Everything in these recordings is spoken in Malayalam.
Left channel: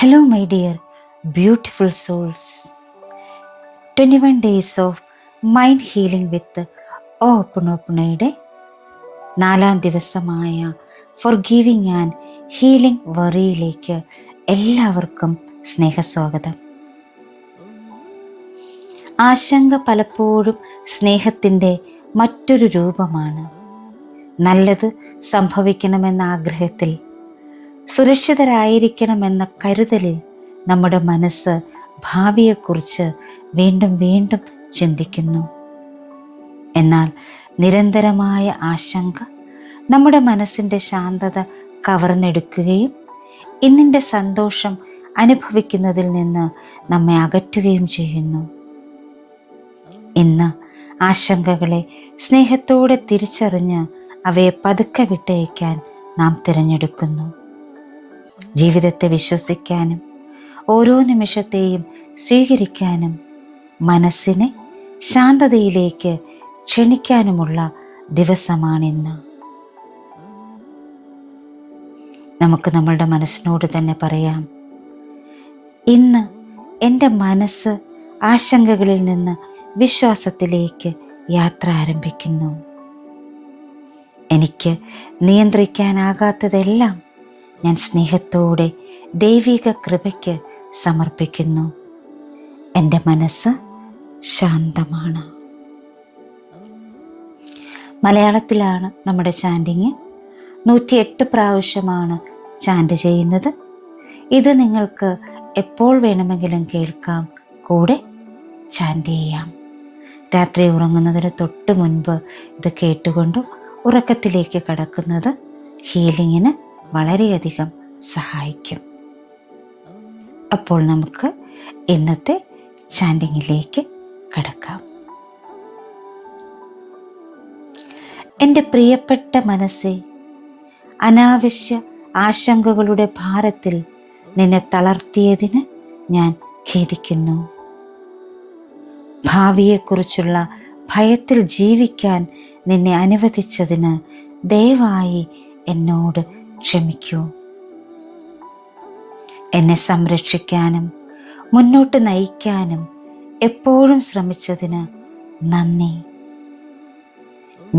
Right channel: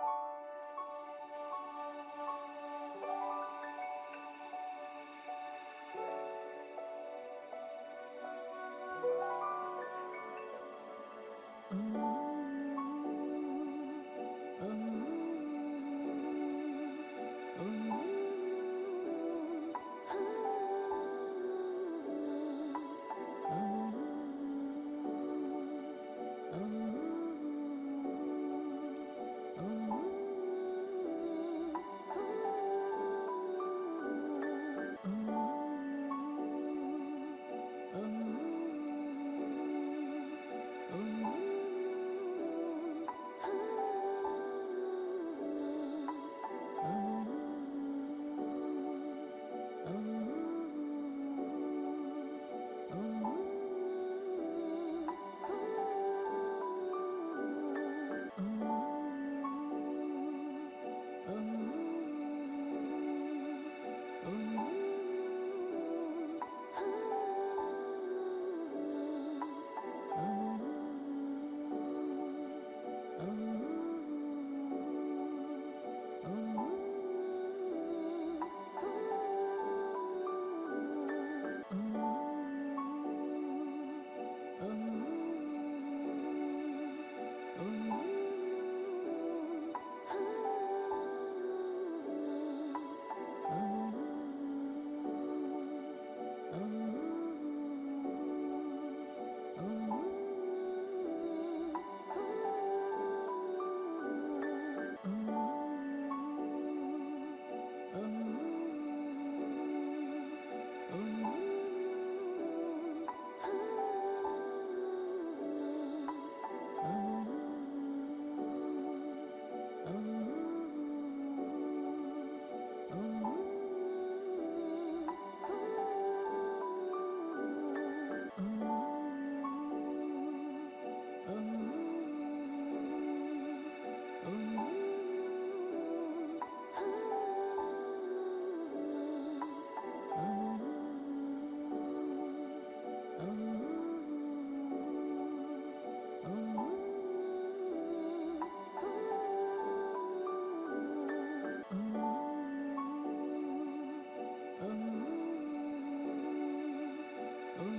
Hello, my dear beautiful souls. 21 days of mind healing with ഓപ്പണോപ്പണയുടെ 4ാം ദിവസമായ ഫോർഗിവിങ് ആൻഡ് ഹീലിംഗ് വറിയിലേക്ക് എല്ലാവർക്കും സ്നേഹസ്വാഗതം. ആശങ്ക പലപ്പോഴും സ്നേഹത്തിൻ്റെ മറ്റൊരു രൂപമാണ്. നല്ലത് സംഭവിക്കണമെന്ന ആഗ്രഹത്തിൽ, സുരക്ഷിതരായിരിക്കണമെന്ന കരുതലിൽ നമ്മുടെ മനസ്സ് ഭാവിയെക്കുറിച്ച് വീണ്ടും വീണ്ടും ചിന്തിക്കുന്നു. എന്നാൽ നിരന്തരമായ ആശങ്ക നമ്മുടെ മനസ്സിൻ്റെ ശാന്തത കവർന്നെടുക്കുകയും ഇന്നിൻ്റെ സന്തോഷം അനുഭവിക്കുന്നതിൽ നിന്ന് നമ്മെ അകറ്റുകയും ചെയ്യുന്നു. ഇന്ന് ആശങ്കകളെ സ്നേഹത്തോടെ തിരിച്ചറിഞ്ഞ് അവയെ പതുക്കെ വിട്ടയക്കാൻ നാം തിരഞ്ഞെടുക്കുന്നു. ജീവിതത്തെ വിശ്വസിക്കാനും ഓരോ നിമിഷത്തെയും സ്വീകരിക്കാനും മനസ്സിനെ ശാന്തതയിലേക്ക് ക്ഷണിക്കാനുമുള്ള ദിവസമാണിന്ന്. നമുക്ക് നമ്മളുടെ മനസ്സിനോട് തന്നെ പറയാം, ഇന്ന് എൻ്റെ മനസ്സ് ആശങ്കകളിൽ നിന്ന് വിശ്വാസത്തിലേക്ക് യാത്ര ആരംഭിക്കുന്നു. എനിക്ക് നിയന്ത്രിക്കാനാകാത്തതെല്ലാം ഞാൻ സ്നേഹത്തോടെ ദൈവിക കൃപയ്ക്ക് സമർപ്പിക്കുന്നു. എൻ്റെ മനസ്സ് ശാന്തമാണ്. മലയാളത്തിലാണ് നമ്മുടെ ചാൻഡിങ്. 108 പ്രാവശ്യമാണ് ചാൻഡ് ചെയ്യുന്നത്. ഇത് നിങ്ങൾക്ക് എപ്പോൾ വേണമെങ്കിലും കേൾക്കാം, കൂടെ ചാൻഡ് ചെയ്യാം. രാത്രി ഉറങ്ങുന്നതിന് തൊട്ട് മുൻപ് ഇത് കേട്ടുകൊണ്ട് ഉറക്കത്തിലേക്ക് കടക്കുന്നത് ഹീലിങ്ങിന് വളരെയധികം സഹായിക്കും. അപ്പോൾ നമുക്ക് ഇന്നത്തെ ചാൻഡിങ്ങിലേക്ക് കടക്കാം. എൻ്റെ പ്രിയപ്പെട്ട മനസ്സേ, അനാവശ്യ ആശങ്കകളുടെ ഭാരത്തിൽ നിന്നെ തളർത്തിയതിന് ഞാൻ ഖേദിക്കുന്നു. ഭാവിയെക്കുറിച്ചുള്ള ഭയത്തിൽ ജീവിക്കാൻ നിന്നെ അനുവദിച്ചതിന് ദയവായി എന്നോട് ക്ഷമിക്കൂ. എന്നെ സംരക്ഷിക്കാനും മുന്നോട്ട് നയിക്കാനും എപ്പോഴും ശ്രമിച്ചതിന് നന്ദി.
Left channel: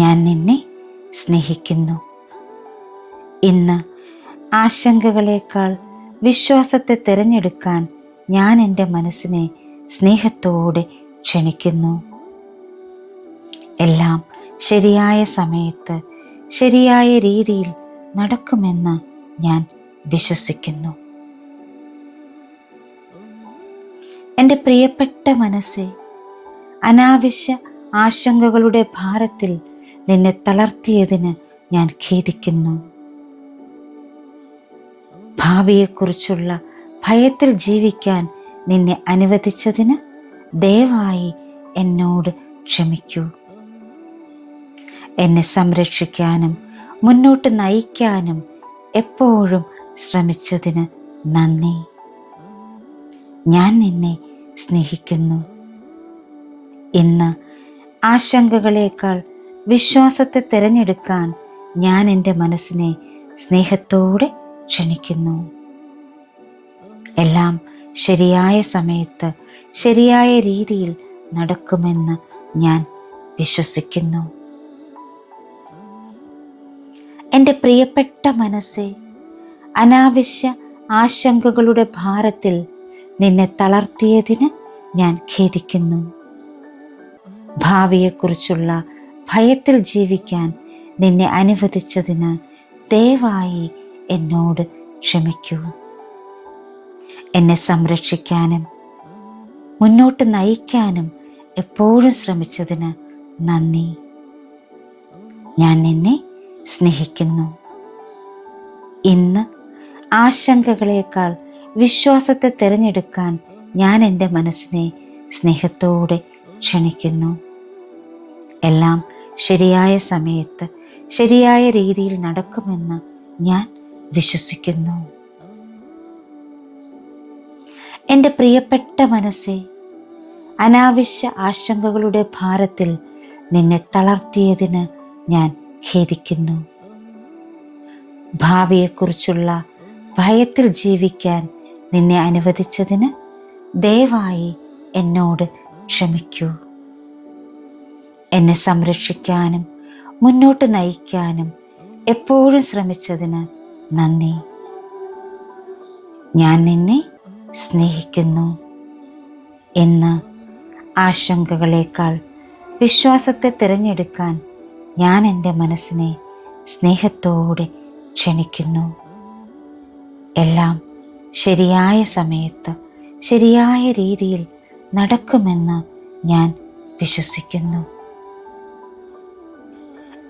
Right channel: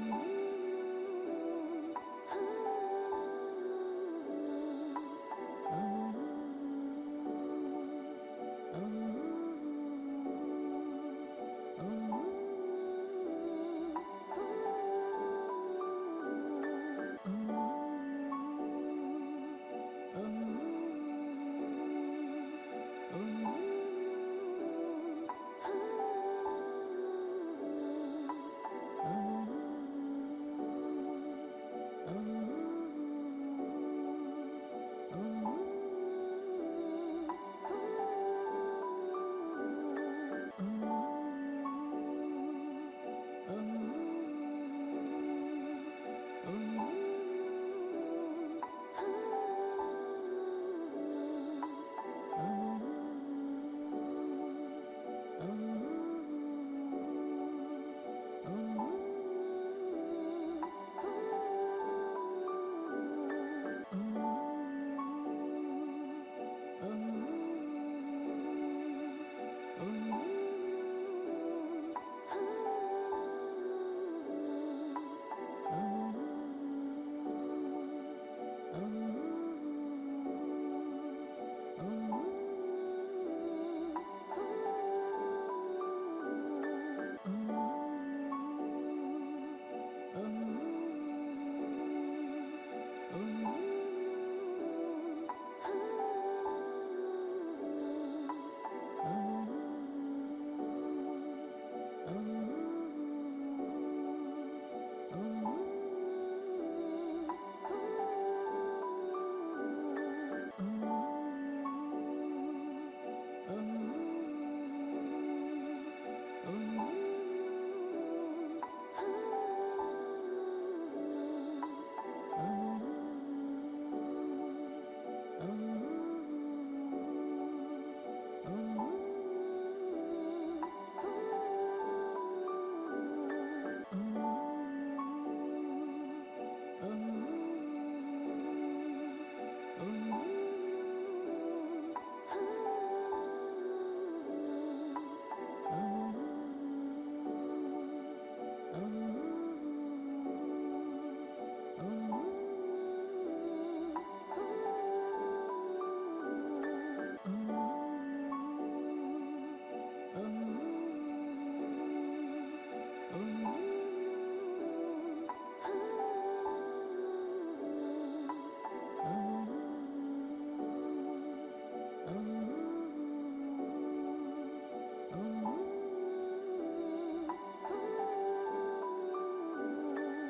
ഞാൻ നിന്നെ സ്നേഹിക്കുന്നു. ഇന്ന് ആശങ്കകളേക്കാൾ വിശ്വാസത്തെ തിരഞ്ഞെടുക്കാൻ ഞാൻ എൻ്റെ മനസ്സിനെ സ്നേഹത്തോടെ ക്ഷണിക്കുന്നു. എല്ലാം ശരിയായ സമയത്ത് ശരിയായ രീതിയിൽ നടക്കുമെന്ന് ഞാൻ വിശ്വസിക്കുന്നു. എൻ്റെ പ്രിയപ്പെട്ട മനസ്സേ, അനാവശ്യ ആശങ്കകളുടെ ഭാരത്തിൽ നിന്നെ തളർത്തിയതിന് ഞാൻ ഖേദിക്കുന്നു. ഭാവിയെക്കുറിച്ചുള്ള ഭയത്തിൽ ജീവിക്കാൻ നിന്നെ അനുവദിച്ചതിന് ദയവായി എന്നോട് ക്ഷമിക്കൂ. എന്നെ സംരക്ഷിക്കാനും മുന്നോട്ട് നയിക്കാനും എപ്പോഴും ശ്രമിച്ചതിന് നന്ദി. ഞാൻ നിന്നെ സ്നേഹിക്കുന്നു. ഇന്ന് ആശങ്കകളേക്കാൾ വിശ്വാസത്തെ തിരഞ്ഞെടുക്കാൻ ഞാൻ എൻ്റെ മനസ്സിനെ സ്നേഹത്തോടെ ക്ഷണിക്കുന്നു. എല്ലാം ശരിയായ സമയത്ത് ശരിയായ രീതിയിൽ നടക്കുമെന്ന് ഞാൻ വിശ്വസിക്കുന്നു. എൻ്റെ പ്രിയപ്പെട്ട മനസ്സേ, അനാവശ്യ ആശങ്കകളുടെ ഭാരത്തിൽ നിന്നെ തളർത്തിയതിന് ഞാൻ ഖേദിക്കുന്നു. ഭാവിയെക്കുറിച്ചുള്ള ഭയത്തിൽ ജീവിക്കാൻ നിന്നെ അനുവദിച്ചതിന് ദയവായി എന്നോട് ക്ഷമിക്കൂ. എന്നെ സംരക്ഷിക്കാനും മുന്നോട്ട് നയിക്കാനും എപ്പോഴും ശ്രമിച്ചതിന് നന്ദി. ഞാൻ നിന്നെ സ്നേഹിക്കുന്നു. ഇന്ന് ആശങ്കകളേക്കാൾ വിശ്വാസത്തെ തിരഞ്ഞെടുക്കാൻ ഞാൻ എൻ്റെ മനസ്സിനെ സ്നേഹത്തോടെ ക്ഷണിക്കുന്നു. എല്ലാം ശരിയായ സമയത്ത് ശരിയായ രീതിയിൽ നടക്കുമെന്ന് ഞാൻ വിശ്വസിക്കുന്നു. എൻ്റെ പ്രിയപ്പെട്ട മനസ്സേ, അനാവശ്യ ആശങ്കകളുടെ ഭാരത്തിൽ നിന്നെ തളർത്തിയതിന് ഞാൻ ഖേദിക്കുന്നു. ഭാവിയെക്കുറിച്ചുള്ള ഭയത്തിൽ ജീവിക്കാൻ നിന്നെ അനുവദിച്ചതിന് ദയവായി എന്നോട് ക്ഷമിക്കൂ. എന്നെ സംരക്ഷിക്കാനും മുന്നോട്ട് നയിക്കാനും എപ്പോഴും ശ്രമിച്ചതിന് നന്ദി. ഞാൻ നിന്നെ സ്നേഹിക്കുന്നു. ഇന്ന് ആശങ്കകളേക്കാൾ വിശ്വാസത്തെ തിരഞ്ഞെടുക്കാൻ ഞാൻ എൻ്റെ മനസ്സിനെ സ്നേഹത്തോടെ ക്ഷണിക്കുന്നു. എല്ലാം ശരിയായ സമയത്ത് ശരിയായ രീതിയിൽ നടക്കുമെന്ന് ഞാൻ വിശ്വസിക്കുന്നു.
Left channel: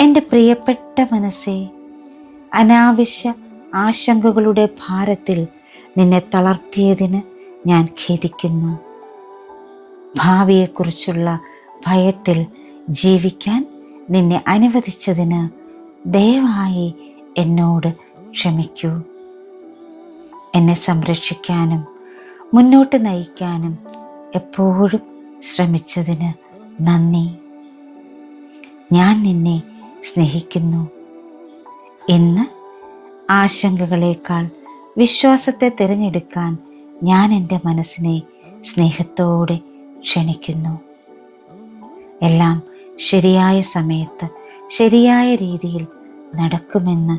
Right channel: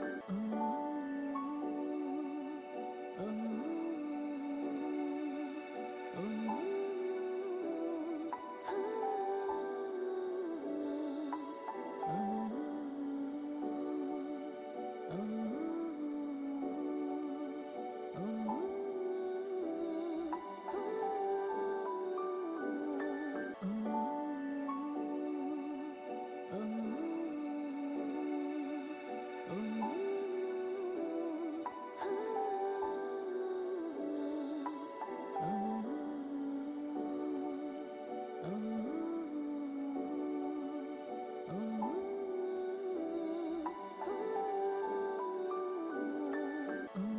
എൻ്റെ പ്രിയപ്പെട്ട മനസ്സേ, അനാവശ്യ ആശങ്കകളുടെ ഭാരത്തിൽ നിന്നെ തളർത്തിയതിന് ഞാൻ ഖേദിക്കുന്നു. ഭാവിയെക്കുറിച്ചുള്ള ഭയത്തിൽ ജീവിക്കാൻ നിന്നെ അനുവദിച്ചതിന് ദയവായി എന്നോട് ക്ഷമിക്കൂ. എന്നെ സംരക്ഷിക്കാനും മുന്നോട്ട് നയിക്കാനും എപ്പോഴും ശ്രമിച്ചതിന് നന്ദി. ഞാൻ നിന്നെ സ്നേഹിക്കുന്നു. ഇന്ന് ആശങ്കകളേക്കാൾ വിശ്വാസത്തെ തിരഞ്ഞെടുക്കാൻ ഞാൻ എൻ്റെ മനസ്സിനെ സ്നേഹത്തോടെ ക്ഷണിക്കുന്നു. എല്ലാം ശരിയായ സമയത്ത് ശരിയായ രീതിയിൽ നടക്കുമെന്ന്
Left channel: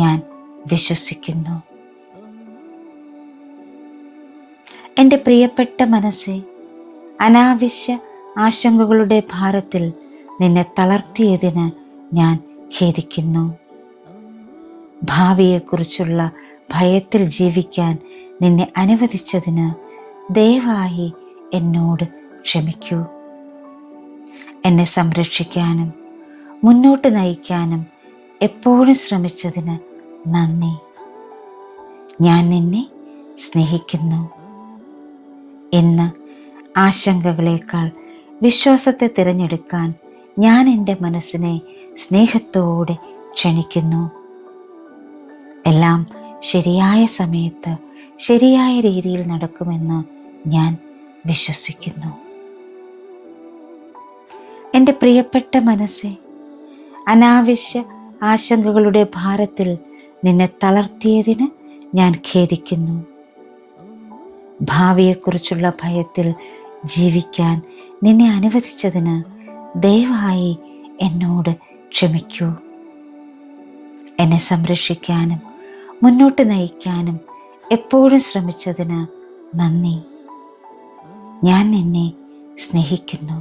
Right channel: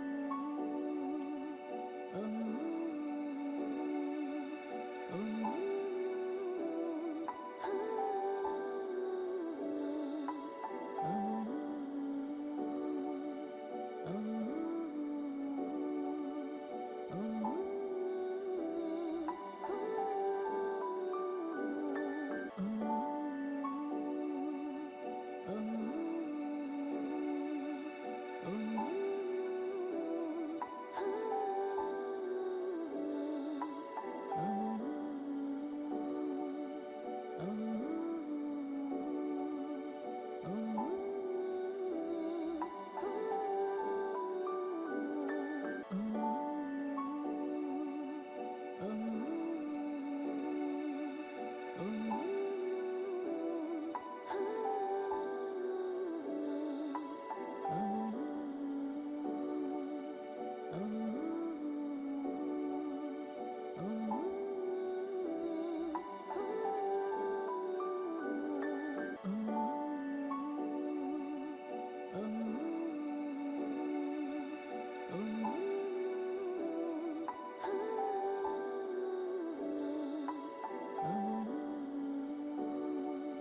ഞാൻ വിശ്വസിക്കുന്നു. എൻ്റെ പ്രിയപ്പെട്ട മനസ്സേ, അനാവശ്യ ആശങ്കകളുടെ ഭാരത്തിൽ നിന്നെ തളർത്തിയതിന് ഞാൻ ഖേദിക്കുന്നു. ഭാവിയെക്കുറിച്ചുള്ള ഭയത്തിൽ ജീവിക്കാൻ നിന്നെ അനുവദിച്ചതിന് ദയവായി എന്നോട് ക്ഷമിക്കൂ. എന്നെ സംരക്ഷിക്കാനും മുന്നോട്ട് നയിക്കാനും എപ്പോഴും ശ്രമിച്ചതിന് നന്ദി. ഞാൻ നിന്നെ സ്നേഹിക്കുന്നു. ഇന്ന് ആശങ്കകളേക്കാൾ വിശ്വാസത്തെ തിരഞ്ഞെടുക്കാൻ ഞാൻ എൻ്റെ മനസ്സിനെ സ്നേഹത്തോടെ ക്ഷണിക്കുന്നു. എല്ലാം ശരിയായ സമയത്ത് ശരിയായ രീതിയിൽ നടക്കുമെന്ന് ഞാൻ വിശ്വസിക്കുന്നു. എൻ്റെ പ്രിയപ്പെട്ട മനസ്സേ, അനാവശ്യ ആശങ്കകളുടെ ഭാരത്തിൽ നിന്നെ തളർത്തിയതിന് ഞാൻ ഖേദിക്കുന്നു. ഭാവിയെക്കുറിച്ചുള്ള ഭയത്തിൽ ജീവിക്കാൻ നിന്നെ അനുവദിച്ചതിന് ദയവായി എന്നോട് ക്ഷമിക്കൂ. എന്നെ സംരക്ഷിക്കാനും മുന്നോട്ട് നയിക്കാനും എപ്പോഴും ശ്രമിച്ചതിന് നന്ദി. ഞാൻ നിന്നെ സ്നേഹിക്കുന്നു.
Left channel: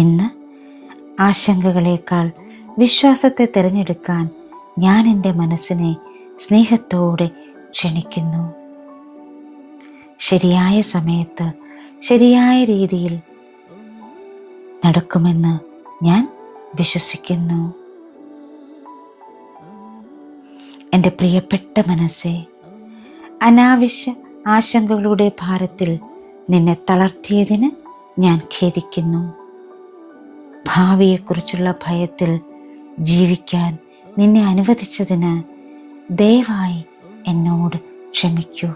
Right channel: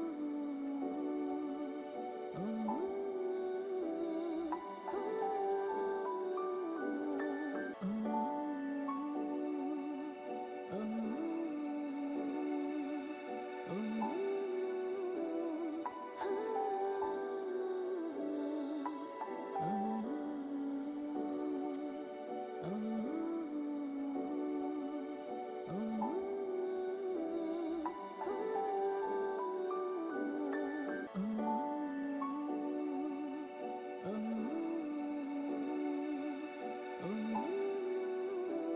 ഇന്ന് ആശങ്കകളേക്കാൾ വിശ്വാസത്തെ തിരഞ്ഞെടുക്കാൻ ഞാൻ എൻ്റെ മനസ്സിനെ സ്നേഹത്തോടെ ക്ഷണിക്കുന്നു. ശരിയായ സമയത്ത് ശരിയായ രീതിയിൽ നടക്കുമെന്ന് ഞാൻ വിശ്വസിക്കുന്നു. എൻ്റെ പ്രിയപ്പെട്ട മനസ്സേ, അനാവശ്യ ആശങ്കകളുടെ ഭാരത്തിൽ നിന്നെ തളർത്തിയതിന് ഞാൻ ഖേദിക്കുന്നു. ഭാവിയെക്കുറിച്ചുള്ള ഭയത്തിൽ ജീവിക്കാൻ നിന്നെ അനുവദിച്ചതിന് ദയവായി എന്നോട് ക്ഷമിക്കൂ.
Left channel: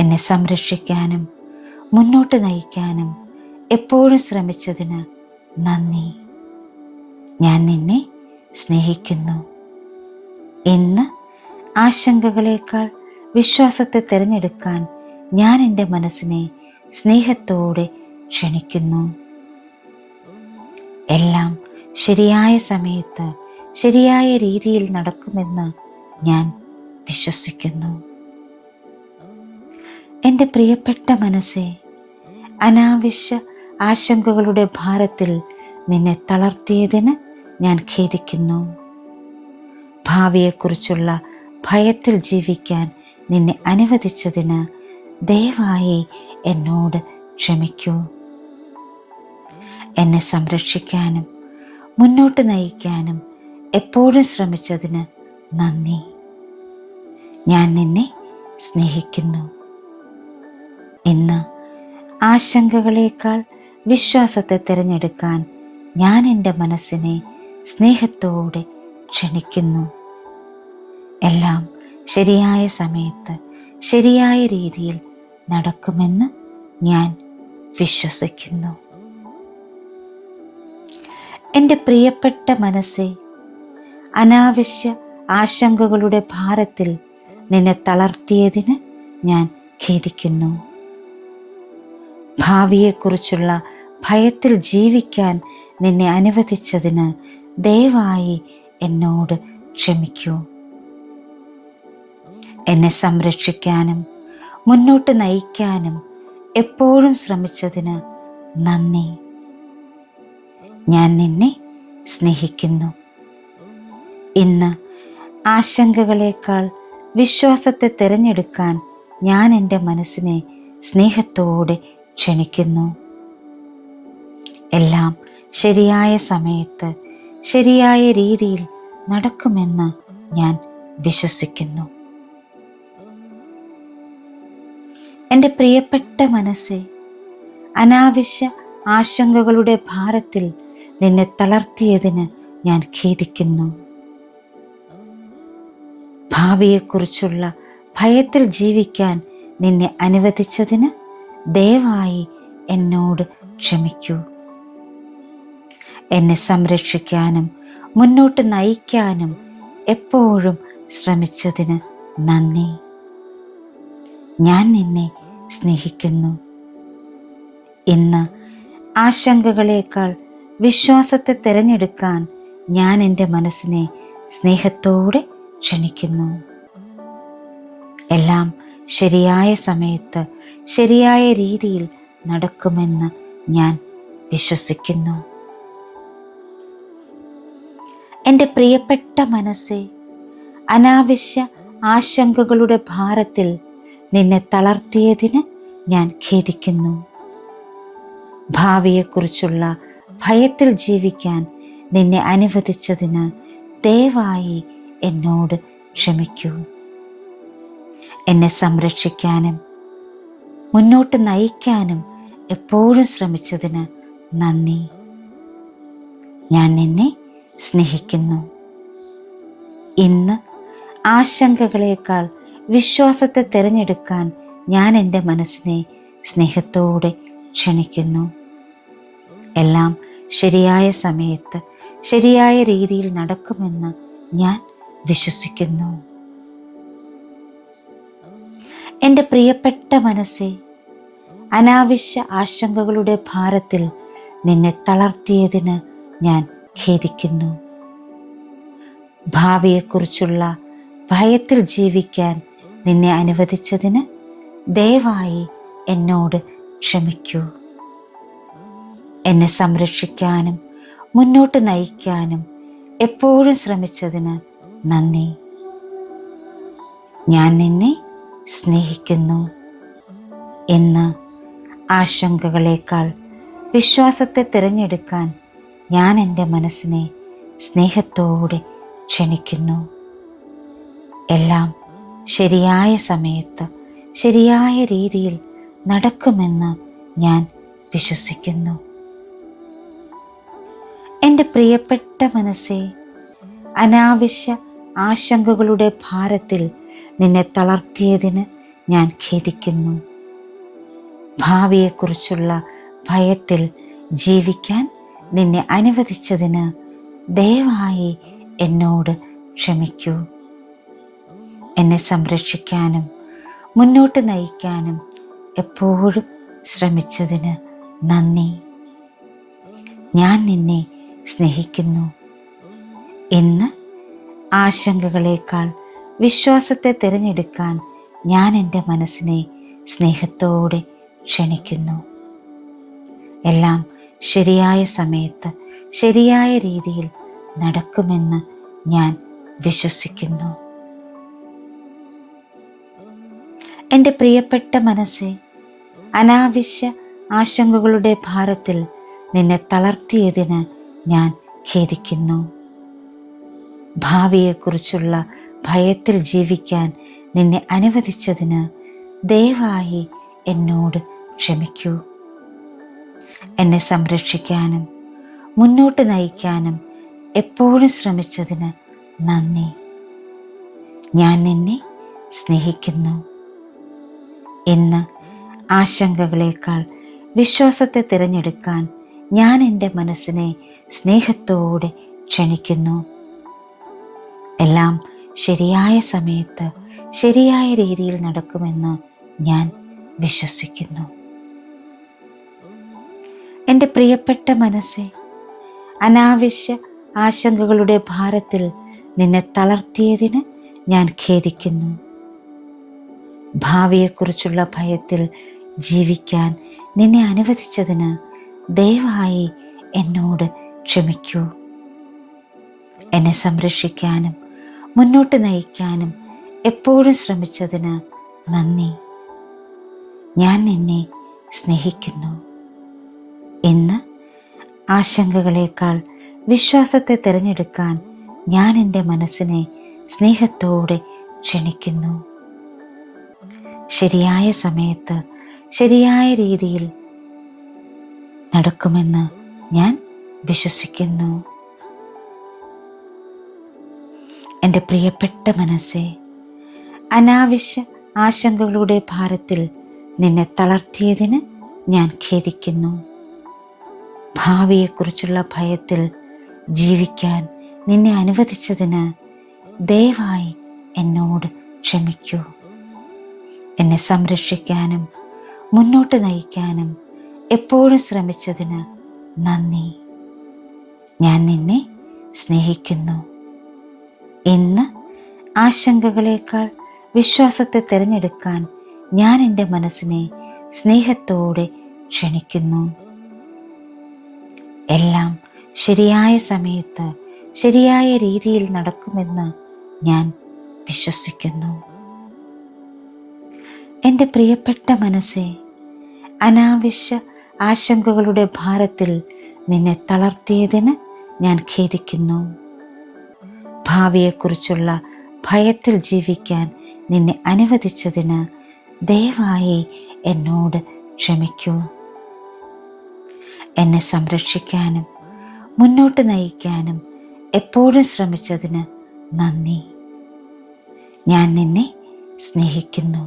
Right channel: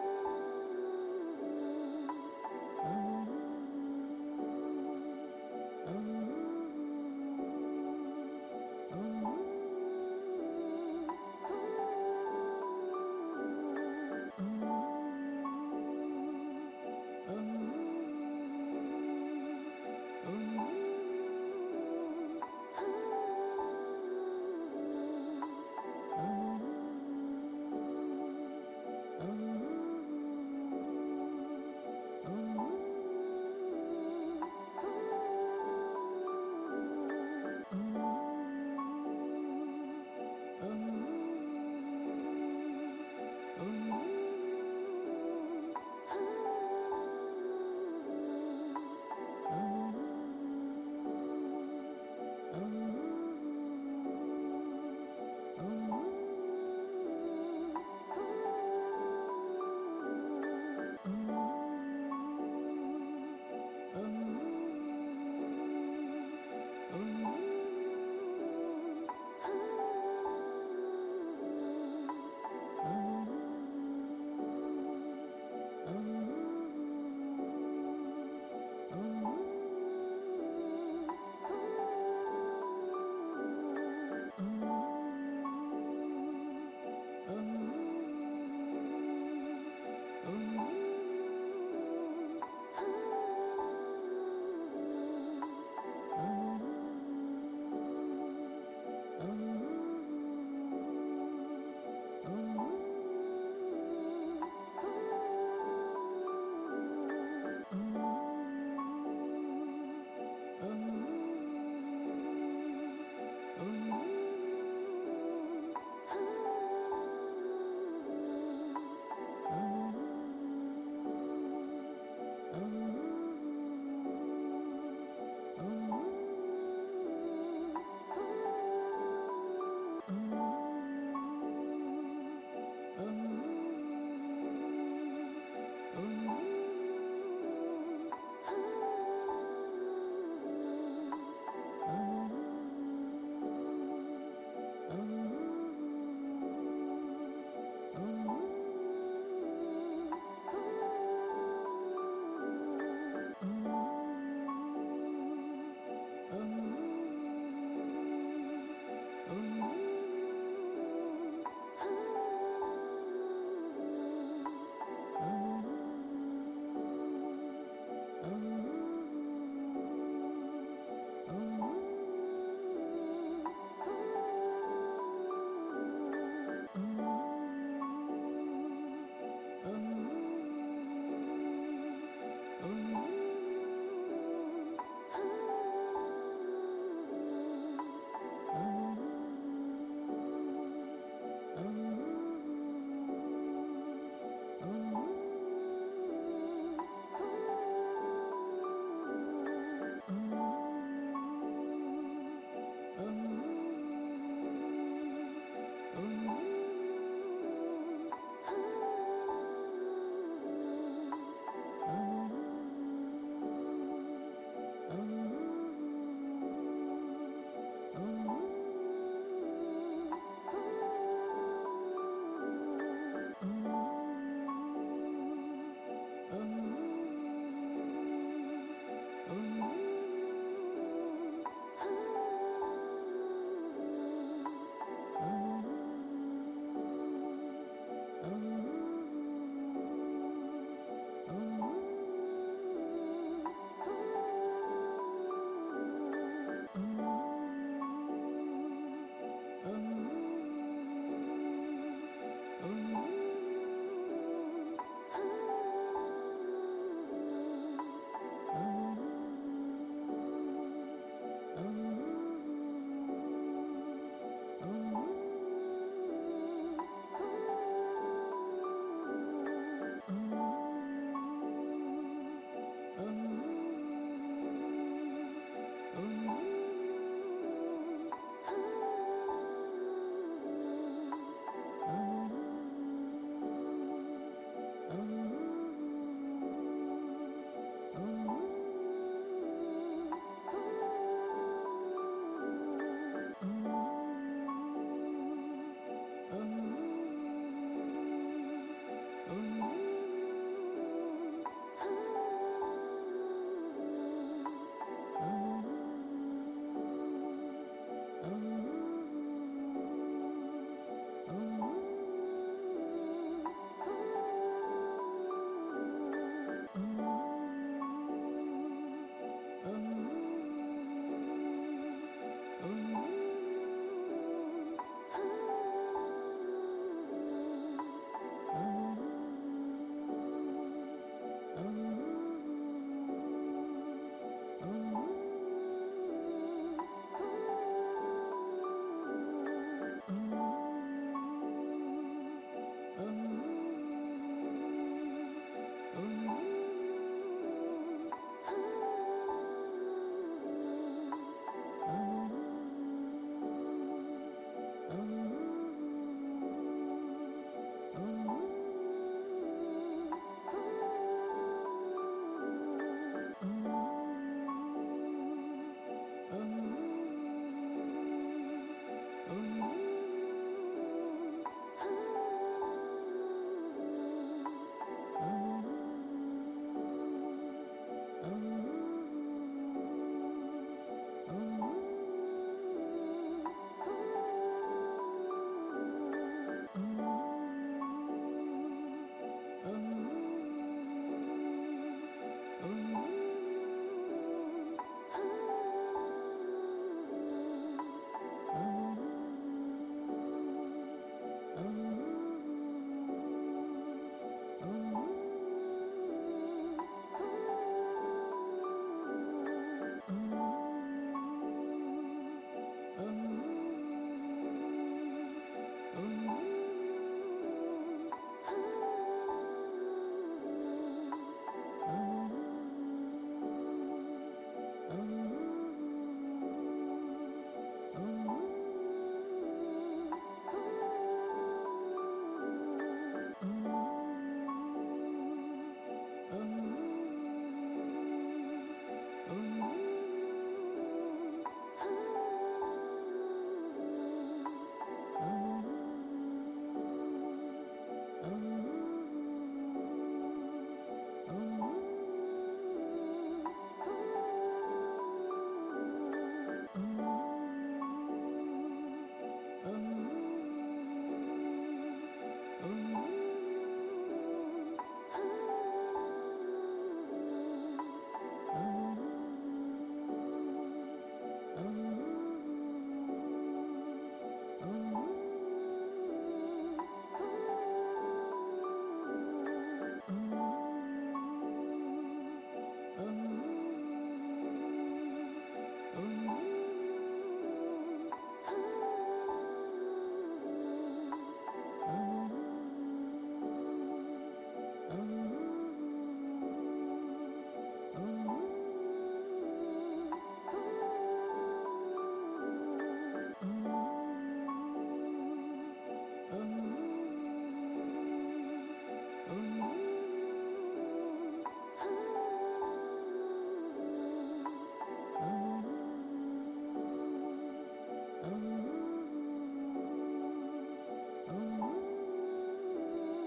എന്നെ സംരക്ഷിക്കാനും മുന്നോട്ട് നയിക്കാനും എപ്പോഴും ശ്രമിച്ചതിന് നന്ദി. ഞാൻ നിന്നെ സ്നേഹിക്കുന്നു. ഇന്ന് ആശങ്കകളേക്കാൾ വിശ്വാസത്തെ തിരഞ്ഞെടുക്കാൻ ഞാൻ എൻ്റെ മനസ്സിനെ സ്നേഹത്തോടെ ക്ഷണിക്കുന്നു. എല്ലാം ശരിയായ സമയത്ത് ശരിയായ രീതിയിൽ നടക്കുമെന്ന് ഞാൻ വിശ്വസിക്കുന്നു. എൻ്റെ പ്രിയപ്പെട്ട മനസ്സേ, അനാവശ്യ ആശങ്കകളുടെ ഭാരത്തിൽ നിന്നെ തളർത്തിയതിന് ഞാൻ ഖേദിക്കുന്നു. ഭാവിയെക്കുറിച്ചുള്ള ഭയത്തിൽ ജീവിക്കാൻ നിന്നെ അനുവദിച്ചതിന് ദയവായി എന്നോട് ക്ഷമിക്കൂ. എന്നെ സംരക്ഷിക്കാനും മുന്നോട്ട് നയിക്കാനും എപ്പോഴും ശ്രമിച്ചതിന് നന്ദി. ഞാൻ നിന്നെ സ്നേഹിക്കുന്നു. ഇന്ന് ആശങ്കകളേക്കാൾ വിശ്വാസത്തെ തിരഞ്ഞെടുക്കാൻ ഞാൻ എൻ്റെ മനസ്സിനെ സ്നേഹത്തോടെ ക്ഷണിക്കുന്നു. എല്ലാം ശരിയായ സമയത്ത് ശരിയായ രീതിയിൽ നടക്കുമെന്ന് ഞാൻ വിശ്വസിക്കുന്നു. എൻ്റെ പ്രിയപ്പെട്ട മനസ്സേ, അനാവശ്യ ആശങ്കകളുടെ ഭാരത്തിൽ നിന്നെ തളർത്തിയതിന് ഞാൻ ഖേദിക്കുന്നു. ഭാവിയെക്കുറിച്ചുള്ള ഭയത്തിൽ ജീവിക്കാൻ നിന്നെ അനുവദിച്ചതിന് ദയവായി എന്നോട് ക്ഷമിക്കൂ. എന്നെ സംരക്ഷിക്കാനും മുന്നോട്ട് നയിക്കാനും എപ്പോഴും ശ്രമിച്ചതിന് നന്ദി. ഞാൻ നിന്നെ സ്നേഹിക്കുന്നു. ഇന്ന് ആശങ്കകളേക്കാൾ വിശ്വാസത്തെ തിരഞ്ഞെടുക്കാൻ ഞാൻ എൻ്റെ മനസ്സിനെ സ്നേഹത്തോടെ ക്ഷണിക്കുന്നു. എല്ലാം ശരിയായ സമയത്ത് ശരിയായ രീതിയിൽ നടക്കുമെന്ന് ഞാൻ വിശ്വസിക്കുന്നു. എൻ്റെ പ്രിയപ്പെട്ട മനസ്സേ, അനാവശ്യ ആശങ്കകളുടെ ഭാരത്തിൽ നിന്നെ തളർത്തിയതിന് ഞാൻ ഖേദിക്കുന്നു. ഭാവിയെക്കുറിച്ചുള്ള ഭയത്തിൽ ജീവിക്കാൻ നിന്നെ അനുവദിച്ചതിന് ദയവായി എന്നോട് ക്ഷമിക്കൂ. എന്നെ സംരക്ഷിക്കാനും മുന്നോട്ട് നയിക്കാനും എപ്പോഴും ശ്രമിച്ചതിന് നന്ദി. ഞാൻ നിന്നെ സ്നേഹിക്കുന്നു. ഇന്ന് ആശങ്കകളേക്കാൾ വിശ്വാസത്തെ തിരഞ്ഞെടുക്കാൻ ഞാൻ എൻ്റെ മനസ്സിനെ സ്നേഹത്തോടെ ക്ഷണിക്കുന്നു. എല്ലാം ശരിയായ സമയത്ത് ശരിയായ രീതിയിൽ നടക്കുമെന്ന് ഞാൻ വിശ്വസിക്കുന്നു. എൻ്റെ പ്രിയപ്പെട്ട മനസ്സേ, അനാവശ്യ ആശങ്കകളുടെ ഭാരത്തിൽ നിന്നെ തളർത്തിയതിന് ഞാൻ ഖേദിക്കുന്നു. ഭാവിയെക്കുറിച്ചുള്ള ഭയത്തിൽ ജീവിക്കാൻ നിന്നെ അനുവദിച്ചതിന് ദയവായി എന്നോട് ക്ഷമിക്കൂ. എന്നെ സംരക്ഷിക്കാനും മുന്നോട്ട് നയിക്കാനും എപ്പോഴും ശ്രമിച്ചതിന് നന്ദി. ഞാൻ നിന്നെ സ്നേഹിക്കുന്നു. ഇന്ന് ആശങ്കകളേക്കാൾ വിശ്വാസത്തെ തിരഞ്ഞെടുക്കാൻ ഞാൻ എൻ്റെ മനസ്സിനെ സ്നേഹത്തോടെ ക്ഷണിക്കുന്നു. എല്ലാം ശരിയായ സമയത്ത് ശരിയായ രീതിയിൽ നടക്കുമെന്ന് ഞാൻ വിശ്വസിക്കുന്നു. എൻ്റെ പ്രിയപ്പെട്ട മനസ്സേ, അനാവശ്യ ആശങ്കകളുടെ ഭാരത്തിൽ നിന്നെ തളർത്തിയതിന് ഞാൻ ഖേദിക്കുന്നു. ഭാവിയെക്കുറിച്ചുള്ള ഭയത്തിൽ ജീവിക്കാൻ നിന്നെ അനുവദിച്ചതിന് ദയവായി എന്നോട് ക്ഷമിക്കൂ. എന്നെ സംരക്ഷിക്കാനും മുന്നോട്ട് നയിക്കാനും എപ്പോഴും ശ്രമിച്ചതിന് നന്ദി. ഞാൻ നിന്നെ സ്നേഹിക്കുന്നു. ഇന്ന് ആശങ്കകളേക്കാൾ വിശ്വാസത്തെ തിരഞ്ഞെടുക്കാൻ ഞാൻ എൻ്റെ മനസ്സിനെ സ്നേഹത്തോടെ ക്ഷണിക്കുന്നു. എല്ലാം ശരിയായ സമയത്ത് ശരിയായ രീതിയിൽ നടക്കുമെന്ന് ഞാൻ വിശ്വസിക്കുന്നു. എൻ്റെ പ്രിയപ്പെട്ട മനസ്സേ, അനാവശ്യ ആശങ്കകളുടെ ഭാരത്തിൽ നിന്നെ തളർത്തിയതിന് ഞാൻ ഖേദിക്കുന്നു. ഭാവിയെക്കുറിച്ചുള്ള ഭയത്തിൽ ജീവിക്കാൻ നിന്നെ അനുവദിച്ചതിന് ദയവായി എന്നോട് ക്ഷമിക്കൂ. എന്നെ സംരക്ഷിക്കാനും മുന്നോട്ട് നയിക്കാനും എപ്പോഴും ശ്രമിച്ചതിന് നന്ദി. ഞാൻ നിന്നെ സ്നേഹിക്കുന്നു. ഇന്ന് ആശങ്കകളേക്കാൾ വിശ്വാസത്തെ തിരഞ്ഞെടുക്കാൻ ഞാൻ എൻ്റെ മനസ്സിനെ സ്നേഹത്തോടെ ക്ഷണിക്കുന്നു. എല്ലാം ശരിയായ സമയത്ത് ശരിയായ രീതിയിൽ നടക്കുമെന്ന് ഞാൻ വിശ്വസിക്കുന്നു. എൻ്റെ പ്രിയപ്പെട്ട മനസ്സേ, അനാവശ്യ ആശങ്കകളുടെ ഭാരത്തിൽ നിന്നെ തളർത്തിയതിന് ഞാൻ ഖേദിക്കുന്നു. ഭാവിയെക്കുറിച്ചുള്ള ഭയത്തിൽ ജീവിക്കാൻ നിന്നെ അനുവദിച്ചതിന് ദയവായി എന്നോട് ക്ഷമിക്കൂ. എന്നെ സംരക്ഷിക്കാനും മുന്നോട്ട് നയിക്കാനും എപ്പോഴും ശ്രമിച്ചതിന് നന്ദി. ഞാൻ നിന്നെ സ്നേഹിക്കുന്നു. ഇന്ന് ആശങ്കകളേക്കാൾ വിശ്വാസത്തെ തിരഞ്ഞെടുക്കാൻ ഞാൻ എൻ്റെ മനസ്സിനെ സ്നേഹത്തോടെ ക്ഷണിക്കുന്നു. എല്ലാം ശരിയായ സമയത്ത് ശരിയായ രീതിയിൽ നടക്കുമെന്ന് ഞാൻ വിശ്വസിക്കുന്നു. എൻ്റെ പ്രിയപ്പെട്ട മനസ്സേ, അനാവശ്യ ആശങ്കകളുടെ ഭാരത്തിൽ നിന്നെ തളർത്തിയതിന് ഞാൻ ഖേദിക്കുന്നു. ഭാവിയെക്കുറിച്ചുള്ള ഭയത്തിൽ ജീവിക്കാൻ നിന്നെ അനുവദിച്ചതിന് ദയവായി എന്നോട് ക്ഷമിക്കൂ. എന്നെ സംരക്ഷിക്കാനും മുന്നോട്ട് നയിക്കാനും എപ്പോഴും ശ്രമിച്ചതിന് നന്ദി. ഞാൻ നിന്നെ സ്നേഹിക്കുന്നു. ഇന്ന് ആശങ്കകളേക്കാൾ വിശ്വാസത്തെ തിരഞ്ഞെടുക്കാൻ ഞാൻ എൻ്റെ മനസ്സിനെ സ്നേഹത്തോടെ ക്ഷണിക്കുന്നു. ശരിയായ സമയത്ത് ശരിയായ രീതിയിൽ നടക്കുമെന്ന് ഞാൻ വിശ്വസിക്കുന്നു. എൻ്റെ പ്രിയപ്പെട്ട മനസ്സേ, അനാവശ്യ ആശങ്കകളുടെ ഭാരത്തിൽ നിന്നെ തളർത്തിയതിന് ഞാൻ ഖേദിക്കുന്നു. ഭാവിയെക്കുറിച്ചുള്ള ഭയത്തിൽ ജീവിക്കാൻ നിന്നെ അനുവദിച്ചതിന് ദയവായി എന്നോട് ക്ഷമിക്കൂ. എന്നെ സംരക്ഷിക്കാനും മുന്നോട്ട് നയിക്കാനും എപ്പോഴും ശ്രമിച്ചതിന് നന്ദി. ഞാൻ നിന്നെ സ്നേഹിക്കുന്നു. ഇന്ന് ആശങ്കകളേക്കാൾ വിശ്വാസത്തെ തിരഞ്ഞെടുക്കാൻ ഞാൻ എൻ്റെ മനസ്സിനെ സ്നേഹത്തോടെ ക്ഷണിക്കുന്നു. എല്ലാം ശരിയായ സമയത്ത് ശരിയായ രീതിയിൽ നടക്കുമെന്ന് ഞാൻ വിശ്വസിക്കുന്നു. എൻ്റെ പ്രിയപ്പെട്ട മനസ്സേ, അനാവശ്യ ആശങ്കകളുടെ ഭാരത്തിൽ നിന്നെ തളർത്തിയതിന് ഞാൻ ഖേദിക്കുന്നു. ഭാവിയെക്കുറിച്ചുള്ള ഭയത്തിൽ ജീവിക്കാൻ നിന്നെ അനുവദിച്ചതിന് ദയവായി എന്നോട് ക്ഷമിക്കൂ. എന്നെ സംരക്ഷിക്കാനും മുന്നോട്ട് നയിക്കാനും എപ്പോഴും ശ്രമിച്ചതിന് നന്ദി. ഞാൻ നിന്നെ സ്നേഹിക്കുന്നു.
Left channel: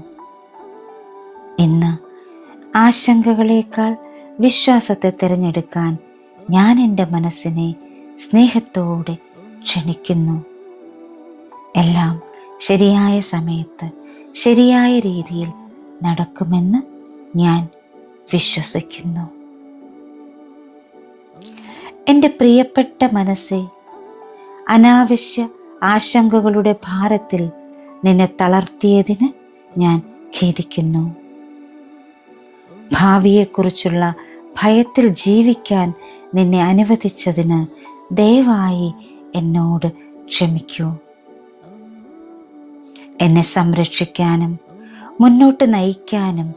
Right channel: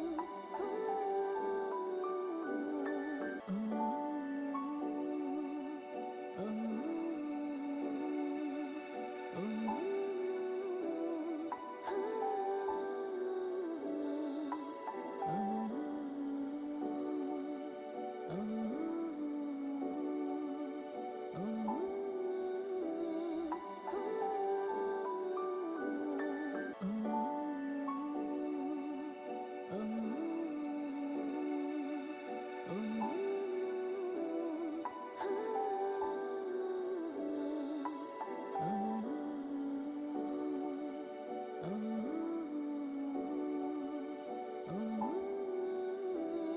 ഇന്ന് ആശങ്കകളേക്കാൾ വിശ്വാസത്തെ തിരഞ്ഞെടുക്കാൻ ഞാൻ എൻ്റെ മനസ്സിനെ സ്നേഹത്തോടെ ക്ഷണിക്കുന്നു. എല്ലാം ശരിയായ സമയത്ത് ശരിയായ രീതിയിൽ നടക്കുമെന്ന് ഞാൻ വിശ്വസിക്കുന്നു. എൻ്റെ പ്രിയപ്പെട്ട മനസ്സേ, അനാവശ്യ ആശങ്കകളുടെ ഭാരത്തിൽ നിന്നെ തളർത്തിയതിന് ഞാൻ ഖേദിക്കുന്നു. ഭാവിയെക്കുറിച്ചുള്ള ഭയത്തിൽ ജീവിക്കാൻ നിന്നെ അനുവദിച്ചതിന് ദയവായി എന്നോട് ക്ഷമിക്കൂ. എന്നെ സംരക്ഷിക്കാനും മുന്നോട്ട് നയിക്കാനും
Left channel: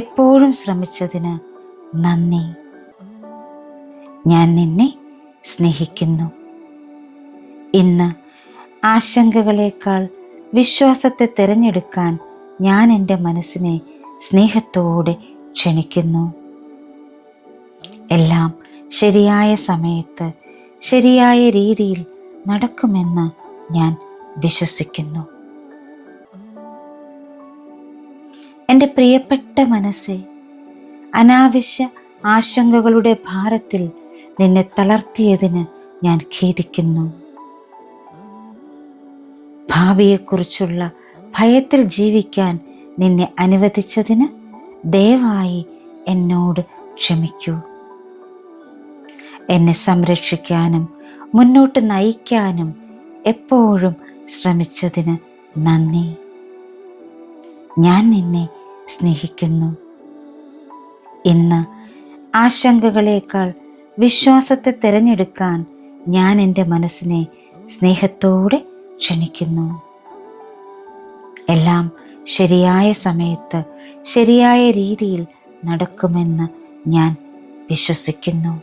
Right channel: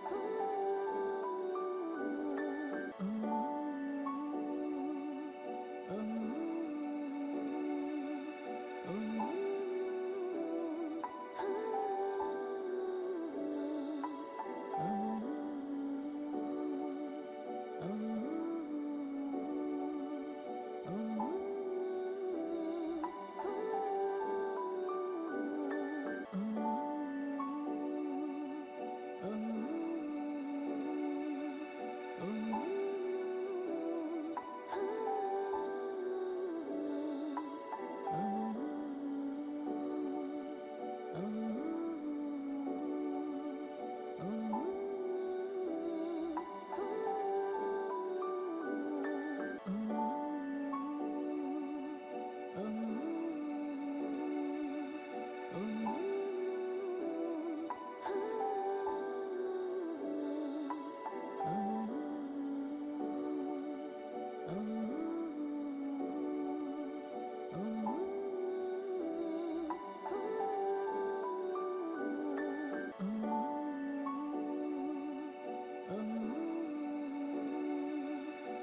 എപ്പോഴും ശ്രമിച്ചതിന് നന്ദി. ഞാൻ നിന്നെ സ്നേഹിക്കുന്നു. ഇന്ന് ആശങ്കകളേക്കാൾ വിശ്വാസത്തെ തിരഞ്ഞെടുക്കാൻ ഞാൻ എൻ്റെ മനസ്സിനെ സ്നേഹത്തോടെ ക്ഷണിക്കുന്നു. എല്ലാം ശരിയായ സമയത്ത് ശരിയായ രീതിയിൽ നടക്കുമെന്ന് ഞാൻ വിശ്വസിക്കുന്നു. എൻ്റെ പ്രിയപ്പെട്ട മനസ്സേ, അനാവശ്യ ആശങ്കകളുടെ ഭാരത്തിൽ നിന്നെ തളർത്തിയതിന് ഞാൻ ഖേദിക്കുന്നു. ഭാവിയെക്കുറിച്ചുള്ള ഭയത്തിൽ ജീവിക്കാൻ നിന്നെ അനുവദിച്ചതിന് ദയവായി എന്നോട് ക്ഷമിക്കൂ. എന്നെ സംരക്ഷിക്കാനും മുന്നോട്ട് നയിക്കാനും എപ്പോഴും ശ്രമിച്ചതിന് നന്ദി. ഞാൻ നിന്നെ സ്നേഹിക്കുന്നു. ഇന്ന് ആശങ്കകളേക്കാൾ വിശ്വാസത്തെ തിരഞ്ഞെടുക്കാൻ ഞാൻ എൻ്റെ മനസ്സിനെ സ്നേഹത്തോടെ ക്ഷണിക്കുന്നു. എല്ലാം ശരിയായ സമയത്ത് ശരിയായ രീതിയിൽ നടക്കുമെന്ന് ഞാൻ വിശ്വസിക്കുന്നു.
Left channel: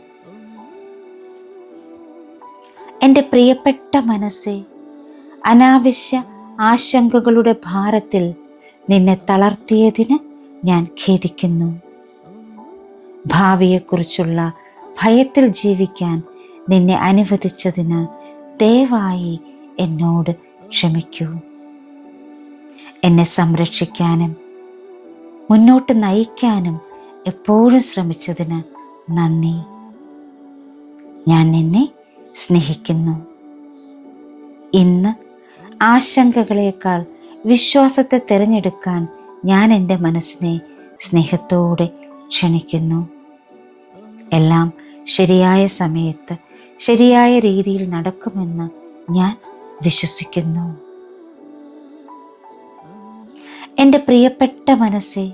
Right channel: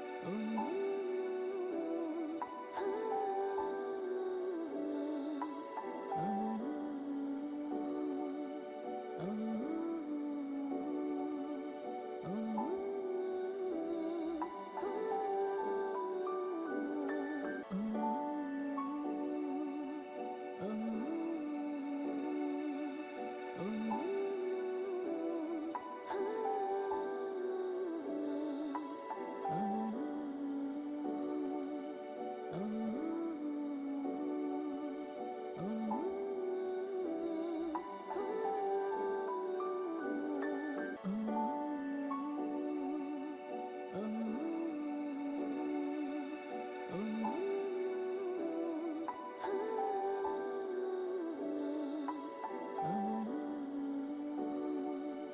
എൻ്റെ പ്രിയപ്പെട്ട മനസ്സേ, അനാവശ്യ ആശങ്കകളുടെ ഭാരത്തിൽ നിന്നെ തളർത്തിയതിന് ഞാൻ ഖേദിക്കുന്നു. ഭാവിയെക്കുറിച്ചുള്ള ഭയത്തിൽ ജീവിക്കാൻ നിന്നെ അനുവദിച്ചതിന് ദയവായി എന്നോട് ക്ഷമിക്കൂ. എന്നെ സംരക്ഷിക്കാനും മുന്നോട്ട് നയിക്കാനും എപ്പോഴും ശ്രമിച്ചതിന് നന്ദി. ഞാൻ നിന്നെ സ്നേഹിക്കുന്നു. ഇന്ന് ആശങ്കകളേക്കാൾ വിശ്വാസത്തെ തിരഞ്ഞെടുക്കാൻ ഞാൻ എൻ്റെ മനസ്സിനെ സ്നേഹത്തോടെ ക്ഷണിക്കുന്നു. എല്ലാം ശരിയായ സമയത്ത് ശരിയായ രീതിയിൽ നടക്കുമെന്ന് ഞാൻ വിശ്വസിക്കുന്നു. എൻ്റെ പ്രിയപ്പെട്ട മനസ്സേ,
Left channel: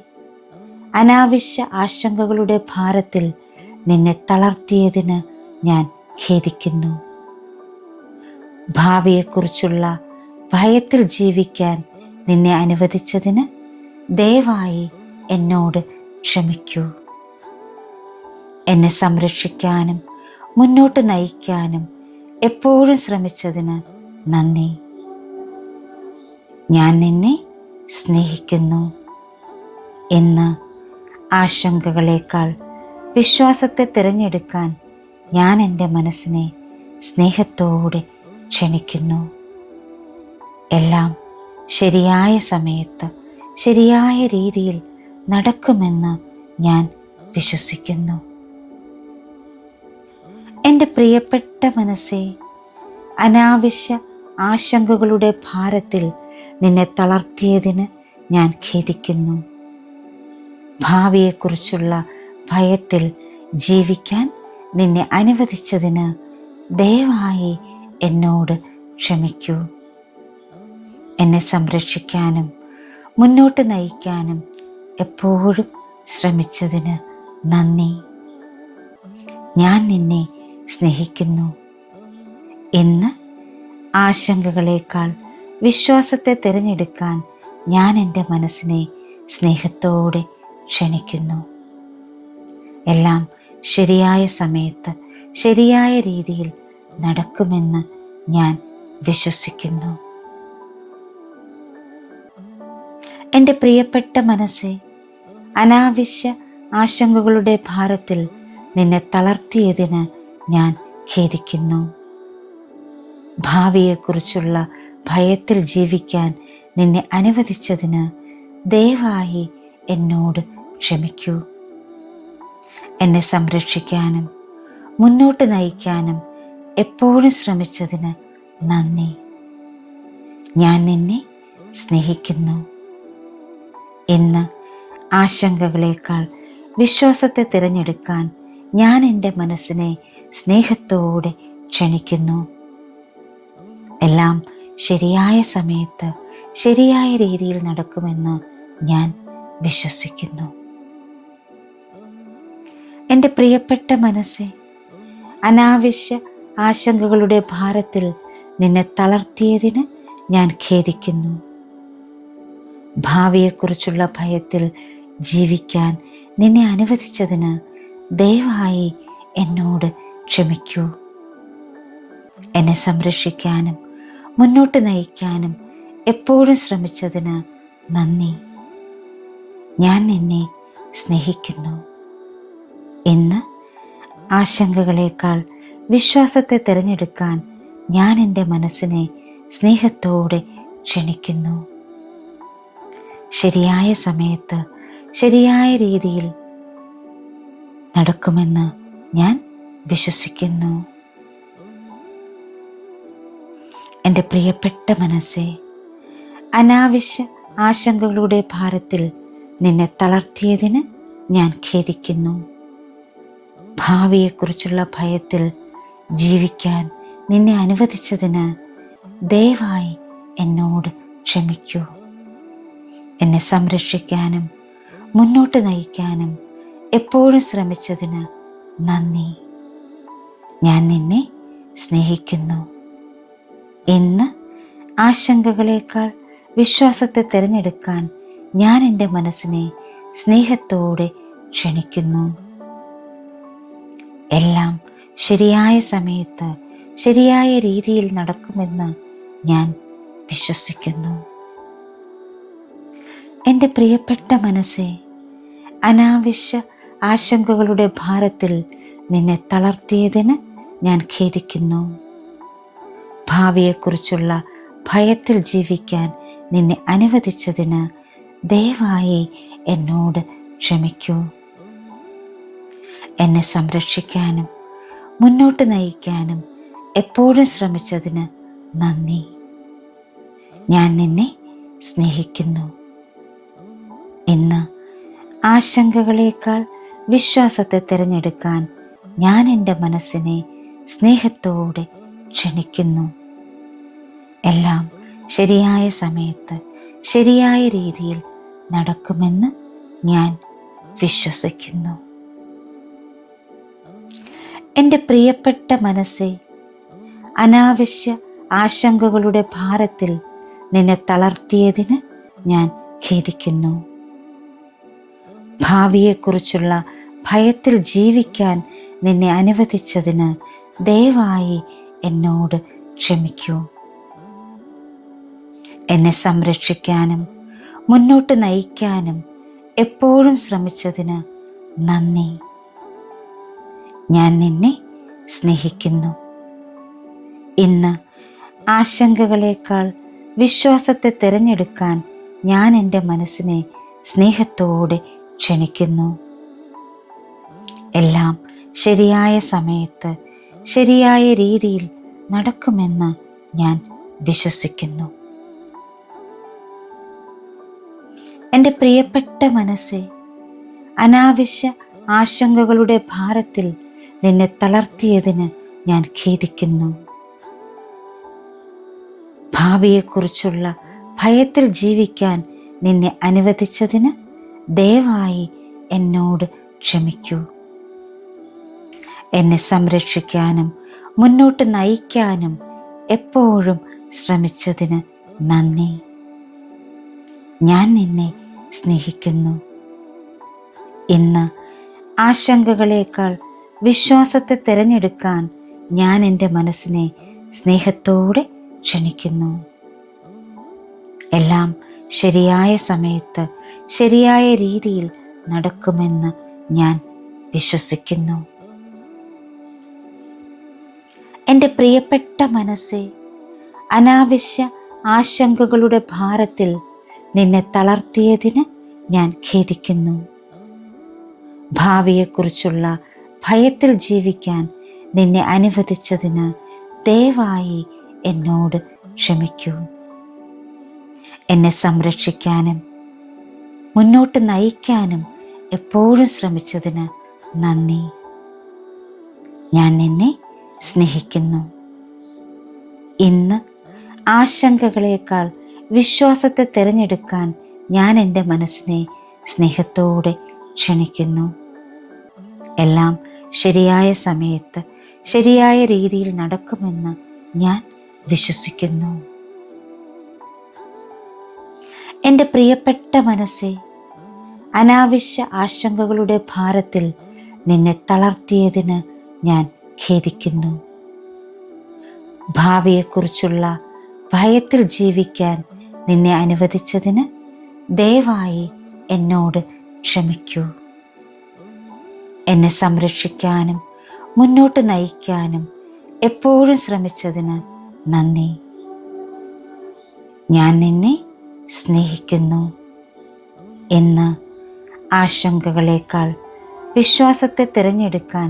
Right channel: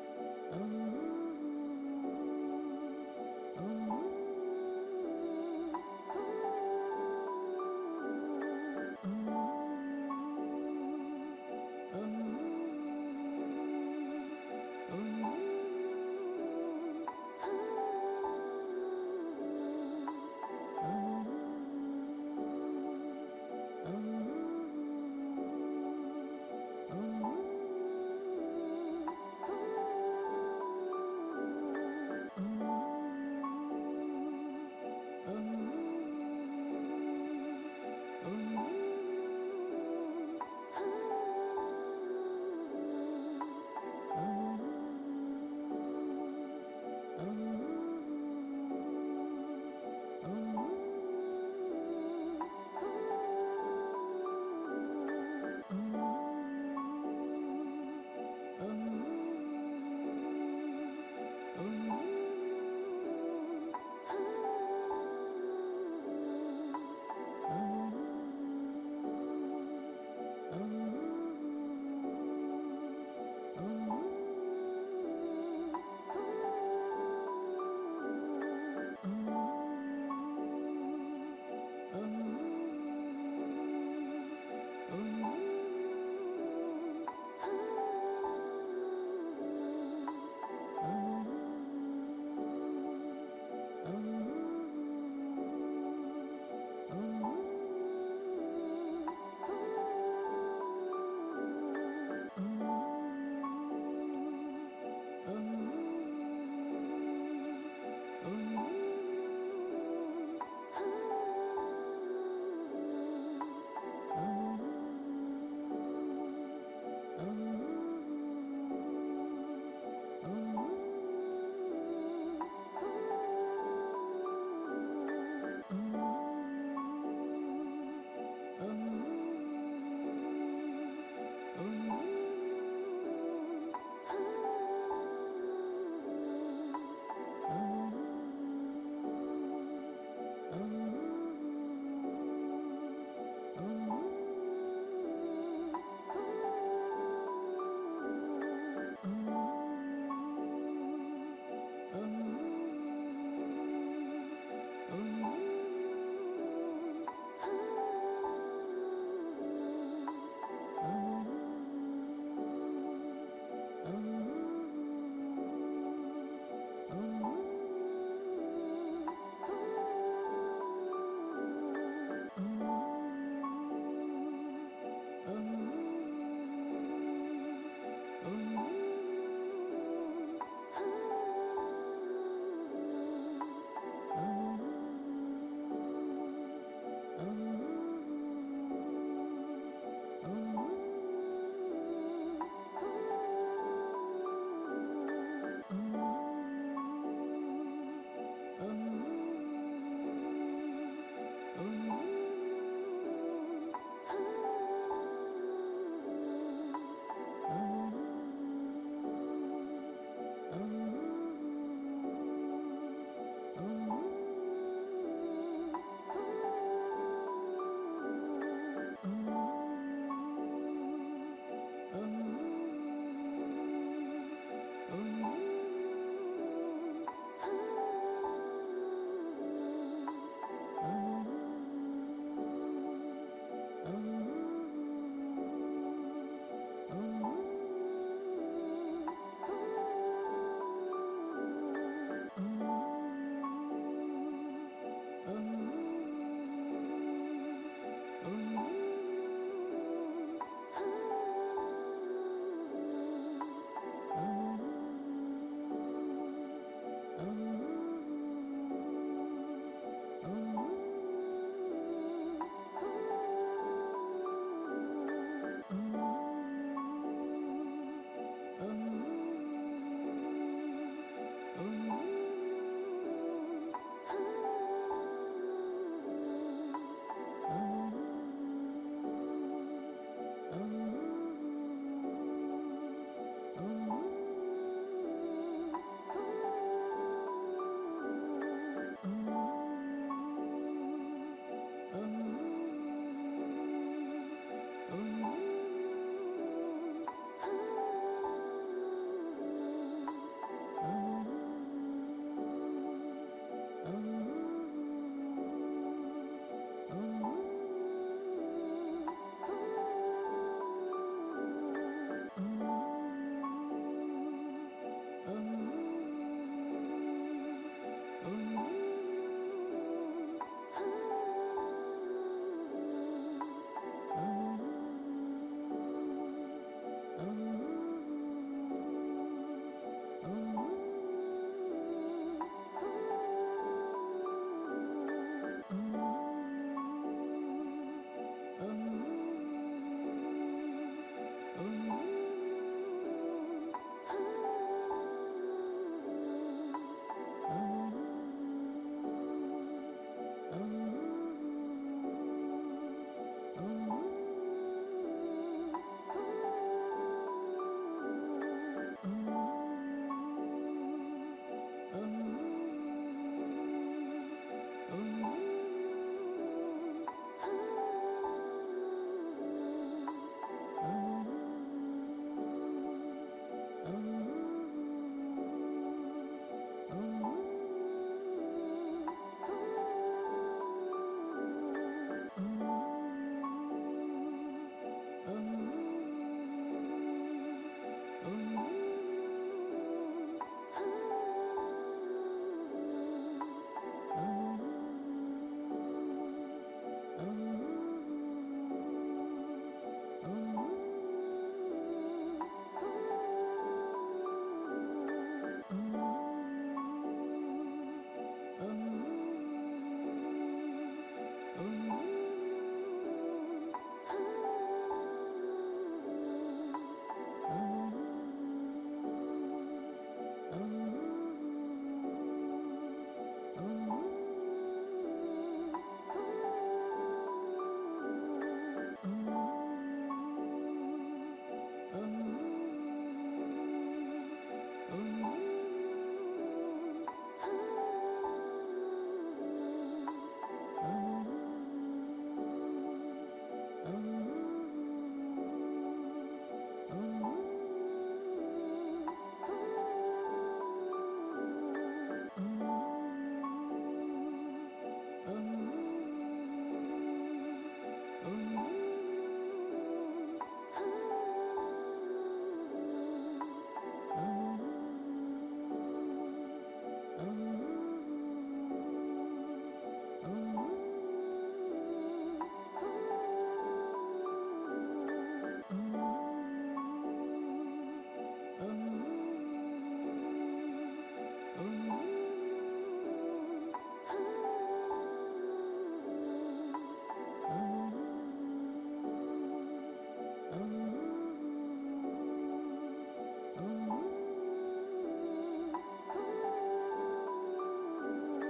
അനാവശ്യ ആശങ്കകളുടെ ഭാരത്തിൽ നിന്നെ തളർത്തിയതിന് ഞാൻ ഖേദിക്കുന്നു. ഭാവിയെക്കുറിച്ചുള്ള ഭയത്തിൽ ജീവിക്കാൻ നിന്നെ അനുവദിച്ചതിന് ദയവായി എന്നോട് ക്ഷമിക്കൂ. എന്നെ സംരക്ഷിക്കാനും മുന്നോട്ട് നയിക്കാനും എപ്പോഴും ശ്രമിച്ചതിന് നന്ദി. ഞാൻ നിന്നെ സ്നേഹിക്കുന്നു. ഇന്ന് ആശങ്കകളേക്കാൾ വിശ്വാസത്തെ തിരഞ്ഞെടുക്കാൻ ഞാൻ എൻ്റെ മനസ്സിനെ സ്നേഹത്തോടെ ക്ഷണിക്കുന്നു. എല്ലാം ശരിയായ സമയത്ത് ശരിയായ രീതിയിൽ നടക്കുമെന്ന് ഞാൻ വിശ്വസിക്കുന്നു. എൻ്റെ പ്രിയപ്പെട്ട മനസ്സേ, അനാവശ്യ ആശങ്കകളുടെ ഭാരത്തിൽ നിന്നെ തളർത്തിയതിന് ഞാൻ ഖേദിക്കുന്നു. ഭാവിയെക്കുറിച്ചുള്ള ഭയത്തിൽ ജീവിക്കാൻ നിന്നെ അനുവദിച്ചതിന് ദയവായി എന്നോട് ക്ഷമിക്കൂ. എന്നെ സംരക്ഷിക്കാനും മുന്നോട്ട് നയിക്കാനും എപ്പോഴും ശ്രമിച്ചതിന് നന്ദി. ഞാൻ നിന്നെ സ്നേഹിക്കുന്നു. ഇന്ന് ആശങ്കകളേക്കാൾ വിശ്വാസത്തെ തിരഞ്ഞെടുക്കാൻ ഞാൻ എൻ്റെ മനസ്സിനെ സ്നേഹത്തോടെ ക്ഷണിക്കുന്നു. എല്ലാം ശരിയായ സമയത്ത് ശരിയായ രീതിയിൽ നടക്കുമെന്ന് ഞാൻ വിശ്വസിക്കുന്നു. എൻ്റെ പ്രിയപ്പെട്ട മനസ്സേ, അനാവശ്യ ആശങ്കകളുടെ ഭാരത്തിൽ നിന്നെ തളർത്തിയതിന് ഞാൻ ഖേദിക്കുന്നു. ഭാവിയെക്കുറിച്ചുള്ള ഭയത്തിൽ ജീവിക്കാൻ നിന്നെ അനുവദിച്ചതിന് ദയവായി എന്നോട് ക്ഷമിക്കൂ. എന്നെ സംരക്ഷിക്കാനും മുന്നോട്ട് നയിക്കാനും എപ്പോഴും ശ്രമിച്ചതിന് നന്ദി. ഞാൻ നിന്നെ സ്നേഹിക്കുന്നു. ഇന്ന് ആശങ്കകളേക്കാൾ വിശ്വാസത്തെ തിരഞ്ഞെടുക്കാൻ ഞാൻ എൻ്റെ മനസ്സിനെ സ്നേഹത്തോടെ ക്ഷണിക്കുന്നു. എല്ലാം ശരിയായ സമയത്ത് ശരിയായ രീതിയിൽ നടക്കുമെന്ന് ഞാൻ വിശ്വസിക്കുന്നു. എൻ്റെ പ്രിയപ്പെട്ട മനസ്സേ, അനാവശ്യ ആശങ്കകളുടെ ഭാരത്തിൽ നിന്നെ തളർത്തിയതിന് ഞാൻ ഖേദിക്കുന്നു. ഭാവിയെക്കുറിച്ചുള്ള ഭയത്തിൽ ജീവിക്കാൻ നിന്നെ അനുവദിച്ചതിന് ദയവായി എന്നോട് ക്ഷമിക്കൂ. എന്നെ സംരക്ഷിക്കാനും മുന്നോട്ട് നയിക്കാനും എപ്പോഴും ശ്രമിച്ചതിന് നന്ദി. ഞാൻ നിന്നെ സ്നേഹിക്കുന്നു. ഇന്ന് ആശങ്കകളേക്കാൾ വിശ്വാസത്തെ തിരഞ്ഞെടുക്കാൻ ഞാൻ എൻ്റെ മനസ്സിനെ സ്നേഹത്തോടെ ക്ഷണിക്കുന്നു. ശരിയായ സമയത്ത് ശരിയായ രീതിയിൽ നടക്കുമെന്ന് ഞാൻ വിശ്വസിക്കുന്നു. എൻ്റെ പ്രിയപ്പെട്ട മനസ്സേ, അനാവശ്യ ആശങ്കകളുടെ ഭാരത്തിൽ നിന്നെ തളർത്തിയതിന് ഞാൻ ഖേദിക്കുന്നു. ഭാവിയെക്കുറിച്ചുള്ള ഭയത്തിൽ ജീവിക്കാൻ നിന്നെ അനുവദിച്ചതിന് ദയവായി എന്നോട് ക്ഷമിക്കൂ. എന്നെ സംരക്ഷിക്കാനും മുന്നോട്ട് നയിക്കാനും എപ്പോഴും ശ്രമിച്ചതിന് നന്ദി. ഞാൻ നിന്നെ സ്നേഹിക്കുന്നു. ഇന്ന് ആശങ്കകളേക്കാൾ വിശ്വാസത്തെ തിരഞ്ഞെടുക്കാൻ ഞാൻ എൻ്റെ മനസ്സിനെ സ്നേഹത്തോടെ ക്ഷണിക്കുന്നു. എല്ലാം ശരിയായ സമയത്ത് ശരിയായ രീതിയിൽ നടക്കുമെന്ന് ഞാൻ വിശ്വസിക്കുന്നു. എൻ്റെ പ്രിയപ്പെട്ട മനസ്സേ, അനാവശ്യ ആശങ്കകളുടെ ഭാരത്തിൽ നിന്നെ തളർത്തിയതിന് ഞാൻ ഖേദിക്കുന്നു. ഭാവിയെക്കുറിച്ചുള്ള ഭയത്തിൽ ജീവിക്കാൻ നിന്നെ അനുവദിച്ചതിന് ദയവായി എന്നോട് ക്ഷമിക്കൂ. എന്നെ സംരക്ഷിക്കാനും മുന്നോട്ട് നയിക്കാനും എപ്പോഴും ശ്രമിച്ചതിന് നന്ദി. ഞാൻ നിന്നെ സ്നേഹിക്കുന്നു. ഇന്ന് ആശങ്കകളേക്കാൾ വിശ്വാസത്തെ തിരഞ്ഞെടുക്കാൻ ഞാൻ എൻ്റെ മനസ്സിനെ സ്നേഹത്തോടെ ക്ഷണിക്കുന്നു. എല്ലാം ശരിയായ സമയത്ത് ശരിയായ രീതിയിൽ നടക്കുമെന്ന് ഞാൻ വിശ്വസിക്കുന്നു. എൻ്റെ പ്രിയപ്പെട്ട മനസ്സെ, അനാവശ്യ ആശങ്കകളുടെ ഭാരത്തിൽ നിന്നെ തളർത്തിയതിന് ഞാൻ ഖേദിക്കുന്നു. ഭാവിയെക്കുറിച്ചുള്ള ഭയത്തിൽ ജീവിക്കാൻ നിന്നെ അനുവദിച്ചതിന് ദയവായി എന്നോട് ക്ഷമിക്കൂ. എന്നെ സംരക്ഷിക്കാനും മുന്നോട്ട് നയിക്കാനും എപ്പോഴും ശ്രമിച്ചതിന് നന്ദി. ഞാൻ നിന്നെ സ്നേഹിക്കുന്നു. ഇന്ന് ആശങ്കകളേക്കാൾ വിശ്വാസത്തെ തിരഞ്ഞെടുക്കാൻ ഞാൻ എൻ്റെ മനസ്സിനെ സ്നേഹത്തോടെ ക്ഷണിക്കുന്നു. എല്ലാം ശരിയായ സമയത്ത് ശരിയായ രീതിയിൽ നടക്കുമെന്ന് ഞാൻ വിശ്വസിക്കുന്നു. എൻ്റെ പ്രിയപ്പെട്ട മനസ്സെ, അനാവശ്യ ആശങ്കകളുടെ ഭാരത്തിൽ നിന്നെ തളർത്തിയതിന് ഞാൻ ഖേദിക്കുന്നു. ഭാവിയെക്കുറിച്ചുള്ള ഭയത്തിൽ ജീവിക്കാൻ നിന്നെ അനുവദിച്ചതിന് ദയവായി എന്നോട് ക്ഷമിക്കൂ. എന്നെ സംരക്ഷിക്കാനും മുന്നോട്ട് നയിക്കാനും എപ്പോഴും ശ്രമിച്ചതിന് നന്ദി. ഞാൻ നിന്നെ സ്നേഹിക്കുന്നു. ഇന്ന് ആശങ്കകളേക്കാൾ വിശ്വാസത്തെ തിരഞ്ഞെടുക്കാൻ ഞാൻ എൻ്റെ മനസ്സിനെ സ്നേഹത്തോടെ ക്ഷണിക്കുന്നു. എല്ലാം ശരിയായ സമയത്ത് ശരിയായ രീതിയിൽ നടക്കുമെന്ന് ഞാൻ വിശ്വസിക്കുന്നു. എൻ്റെ പ്രിയപ്പെട്ട മനസ്സെ, അനാവശ്യ ആശങ്കകളുടെ ഭാരത്തിൽ നിന്നെ തളർത്തിയതിന് ഞാൻ ഖേദിക്കുന്നു. ഭാവിയെക്കുറിച്ചുള്ള ഭയത്തിൽ ജീവിക്കാൻ നിന്നെ അനുവദിച്ചതിന് ദയവായി എന്നോട് ക്ഷമിക്കൂ. എന്നെ സംരക്ഷിക്കാനും മുന്നോട്ട് നയിക്കാനും എപ്പോഴും ശ്രമിച്ചതിന് നന്ദി. ഞാൻ നിന്നെ സ്നേഹിക്കുന്നു. ഇന്ന് ആശങ്കകളേക്കാൾ വിശ്വാസത്തെ തിരഞ്ഞെടുക്കാൻ ഞാൻ എൻ്റെ മനസ്സിനെ സ്നേഹത്തോടെ ക്ഷണിക്കുന്നു. എല്ലാം ശരിയായ സമയത്ത് ശരിയായ രീതിയിൽ നടക്കുമെന്ന് ഞാൻ വിശ്വസിക്കുന്നു. എൻ്റെ പ്രിയപ്പെട്ട മനസ്സെ, അനാവശ്യ ആശങ്കകളുടെ ഭാരത്തിൽ നിന്നെ തളർത്തിയതിന് ഞാൻ ഖേദിക്കുന്നു. ഭാവിയെക്കുറിച്ചുള്ള ഭയത്തിൽ ജീവിക്കാൻ നിന്നെ അനുവദിച്ചതിന് ദയവായി എന്നോട് ക്ഷമിക്കൂ. എന്നെ സംരക്ഷിക്കാനും മുന്നോട്ട് നയിക്കാനും എപ്പോഴും ശ്രമിച്ചതിന് നന്ദി. ഞാൻ നിന്നെ സ്നേഹിക്കുന്നു. ഇന്ന് ആശങ്കകളേക്കാൾ വിശ്വാസത്തെ തിരഞ്ഞെടുക്കാൻ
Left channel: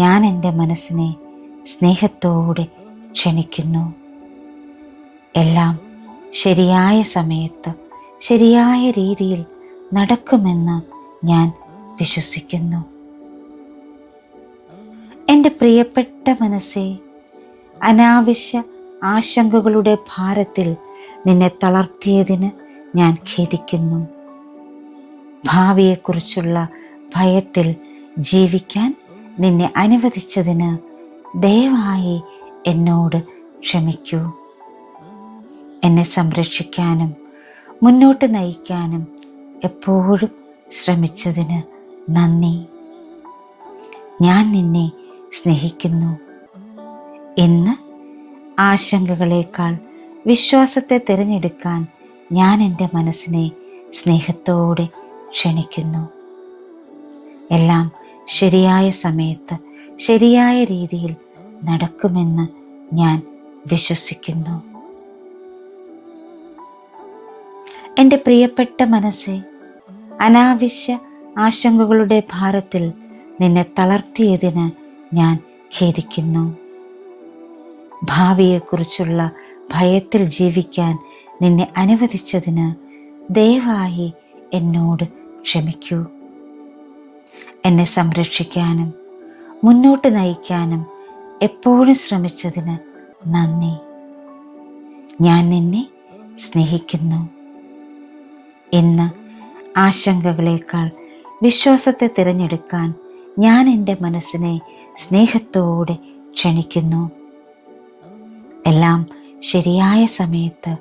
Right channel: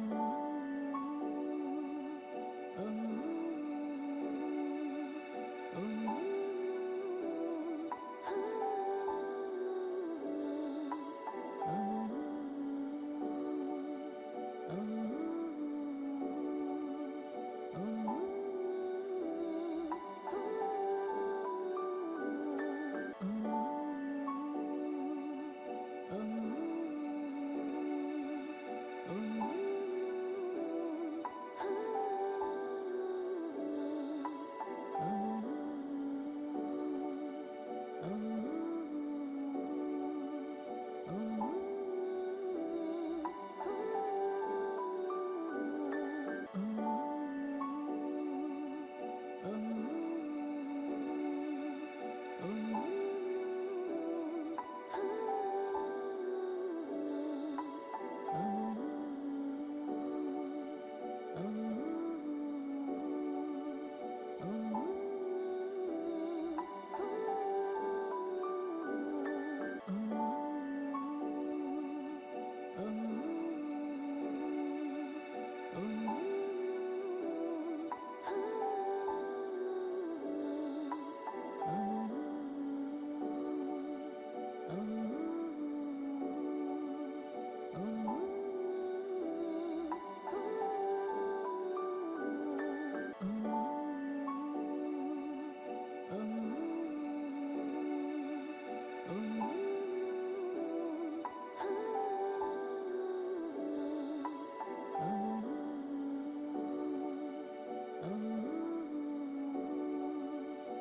ഞാൻ എൻ്റെ മനസ്സിനെ സ്നേഹത്തോടെ ക്ഷണിക്കുന്നു. എല്ലാം ശരിയായ സമയത്ത് ശരിയായ രീതിയിൽ നടക്കുമെന്ന് ഞാൻ വിശ്വസിക്കുന്നു. എൻ്റെ പ്രിയപ്പെട്ട മനസ്സെ, അനാവശ്യ ആശങ്കകളുടെ ഭാരത്തിൽ നിന്നെ തളർത്തിയതിന് ഞാൻ ഖേദിക്കുന്നു. ഭാവിയെക്കുറിച്ചുള്ള ഭയത്തിൽ ജീവിക്കാൻ നിന്നെ അനുവദിച്ചതിന് ദയവായി എന്നോട് ക്ഷമിക്കൂ. എന്നെ സംരക്ഷിക്കാനും മുന്നോട്ട് നയിക്കാനും എപ്പോഴും ശ്രമിച്ചതിന് നന്ദി. ഞാൻ നിന്നെ സ്നേഹിക്കുന്നു. ഇന്ന് ആശങ്കകളേക്കാൾ വിശ്വാസത്തെ തിരഞ്ഞെടുക്കാൻ ഞാൻ എൻ്റെ മനസ്സിനെ സ്നേഹത്തോടെ ക്ഷണിക്കുന്നു. എല്ലാം ശരിയായ സമയത്ത് ശരിയായ രീതിയിൽ നടക്കുമെന്ന് ഞാൻ വിശ്വസിക്കുന്നു. എൻ്റെ പ്രിയപ്പെട്ട മനസ്സെ, അനാവശ്യ ആശങ്കകളുടെ ഭാരത്തിൽ നിന്നെ തളർത്തിയതിന് ഞാൻ ഖേദിക്കുന്നു. ഭാവിയെക്കുറിച്ചുള്ള ഭയത്തിൽ ജീവിക്കാൻ നിന്നെ അനുവദിച്ചതിന് ദയവായി എന്നോട് ക്ഷമിക്കൂ. എന്നെ സംരക്ഷിക്കാനും മുന്നോട്ട് നയിക്കാനും എപ്പോഴും ശ്രമിച്ചതിന് നന്ദി. ഞാൻ നിന്നെ സ്നേഹിക്കുന്നു. ഇന്ന് ആശങ്കകളേക്കാൾ വിശ്വാസത്തെ തിരഞ്ഞെടുക്കാൻ ഞാൻ എൻ്റെ മനസ്സിനെ സ്നേഹത്തോടെ ക്ഷണിക്കുന്നു. എല്ലാം ശരിയായ സമയത്ത്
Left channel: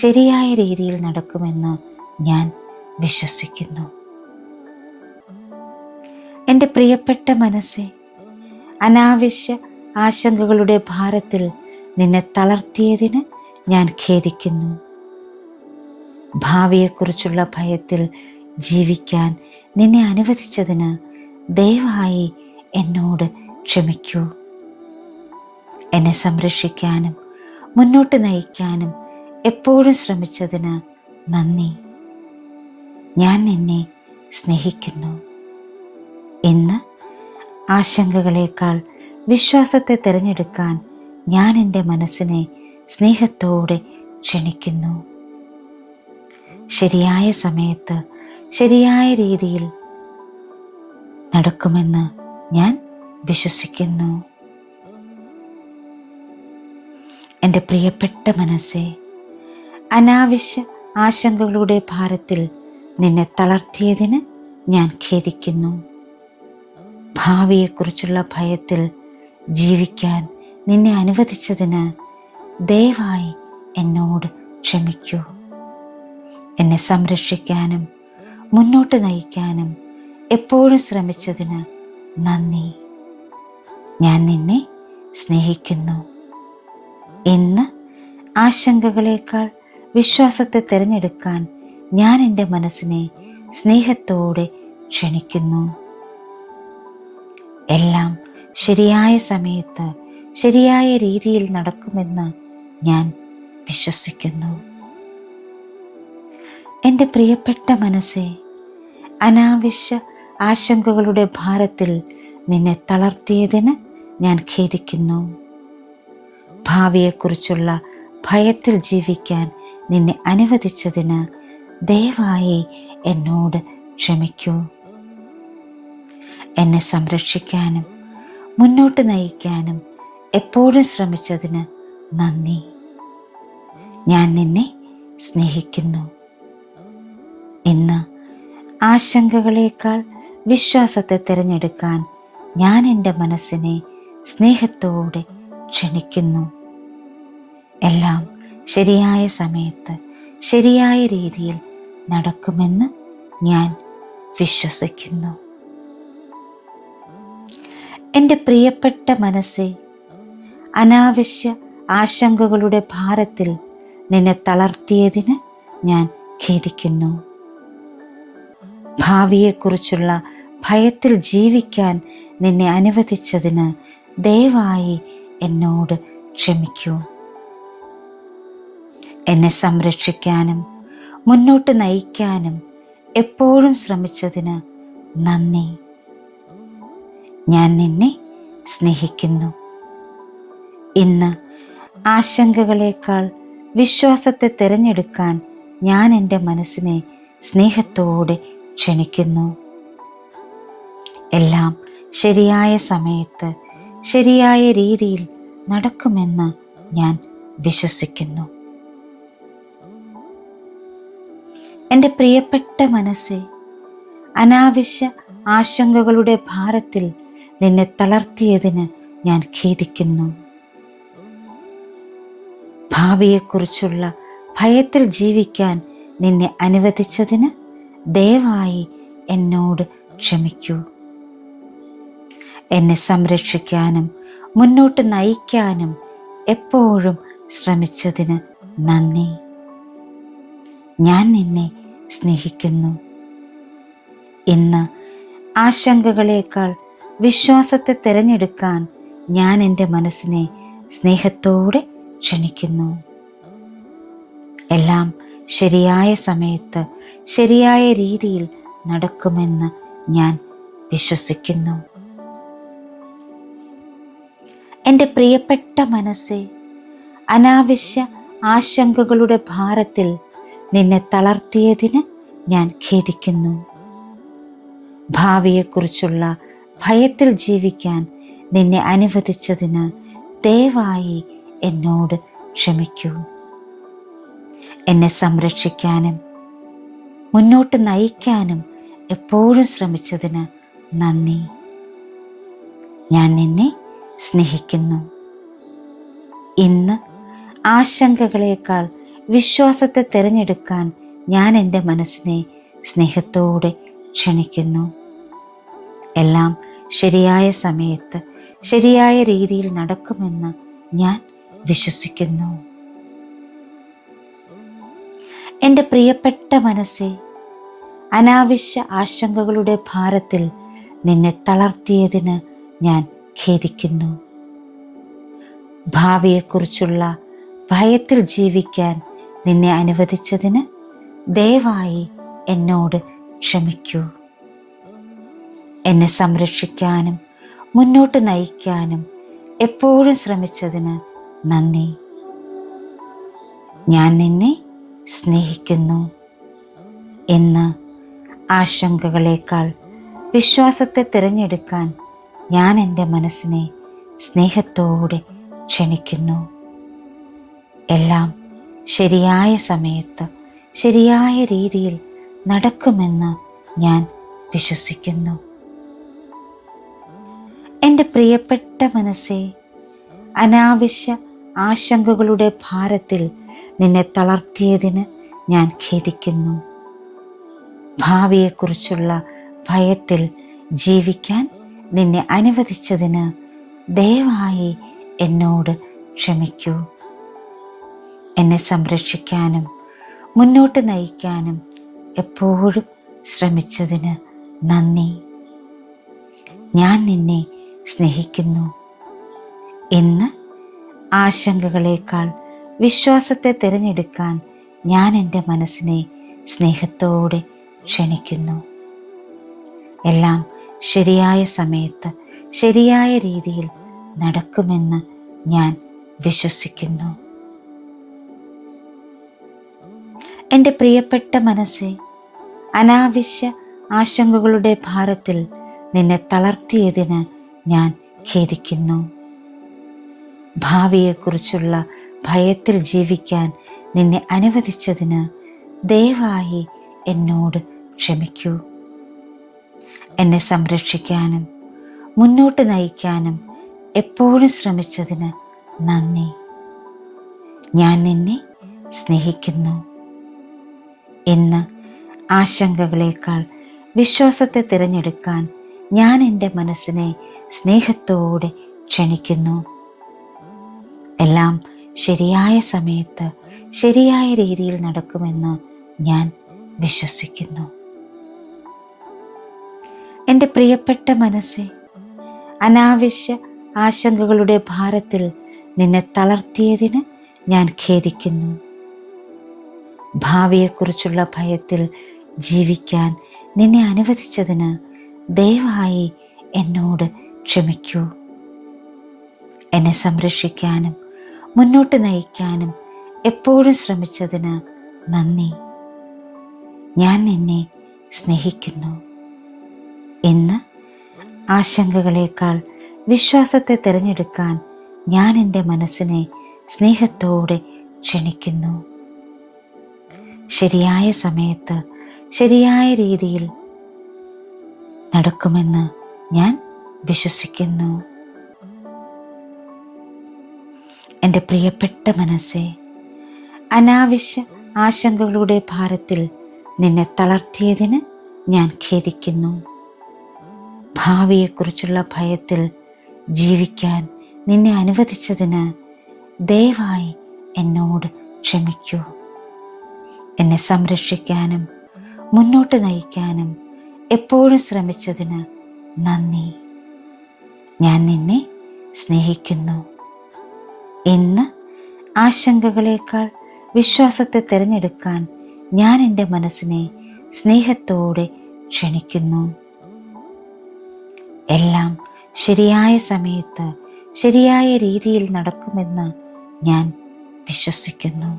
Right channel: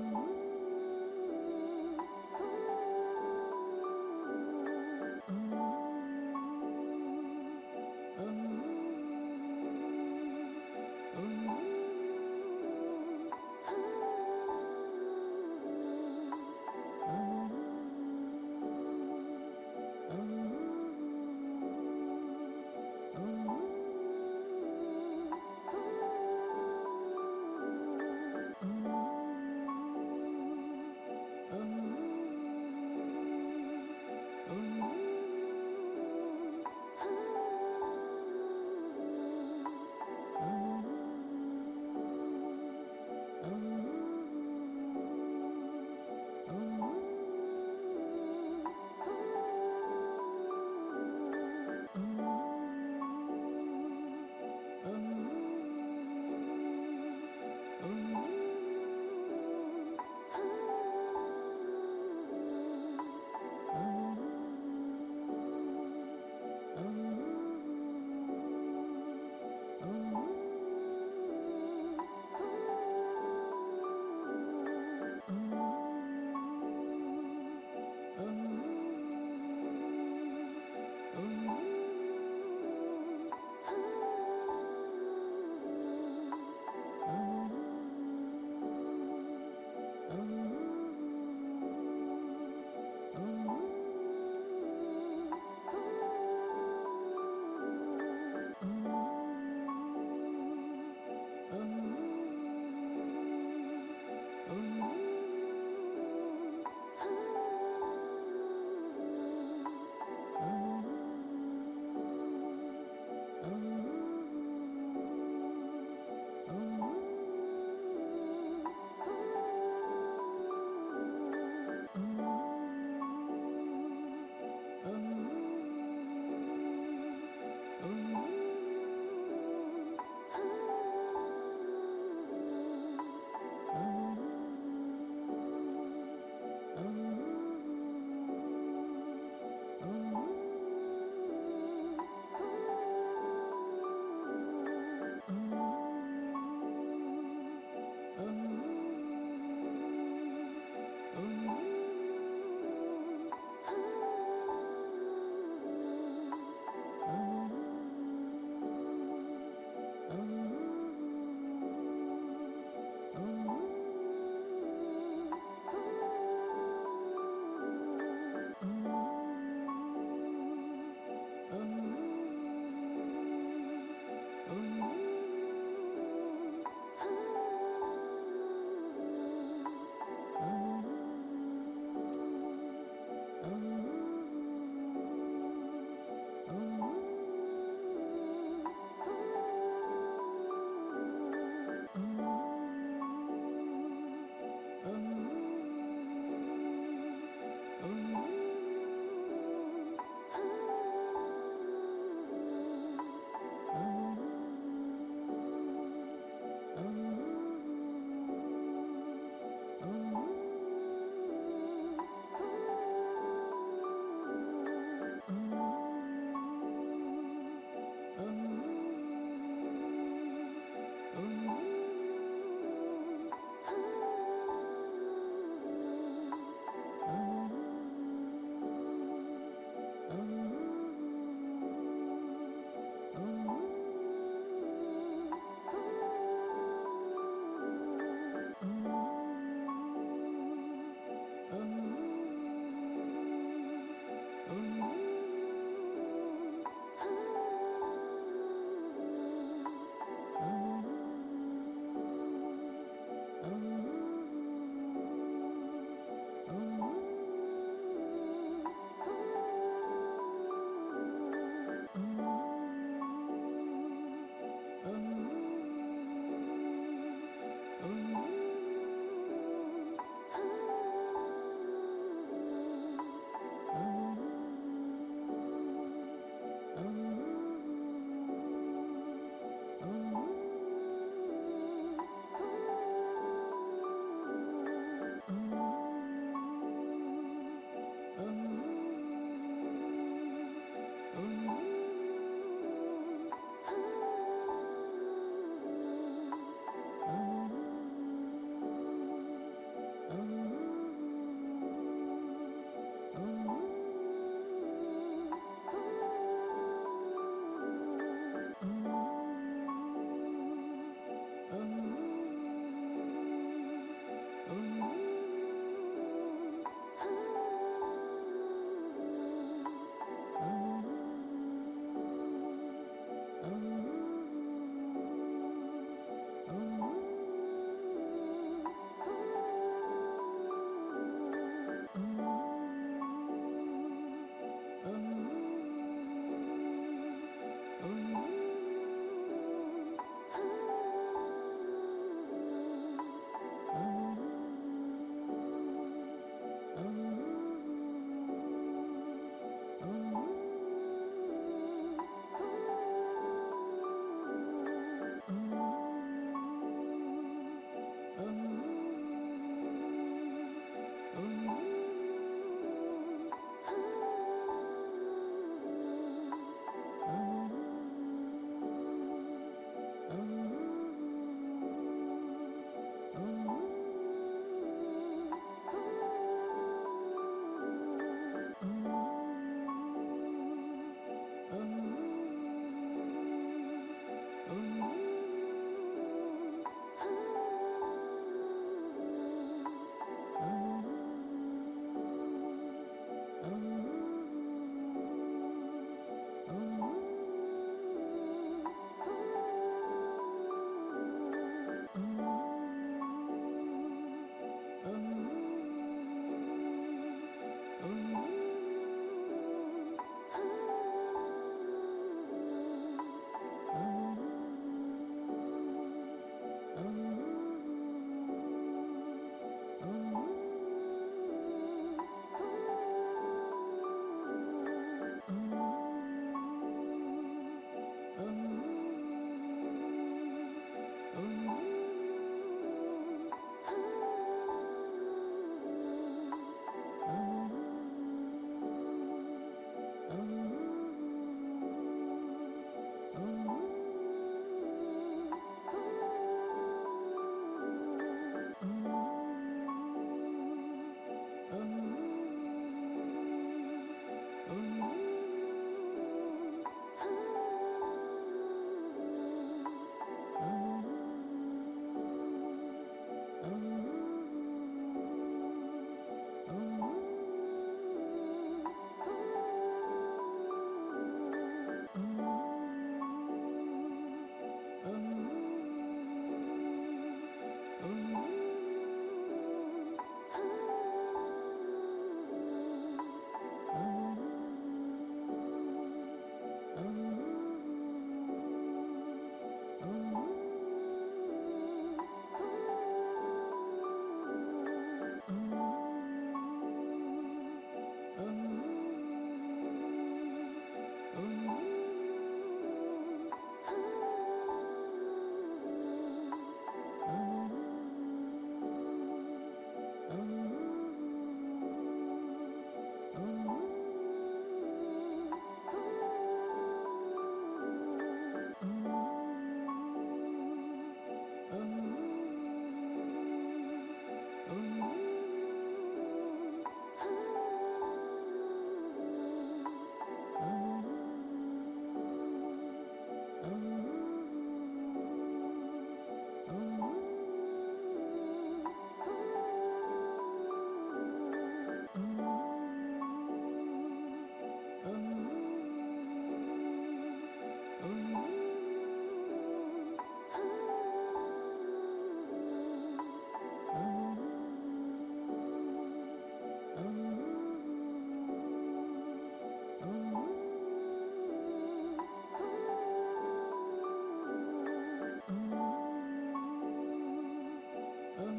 ശരിയായ രീതിയിൽ നടക്കുമെന്ന് ഞാൻ വിശ്വസിക്കുന്നു. എൻ്റെ പ്രിയപ്പെട്ട മനസ്സെ, അനാവശ്യ ആശങ്കകളുടെ ഭാരത്തിൽ നിന്നെ തളർത്തിയതിന് ഞാൻ ഖേദിക്കുന്നു. ഭാവിയെക്കുറിച്ചുള്ള ഭയത്തിൽ ജീവിക്കാൻ നിന്നെ അനുവദിച്ചതിന് ദയവായി എന്നോട് ക്ഷമിക്കൂ. എന്നെ സംരക്ഷിക്കാനും മുന്നോട്ട് നയിക്കാനും എപ്പോഴും ശ്രമിച്ചതിന് നന്ദി. ഞാൻ നിന്നെ സ്നേഹിക്കുന്നു. ഇന്ന് ആശങ്കകളേക്കാൾ വിശ്വാസത്തെ തിരഞ്ഞെടുക്കാൻ ഞാൻ എൻ്റെ മനസ്സിനെ സ്നേഹത്തോടെ ക്ഷണിക്കുന്നു. ശരിയായ സമയത്ത് ശരിയായ രീതിയിൽ നടക്കുമെന്ന് ഞാൻ വിശ്വസിക്കുന്നു. എൻ്റെ പ്രിയപ്പെട്ട മനസ്സെ, അനാവശ്യ ആശങ്കകളുടെ ഭാരത്തിൽ നിന്നെ തളർത്തിയതിന് ഞാൻ ഖേദിക്കുന്നു. ഭാവിയെക്കുറിച്ചുള്ള ഭയത്തിൽ ജീവിക്കാൻ നിന്നെ അനുവദിച്ചതിന് ദയവായി എന്നോട് ക്ഷമിക്കൂ. എന്നെ സംരക്ഷിക്കാനും മുന്നോട്ട് നയിക്കാനും എപ്പോഴും ശ്രമിച്ചതിന് നന്ദി. ഞാൻ നിന്നെ സ്നേഹിക്കുന്നു. ഇന്ന് ആശങ്കകളേക്കാൾ വിശ്വാസത്തെ തിരഞ്ഞെടുക്കാൻ ഞാൻ എൻ്റെ മനസ്സിനെ സ്നേഹത്തോടെ ക്ഷണിക്കുന്നു. എല്ലാം ശരിയായ സമയത്ത് ശരിയായ രീതിയിൽ നടക്കുമെന്ന് ഞാൻ വിശ്വസിക്കുന്നു. എൻ്റെ പ്രിയപ്പെട്ട മനസ്സെ, അനാവശ്യ ആശങ്കകളുടെ ഭാരത്തിൽ നിന്നെ തളർത്തിയതിന് ഞാൻ ഖേദിക്കുന്നു. ഭാവിയെക്കുറിച്ചുള്ള ഭയത്തിൽ ജീവിക്കാൻ നിന്നെ അനുവദിച്ചതിന് ദയവായി എന്നോട് ക്ഷമിക്കൂ. എന്നെ സംരക്ഷിക്കാനും മുന്നോട്ട് നയിക്കാനും എപ്പോഴും ശ്രമിച്ചതിന് നന്ദി. ഞാൻ നിന്നെ സ്നേഹിക്കുന്നു. ഇന്ന് ആശങ്കകളേക്കാൾ വിശ്വാസത്തെ തിരഞ്ഞെടുക്കാൻ ഞാൻ എൻ്റെ മനസ്സിനെ സ്നേഹത്തോടെ ക്ഷണിക്കുന്നു. എല്ലാം ശരിയായ സമയത്ത് ശരിയായ രീതിയിൽ നടക്കുമെന്ന് ഞാൻ വിശ്വസിക്കുന്നു. എൻ്റെ പ്രിയപ്പെട്ട മനസ്സെ, അനാവശ്യ ആശങ്കകളുടെ ഭാരത്തിൽ നിന്നെ തളർത്തിയതിന് ഞാൻ ഖേദിക്കുന്നു. ഭാവിയെക്കുറിച്ചുള്ള ഭയത്തിൽ ജീവിക്കാൻ നിന്നെ അനുവദിച്ചതിന് ദയവായി എന്നോട് ക്ഷമിക്കൂ. എന്നെ സംരക്ഷിക്കാനും മുന്നോട്ട് നയിക്കാനും എപ്പോഴും ശ്രമിച്ചതിന് നന്ദി. ഞാൻ നിന്നെ സ്നേഹിക്കുന്നു. ഇന്ന് ആശങ്കകളേക്കാൾ വിശ്വാസത്തെ തിരഞ്ഞെടുക്കാൻ ഞാൻ എൻ്റെ മനസ്സിനെ സ്നേഹത്തോടെ ക്ഷണിക്കുന്നു. എല്ലാം ശരിയായ സമയത്ത് ശരിയായ രീതിയിൽ നടക്കുമെന്ന് ഞാൻ വിശ്വസിക്കുന്നു. എൻ്റെ പ്രിയപ്പെട്ട മനസ്സെ, അനാവശ്യ ആശങ്കകളുടെ ഭാരത്തിൽ നിന്നെ തളർത്തിയതിന് ഞാൻ ഖേദിക്കുന്നു. ഭാവിയെക്കുറിച്ചുള്ള ഭയത്തിൽ ജീവിക്കാൻ നിന്നെ അനുവദിച്ചതിന് ദയവായി എന്നോട് ക്ഷമിക്കൂ. എന്നെ സംരക്ഷിക്കാനും മുന്നോട്ട് നയിക്കാനും എപ്പോഴും ശ്രമിച്ചതിന് നന്ദി. ഞാൻ നിന്നെ സ്നേഹിക്കുന്നു. ഇന്ന് ആശങ്കകളേക്കാൾ വിശ്വാസത്തെ തിരഞ്ഞെടുക്കാൻ ഞാൻ എൻ്റെ മനസ്സിനെ സ്നേഹത്തോടെ ക്ഷണിക്കുന്നു. എല്ലാം ശരിയായ സമയത്ത് ശരിയായ രീതിയിൽ നടക്കുമെന്ന് ഞാൻ വിശ്വസിക്കുന്നു. എൻ്റെ പ്രിയപ്പെട്ട മനസ്സെ, അനാവശ്യ ആശങ്കകളുടെ ഭാരത്തിൽ നിന്നെ തളർത്തിയതിന് ഞാൻ ഖേദിക്കുന്നു. ഭാവിയെക്കുറിച്ചുള്ള ഭയത്തിൽ ജീവിക്കാൻ നിന്നെ അനുവദിച്ചതിന് ദയവായി എന്നോട് ക്ഷമിക്കൂ. എന്നെ സംരക്ഷിക്കാനും മുന്നോട്ട് നയിക്കാനും എപ്പോഴും ശ്രമിച്ചതിന് നന്ദി. ഞാൻ നിന്നെ സ്നേഹിക്കുന്നു. ഇന്ന് ആശങ്കകളേക്കാൾ വിശ്വാസത്തെ തിരഞ്ഞെടുക്കാൻ ഞാൻ എൻ്റെ മനസ്സിനെ സ്നേഹത്തോടെ ക്ഷണിക്കുന്നു. എല്ലാം ശരിയായ സമയത്ത് ശരിയായ രീതിയിൽ നടക്കുമെന്ന് ഞാൻ വിശ്വസിക്കുന്നു. എൻ്റെ പ്രിയപ്പെട്ട മനസ്സേ, അനാവശ്യ ആശങ്കകളുടെ ഭാരത്തിൽ നിന്നെ തളർത്തിയതിന് ഞാൻ ഖേദിക്കുന്നു. ഭാവിയെക്കുറിച്ചുള്ള ഭയത്തിൽ ജീവിക്കാൻ നിന്നെ അനുവദിച്ചതിന് ദയവായി എന്നോട് ക്ഷമിക്കൂ. എന്നെ സംരക്ഷിക്കാനും മുന്നോട്ട് നയിക്കാനും എപ്പോഴും ശ്രമിച്ചതിന് നന്ദി. ഞാൻ നിന്നെ സ്നേഹിക്കുന്നു. ഇന്ന് ആശങ്കകളേക്കാൾ വിശ്വാസത്തെ തിരഞ്ഞെടുക്കാൻ ഞാൻ എൻ്റെ മനസ്സിനെ സ്നേഹത്തോടെ ക്ഷണിക്കുന്നു. എല്ലാം ശരിയായ സമയത്ത് ശരിയായ രീതിയിൽ നടക്കുമെന്ന് ഞാൻ വിശ്വസിക്കുന്നു. എൻ്റെ പ്രിയപ്പെട്ട മനസ്സേ, അനാവശ്യ ആശങ്കകളുടെ ഭാരത്തിൽ നിന്നെ തളർത്തിയതിന് ഞാൻ ഖേദിക്കുന്നു. ഭാവിയെക്കുറിച്ചുള്ള ഭയത്തിൽ ജീവിക്കാൻ നിന്നെ അനുവദിച്ചതിന് ദയവായി എന്നോട് ക്ഷമിക്കൂ. എന്നെ സംരക്ഷിക്കാനും മുന്നോട്ട് നയിക്കാനും എപ്പോഴും ശ്രമിച്ചതിന് നന്ദി. ഞാൻ നിന്നെ സ്നേഹിക്കുന്നു. ഇന്ന് ആശങ്കകളേക്കാൾ വിശ്വാസത്തെ തിരഞ്ഞെടുക്കാൻ ഞാൻ എൻ്റെ മനസ്സിനെ സ്നേഹത്തോടെ ക്ഷണിക്കുന്നു. എല്ലാം ശരിയായ സമയത്ത് ശരിയായ രീതിയിൽ നടക്കുമെന്ന് ഞാൻ വിശ്വസിക്കുന്നു. എൻ്റെ പ്രിയപ്പെട്ട മനസ്സേ, അനാവശ്യ ആശങ്കകളുടെ ഭാരത്തിൽ നിന്നെ തളർത്തിയതിന് ഞാൻ ഖേദിക്കുന്നു. ഭാവിയെക്കുറിച്ചുള്ള ഭയത്തിൽ ജീവിക്കാൻ നിന്നെ അനുവദിച്ചതിന് ദയവായി എന്നോട് ക്ഷമിക്കൂ. എന്നെ സംരക്ഷിക്കാനും മുന്നോട്ട് നയിക്കാനും എപ്പോഴും ശ്രമിച്ചതിന് നന്ദി. ഞാൻ നിന്നെ സ്നേഹിക്കുന്നു. ഇന്ന് ആശങ്കകളേക്കാൾ വിശ്വാസത്തെ തിരഞ്ഞെടുക്കാൻ ഞാൻ എൻ്റെ മനസ്സിനെ സ്നേഹത്തോടെ ക്ഷണിക്കുന്നു. എല്ലാം ശരിയായ സമയത്ത് ശരിയായ രീതിയിൽ നടക്കുമെന്ന് ഞാൻ വിശ്വസിക്കുന്നു. എൻ്റെ പ്രിയപ്പെട്ട മനസ്സേ, അനാവശ്യ ആശങ്കകളുടെ ഭാരത്തിൽ നിന്നെ തളർത്തിയതിന് ഞാൻ ഖേദിക്കുന്നു. ഭാവിയെക്കുറിച്ചുള്ള ഭയത്തിൽ ജീവിക്കാൻ നിന്നെ അനുവദിച്ചതിന് ദയവായി എന്നോട് ക്ഷമിക്കൂ. എന്നെ സംരക്ഷിക്കാനും മുന്നോട്ട് നയിക്കാനും എപ്പോഴും ശ്രമിച്ചതിന് നന്ദി. ഞാൻ നിന്നെ സ്നേഹിക്കുന്നു. ഇന്ന് ആശങ്കകളേക്കാൾ വിശ്വാസത്തെ തിരഞ്ഞെടുക്കാൻ ഞാൻ എൻ്റെ മനസ്സിനെ സ്നേഹത്തോടെ ക്ഷണിക്കുന്നു. ശരിയായ സമയത്ത് ശരിയായ രീതിയിൽ നടക്കുമെന്ന് ഞാൻ വിശ്വസിക്കുന്നു. എൻ്റെ പ്രിയപ്പെട്ട മനസ്സേ, അനാവശ്യ ആശങ്കകളുടെ ഭാരത്തിൽ നിന്നെ തളർത്തിയതിന് ഞാൻ ഖേദിക്കുന്നു. ഭാവിയെക്കുറിച്ചുള്ള ഭയത്തിൽ ജീവിക്കാൻ നിന്നെ അനുവദിച്ചതിന് ദയവായി എന്നോട് ക്ഷമിക്കൂ. എന്നെ സംരക്ഷിക്കാനും മുന്നോട്ട് നയിക്കാനും എപ്പോഴും ശ്രമിച്ചതിന് നന്ദി. ഞാൻ നിന്നെ സ്നേഹിക്കുന്നു. ഇന്ന് ആശങ്കകളേക്കാൾ വിശ്വാസത്തെ തിരഞ്ഞെടുക്കാൻ ഞാൻ എൻ്റെ മനസ്സിനെ സ്നേഹത്തോടെ ക്ഷണിക്കുന്നു. എല്ലാം ശരിയായ സമയത്ത് ശരിയായ രീതിയിൽ നടക്കുമെന്ന് ഞാൻ വിശ്വസിക്കുന്നു.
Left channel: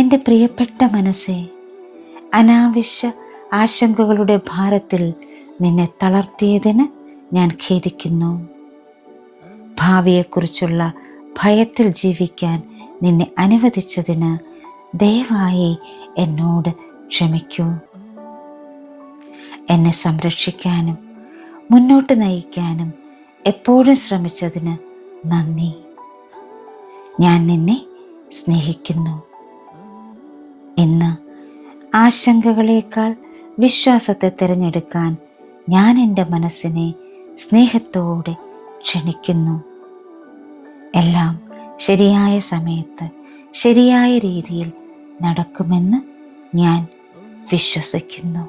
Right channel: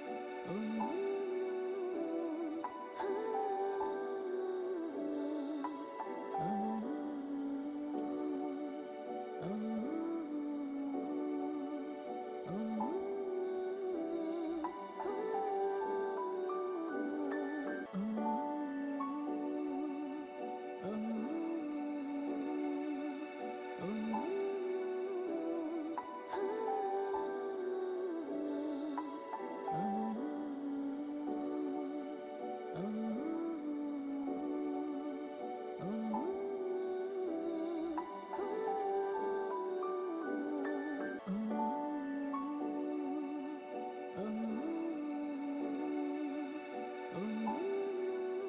എൻ്റെ പ്രിയപ്പെട്ട മനസ്സേ, അനാവശ്യ ആശങ്കകളുടെ ഭാരത്തിൽ നിന്നെ തളർത്തിയതിന് ഞാൻ ഖേദിക്കുന്നു. ഭാവിയെക്കുറിച്ചുള്ള ഭയത്തിൽ ജീവിക്കാൻ നിന്നെ അനുവദിച്ചതിന് ദയവായി എന്നോട് ക്ഷമിക്കൂ. എന്നെ സംരക്ഷിക്കാനും മുന്നോട്ട് നയിക്കാനും എപ്പോഴും ശ്രമിച്ചതിന് നന്ദി. ഞാൻ നിന്നെ സ്നേഹിക്കുന്നു. ഇന്ന് ആശങ്കകളേക്കാൾ വിശ്വാസത്തെ തിരഞ്ഞെടുക്കാൻ ഞാൻ എൻ്റെ മനസ്സിനെ സ്നേഹത്തോടെ ക്ഷണിക്കുന്നു. എല്ലാം ശരിയായ സമയത്ത് ശരിയായ രീതിയിൽ നടക്കുമെന്ന് ഞാൻ വിശ്വസിക്കുന്നു.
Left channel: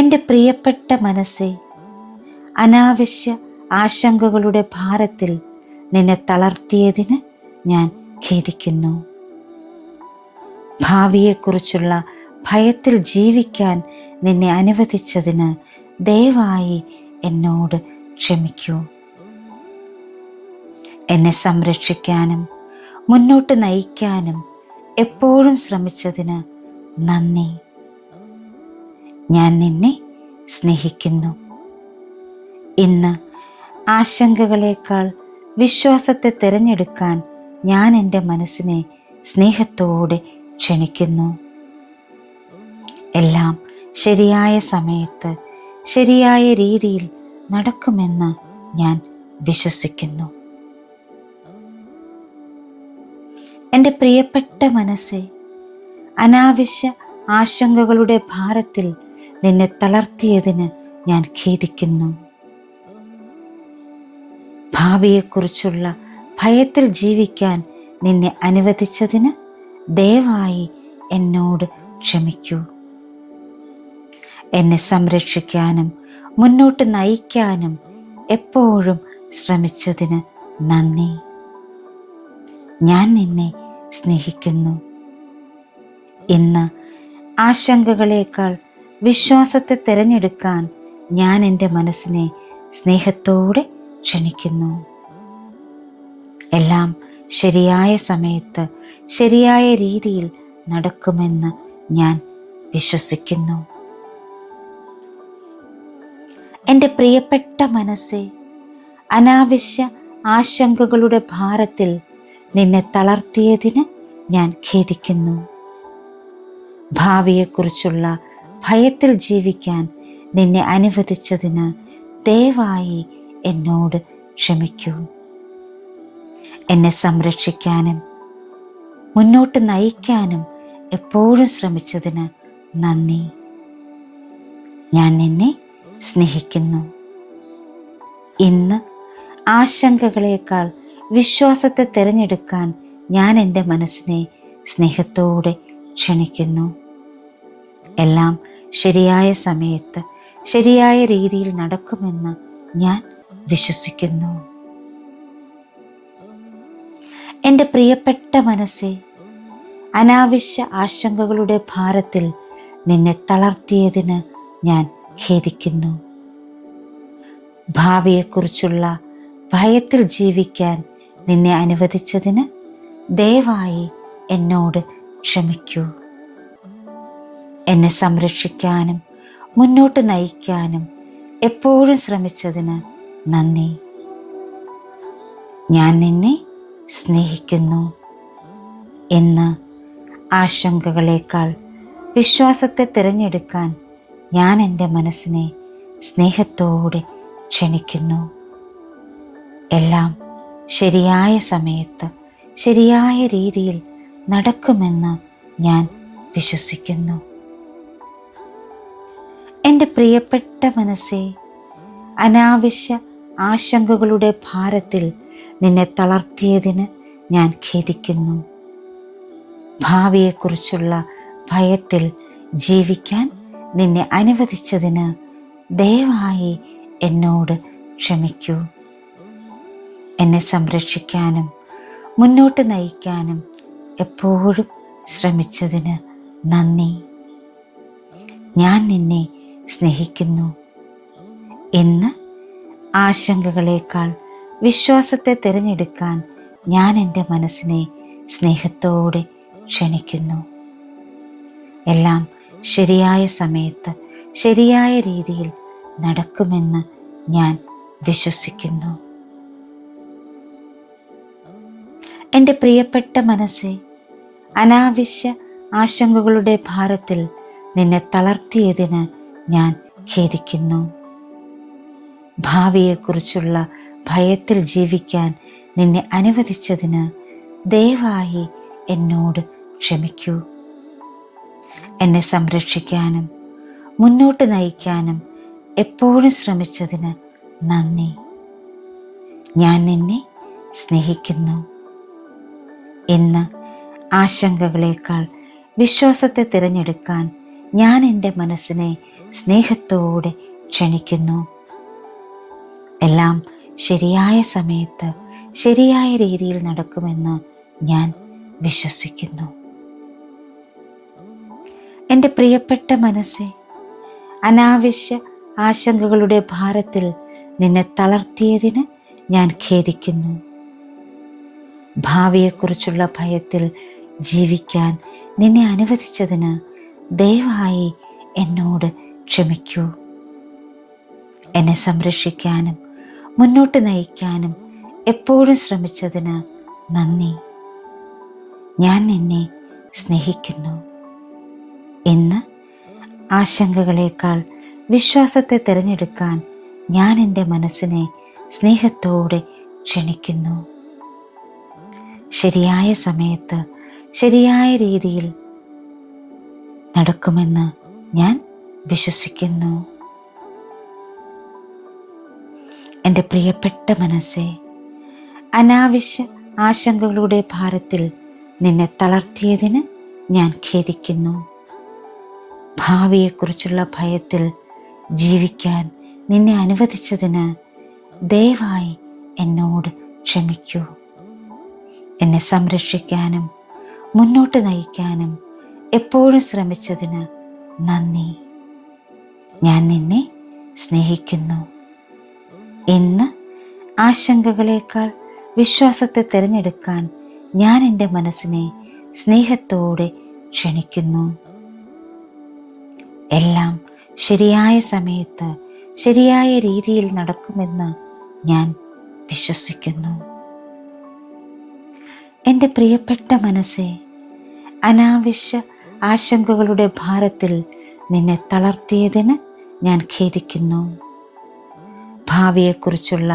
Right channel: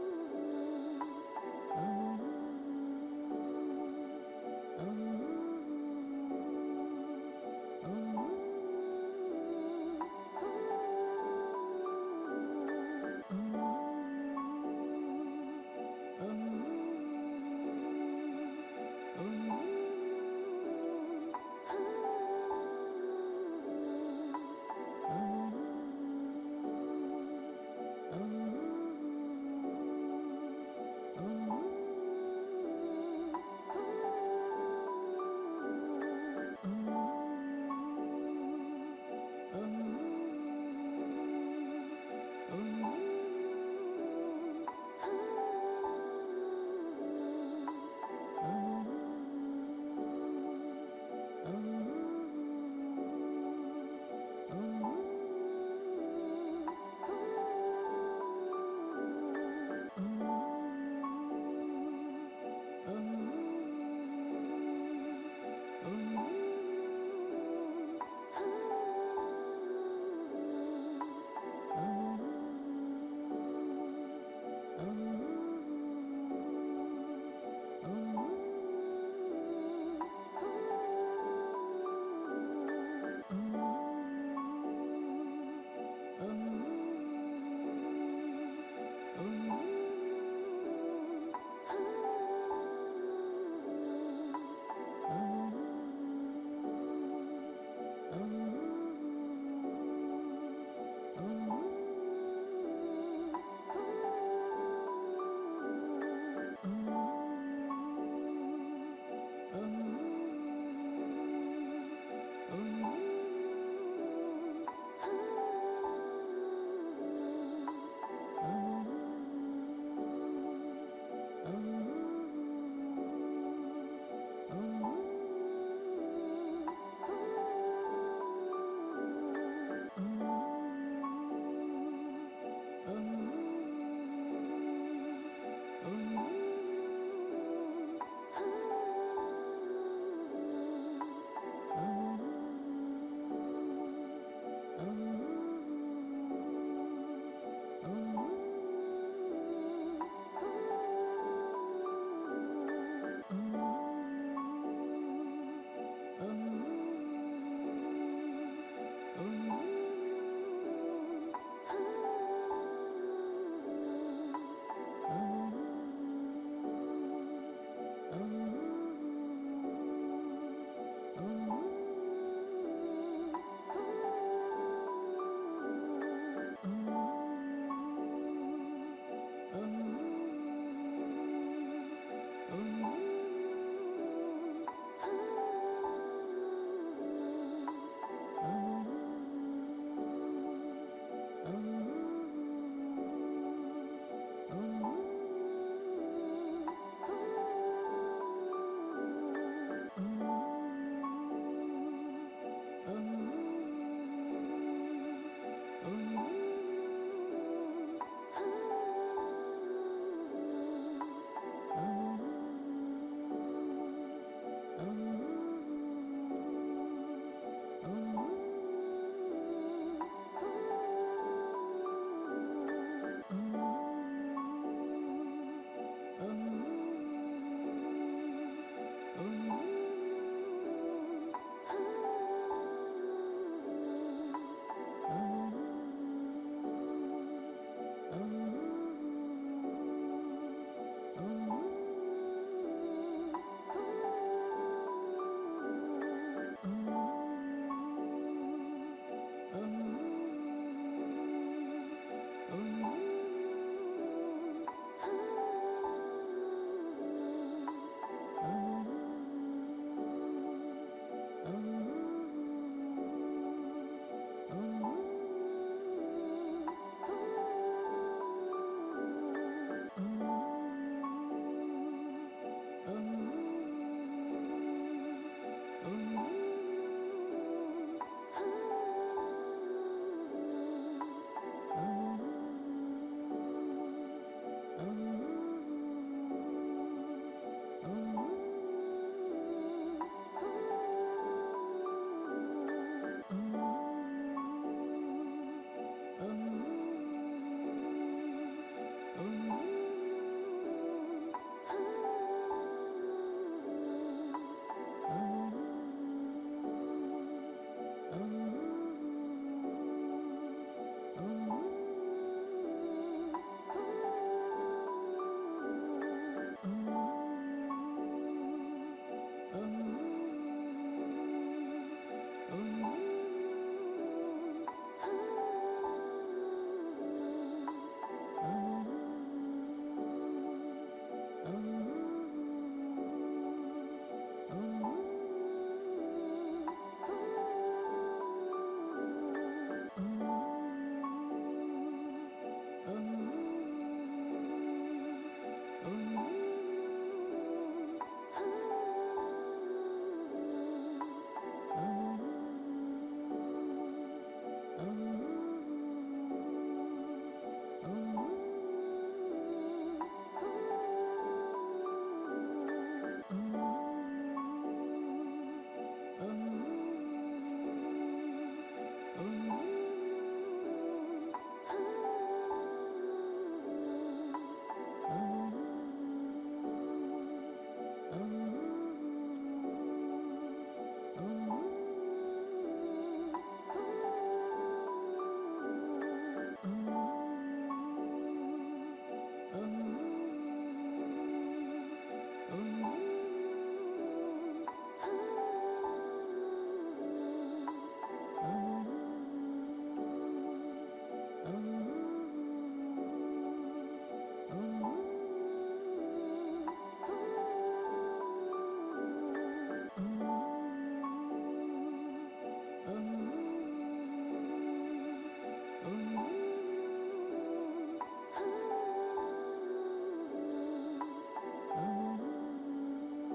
എൻ്റെ പ്രിയപ്പെട്ട മനസ്സേ, അനാവശ്യ ആശങ്കകളുടെ ഭാരത്തിൽ നിന്നെ തളർത്തിയതിന് ഞാൻ ഖേദിക്കുന്നു. ഭാവിയെക്കുറിച്ചുള്ള ഭയത്തിൽ ജീവിക്കാൻ നിന്നെ അനുവദിച്ചതിന് ദയവായി എന്നോട് ക്ഷമിക്കൂ. എന്നെ സംരക്ഷിക്കാനും മുന്നോട്ട് നയിക്കാനും എപ്പോഴും ശ്രമിച്ചതിന് നന്ദി. ഞാൻ നിന്നെ സ്നേഹിക്കുന്നു. ഇന്ന് ആശങ്കകളേക്കാൾ വിശ്വാസത്തെ തിരഞ്ഞെടുക്കാൻ ഞാൻ എൻ്റെ മനസ്സിനെ സ്നേഹത്തോടെ ക്ഷണിക്കുന്നു. എല്ലാം ശരിയായ സമയത്ത് ശരിയായ രീതിയിൽ നടക്കുമെന്ന് ഞാൻ വിശ്വസിക്കുന്നു. എൻ്റെ പ്രിയപ്പെട്ട മനസ്സേ, അനാവശ്യ ആശങ്കകളുടെ ഭാരത്തിൽ നിന്നെ തളർത്തിയതിന് ഞാൻ ഖേദിക്കുന്നു. ഭാവിയെക്കുറിച്ചുള്ള ഭയത്തിൽ ജീവിക്കാൻ നിന്നെ അനുവദിച്ചതിന് ദയവായി എന്നോട് ക്ഷമിക്കൂ. എന്നെ സംരക്ഷിക്കാനും മുന്നോട്ട് നയിക്കാനും എപ്പോഴും ശ്രമിച്ചതിന് നന്ദി. ഞാൻ നിന്നെ സ്നേഹിക്കുന്നു. ഇന്ന് ആശങ്കകളേക്കാൾ വിശ്വാസത്തെ തിരഞ്ഞെടുക്കാൻ ഞാൻ എൻ്റെ മനസ്സിനെ സ്നേഹത്തോടെ ക്ഷണിക്കുന്നു. എല്ലാം ശരിയായ സമയത്ത് ശരിയായ രീതിയിൽ നടക്കുമെന്ന് ഞാൻ വിശ്വസിക്കുന്നു. എൻ്റെ പ്രിയപ്പെട്ട മനസ്സേ, അനാവശ്യ ആശങ്കകളുടെ ഭാരത്തിൽ നിന്നെ തളർത്തിയതിന് ഞാൻ ഖേദിക്കുന്നു. ഭാവിയെക്കുറിച്ചുള്ള ഭയത്തിൽ ജീവിക്കാൻ നിന്നെ അനുവദിച്ചതിന് ദയവായി എന്നോട് ക്ഷമിക്കൂ. എന്നെ സംരക്ഷിക്കാനും മുന്നോട്ട് നയിക്കാനും എപ്പോഴും ശ്രമിച്ചതിന് നന്ദി. ഞാൻ നിന്നെ സ്നേഹിക്കുന്നു. ഇന്ന് ആശങ്കകളേക്കാൾ വിശ്വാസത്തെ തിരഞ്ഞെടുക്കാൻ ഞാൻ എൻ്റെ മനസ്സിനെ സ്നേഹത്തോടെ ക്ഷണിക്കുന്നു. എല്ലാം ശരിയായ സമയത്ത് ശരിയായ രീതിയിൽ നടക്കുമെന്ന് ഞാൻ വിശ്വസിക്കുന്നു. എൻ്റെ പ്രിയപ്പെട്ട മനസ്സേ, അനാവശ്യ ആശങ്കകളുടെ ഭാരത്തിൽ നിന്നെ തളർത്തിയതിന് ഞാൻ ഖേദിക്കുന്നു. ഭാവിയെക്കുറിച്ചുള്ള ഭയത്തിൽ ജീവിക്കാൻ നിന്നെ അനുവദിച്ചതിന് ദയവായി എന്നോട് ക്ഷമിക്കൂ. എന്നെ സംരക്ഷിക്കാനും മുന്നോട്ട് നയിക്കാനും എപ്പോഴും ശ്രമിച്ചതിന് നന്ദി. ഞാൻ നിന്നെ സ്നേഹിക്കുന്നു. ഇന്ന് ആശങ്കകളേക്കാൾ വിശ്വാസത്തെ തിരഞ്ഞെടുക്കാൻ ഞാൻ എൻ്റെ മനസ്സിനെ സ്നേഹത്തോടെ ക്ഷണിക്കുന്നു. എല്ലാം ശരിയായ സമയത്ത് ശരിയായ രീതിയിൽ നടക്കുമെന്ന് ഞാൻ വിശ്വസിക്കുന്നു. എൻ്റെ പ്രിയപ്പെട്ട മനസ്സേ, അനാവശ്യ ആശങ്കകളുടെ ഭാരത്തിൽ നിന്നെ തളർത്തിയതിന് ഞാൻ ഖേദിക്കുന്നു. ഭാവിയെക്കുറിച്ചുള്ള ഭയത്തിൽ ജീവിക്കാൻ നിന്നെ അനുവദിച്ചതിന് ദയവായി എന്നോട് ക്ഷമിക്കൂ. എന്നെ സംരക്ഷിക്കാനും മുന്നോട്ട് നയിക്കാനും എപ്പോഴും ശ്രമിച്ചതിന് നന്ദി. ഞാൻ നിന്നെ സ്നേഹിക്കുന്നു. ഇന്ന് ആശങ്കകളേക്കാൾ വിശ്വാസത്തെ തിരഞ്ഞെടുക്കാൻ ഞാൻ എൻ്റെ മനസ്സിനെ സ്നേഹത്തോടെ ക്ഷണിക്കുന്നു. എല്ലാം ശരിയായ സമയത്ത് ശരിയായ രീതിയിൽ നടക്കുമെന്ന് ഞാൻ വിശ്വസിക്കുന്നു. എൻ്റെ പ്രിയപ്പെട്ട മനസ്സേ, അനാവശ്യ ആശങ്കകളുടെ ഭാരത്തിൽ നിന്നെ തളർത്തിയതിന് ഞാൻ ഖേദിക്കുന്നു. ഭാവിയെക്കുറിച്ചുള്ള ഭയത്തിൽ ജീവിക്കാൻ നിന്നെ അനുവദിച്ചതിന് ദയവായി എന്നോട് ക്ഷമിക്കൂ. എന്നെ സംരക്ഷിക്കാനും മുന്നോട്ട് നയിക്കാനും എപ്പോഴും ശ്രമിച്ചതിന് നന്ദി. ഞാൻ നിന്നെ സ്നേഹിക്കുന്നു. ഇന്ന് ആശങ്കകളേക്കാൾ വിശ്വാസത്തെ തിരഞ്ഞെടുക്കാൻ ഞാൻ എൻ്റെ മനസ്സിനെ സ്നേഹത്തോടെ ക്ഷണിക്കുന്നു. എല്ലാം ശരിയായ സമയത്ത് ശരിയായ രീതിയിൽ നടക്കുമെന്ന് ഞാൻ വിശ്വസിക്കുന്നു. എൻ്റെ പ്രിയപ്പെട്ട മനസ്സേ, അനാവശ്യ ആശങ്കകളുടെ ഭാരത്തിൽ നിന്നെ തളർത്തിയതിന് ഞാൻ ഖേദിക്കുന്നു. ഭാവിയെക്കുറിച്ചുള്ള ഭയത്തിൽ ജീവിക്കാൻ നിന്നെ അനുവദിച്ചതിന് ദയവായി എന്നോട് ക്ഷമിക്കൂ. എന്നെ സംരക്ഷിക്കാനും മുന്നോട്ട് നയിക്കാനും എപ്പോഴും ശ്രമിച്ചതിന് നന്ദി. ഞാൻ നിന്നെ സ്നേഹിക്കുന്നു. ഇന്ന് ആശങ്കകളേക്കാൾ വിശ്വാസത്തെ തിരഞ്ഞെടുക്കാൻ ഞാൻ എൻ്റെ മനസ്സിനെ സ്നേഹത്തോടെ ക്ഷണിക്കുന്നു. ശരിയായ സമയത്ത് ശരിയായ രീതിയിൽ നടക്കുമെന്ന് ഞാൻ വിശ്വസിക്കുന്നു. എൻ്റെ പ്രിയപ്പെട്ട മനസ്സേ, അനാവശ്യ ആശങ്കകളുടെ ഭാരത്തിൽ നിന്നെ തളർത്തിയതിന് ഞാൻ ഖേദിക്കുന്നു. ഭാവിയെക്കുറിച്ചുള്ള ഭയത്തിൽ ജീവിക്കാൻ നിന്നെ അനുവദിച്ചതിന് ദയവായി എന്നോട് ക്ഷമിക്കൂ. എന്നെ സംരക്ഷിക്കാനും മുന്നോട്ട് നയിക്കാനും എപ്പോഴും ശ്രമിച്ചതിന് നന്ദി. ഞാൻ നിന്നെ സ്നേഹിക്കുന്നു. ഇന്ന് ആശങ്കകളേക്കാൾ വിശ്വാസത്തെ തിരഞ്ഞെടുക്കാൻ ഞാൻ എൻ്റെ മനസ്സിനെ സ്നേഹത്തോടെ ക്ഷണിക്കുന്നു. എല്ലാം ശരിയായ സമയത്ത് ശരിയായ രീതിയിൽ നടക്കുമെന്ന് ഞാൻ വിശ്വസിക്കുന്നു. എൻ്റെ പ്രിയപ്പെട്ട മനസ്സേ, അനാവശ്യ ആശങ്കകളുടെ ഭാരത്തിൽ നിന്നെ തളർത്തിയതിന് ഞാൻ ഖേദിക്കുന്നു. ഭാവിയെക്കുറിച്ചുള്ള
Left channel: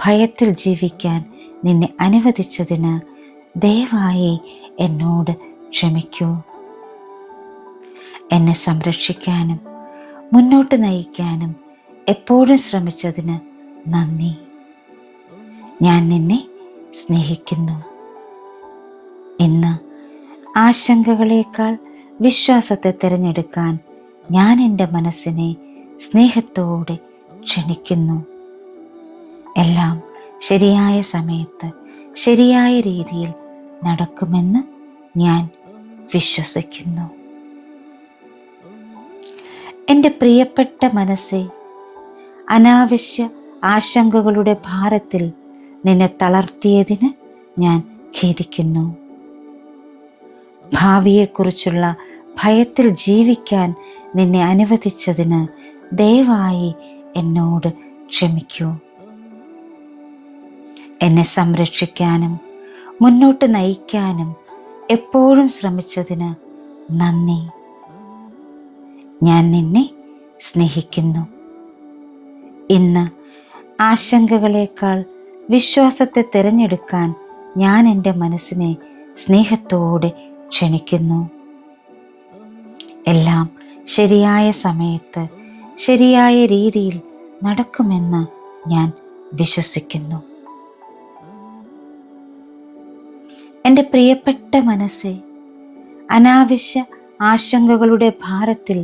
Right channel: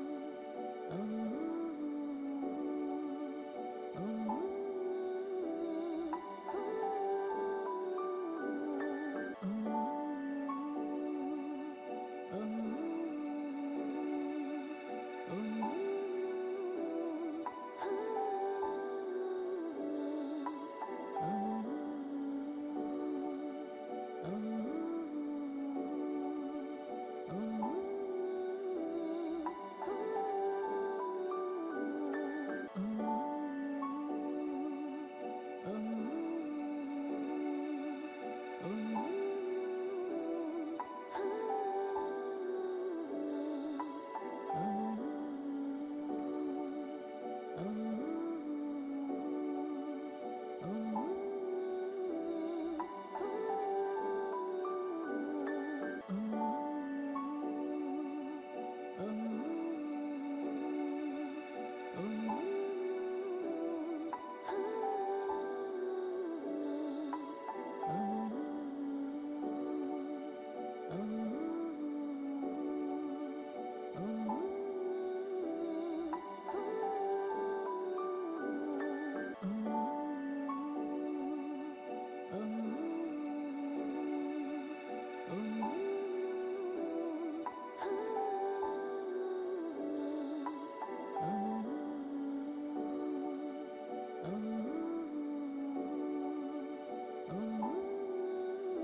ഭയത്തിൽ ജീവിക്കാൻ നിന്നെ അനുവദിച്ചതിന് ദയവായി എന്നോട് ക്ഷമിക്കൂ. എന്നെ സംരക്ഷിക്കാനും മുന്നോട്ട് നയിക്കാനും എപ്പോഴും ശ്രമിച്ചതിന് നന്ദി. ഞാൻ നിന്നെ സ്നേഹിക്കുന്നു. ഇന്ന് ആശങ്കകളേക്കാൾ വിശ്വാസത്തെ തിരഞ്ഞെടുക്കാൻ ഞാൻ എൻ്റെ മനസ്സിനെ സ്നേഹത്തോടെ ക്ഷണിക്കുന്നു. എല്ലാം ശരിയായ സമയത്ത് ശരിയായ രീതിയിൽ നടക്കുമെന്ന് ഞാൻ വിശ്വസിക്കുന്നു. എൻ്റെ പ്രിയപ്പെട്ട മനസ്സേ, അനാവശ്യ ആശങ്കകളുടെ ഭാരത്തിൽ നിന്നെ തളർത്തിയതിന് ഞാൻ ഖേദിക്കുന്നു. ഭാവിയെക്കുറിച്ചുള്ള ഭയത്തിൽ ജീവിക്കാൻ നിന്നെ അനുവദിച്ചതിന് ദയവായി എന്നോട് ക്ഷമിക്കൂ. എന്നെ സംരക്ഷിക്കാനും മുന്നോട്ട് നയിക്കാനും എപ്പോഴും ശ്രമിച്ചതിന് നന്ദി. ഞാൻ നിന്നെ സ്നേഹിക്കുന്നു. ഇന്ന് ആശങ്കകളേക്കാൾ വിശ്വാസത്തെ തിരഞ്ഞെടുക്കാൻ ഞാൻ എൻ്റെ മനസ്സിനെ സ്നേഹത്തോടെ ക്ഷണിക്കുന്നു. എല്ലാം ശരിയായ സമയത്ത് ശരിയായ രീതിയിൽ നടക്കുമെന്ന് ഞാൻ വിശ്വസിക്കുന്നു. എൻ്റെ പ്രിയപ്പെട്ട മനസ്സേ, അനാവശ്യ ആശങ്കകളുടെ ഭാരത്തിൽ